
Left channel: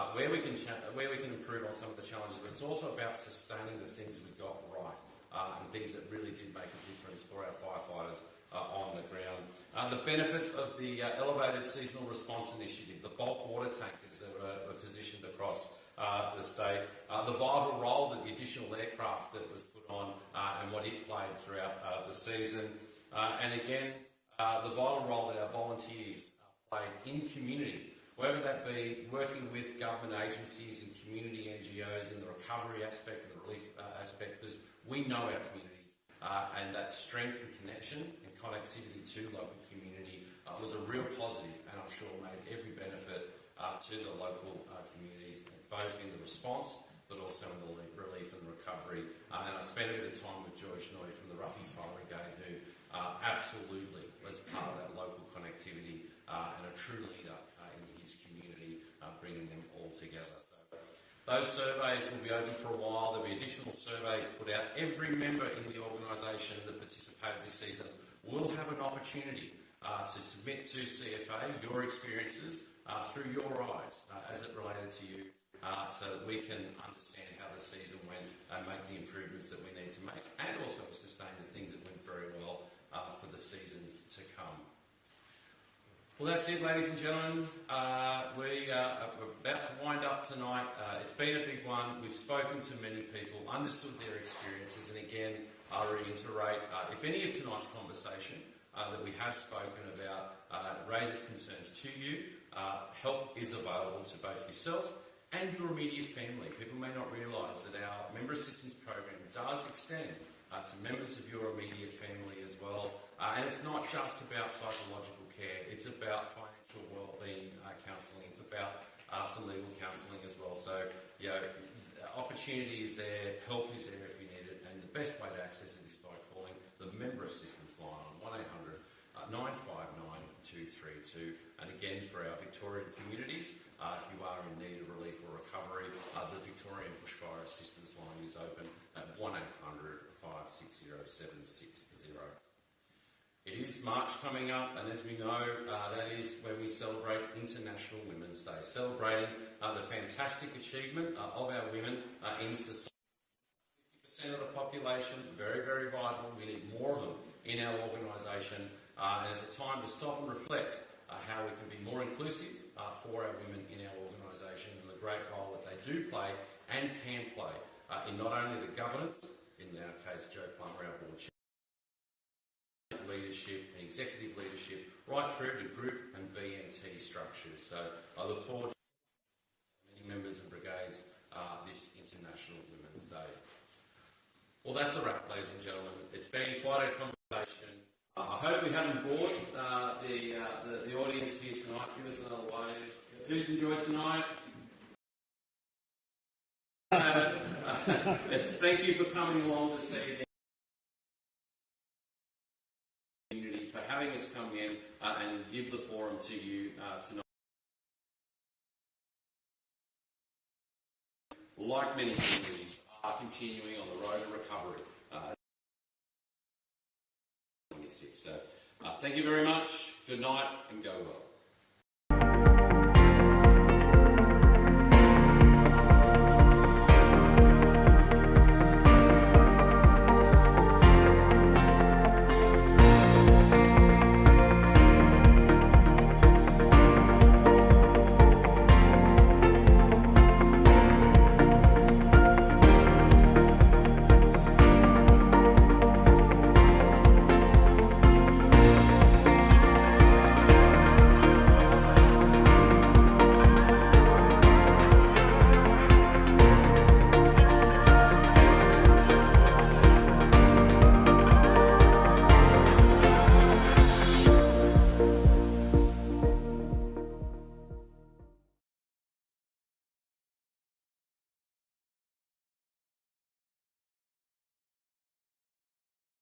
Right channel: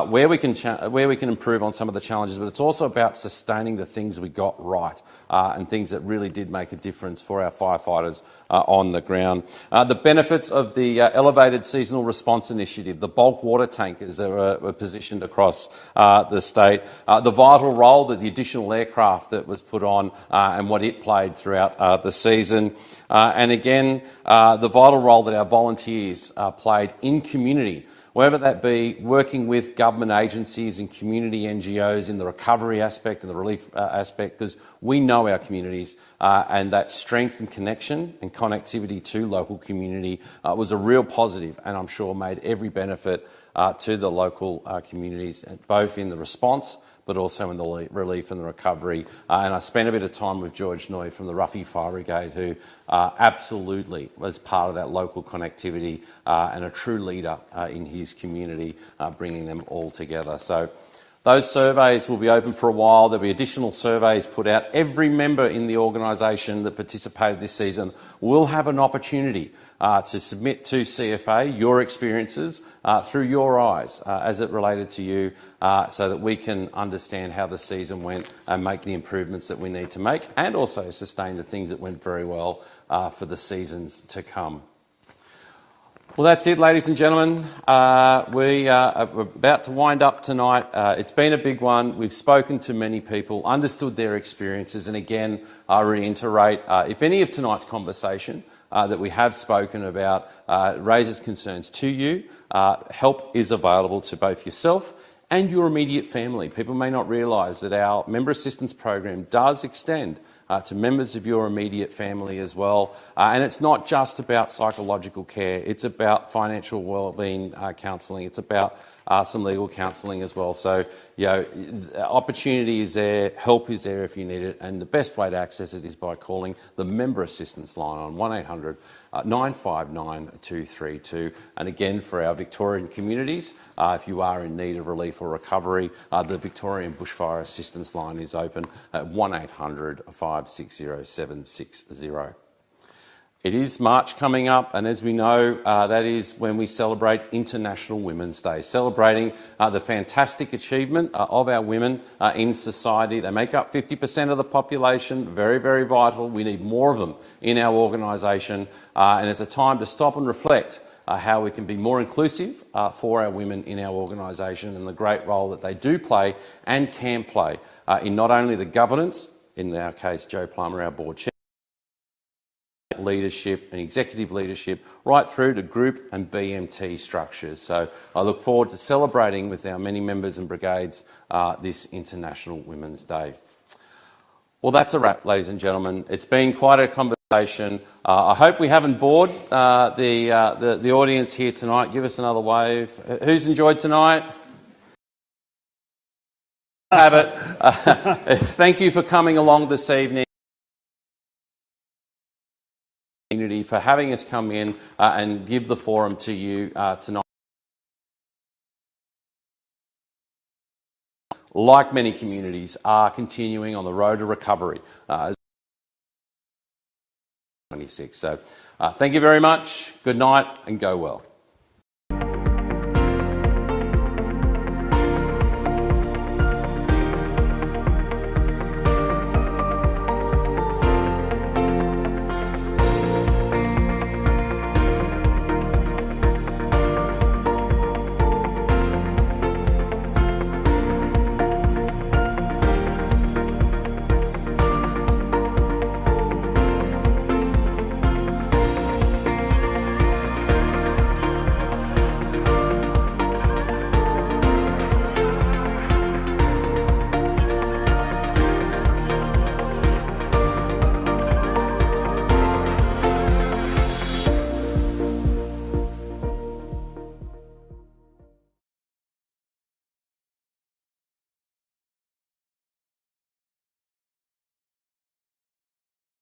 where we can improve on some of the challenges, but it's also about sustaining the things we got right and things that really did make a difference for our firefighters on the ground. The benefits of the elevated seasonal response initiative, the bulk water tankers that were positioned across the state, the vital role that the additional aircraft that was put on and what it played throughout the season, and again, the vital role that our volunteers played in community, whether that be working with government agencies and community NGOs in the recovery aspect and the relief aspect, because we know our communities and that strength and connection and connectivity to local community was a real positive, and I'm sure made every benefit to the local communities, both in the response but also in the relief and the recovery. And I spent a bit of time with George Noy from the Ruffy Fire Brigade, who absolutely was part of that local connectivity and a true leader in his community, bringing them all together. So those surveys will be open for a while. There'll be additional surveys put out. Every member in the organisation that participated this season will have an opportunity to submit to CFA your experiences through your eyes as it related to you, so that we can understand how the season went and make the improvements that we need to make, and also sustain the things that went very well for the seasons to come. Well, that's it, ladies and gentlemen. We are about to wind up tonight. It's been a big one. We've spoken to many people, understood their experiences, and again, I reiterate, if any of tonight's conversation that we have spoken about raises concerns to you, help is available to both yourself and your immediate family. People may not realise that our member assistance program does extend to members of your immediate family as well. And it's not just about psychological care, it's about financial wellbeing counselling, it's about some legal counselling as well. So, opportunity is there, help is there if you need it, and the best way to access it is by calling the member assistance line on 1800 959 232. And again, for our Victorian communities, if you are in need of relief or recovery, the Victorian Bushfire Assistance Line is open at 1800 560 760. It is March coming up, and as we know, that is when we celebrate International Women's Day, celebrating the fantastic achievement of our women in society. They make up 50% of the population, very, very vital. We need more of them in our organisation, and it's a time to stop and reflect how we can be more inclusive for our women in our organisation, and the great role that they do play and can play in not only the governance, in our case Joe Plummer, our board chair, leadership and executive leadership, right through to group and BMT structures. So I look forward to celebrating with our many members and brigades this International Women's Day. Well, that's a wrap, ladies and gentlemen. It's been quite a conversation. I hope we haven't bored the audience here tonight. Give us another wave. Who's enjoyed tonight? Have it. Thank you for coming along this evening. For having us come in and give the forum to you tonight. Like many communities, are continuing on the road to recovery. 26. So thank you very much. Good night and go well.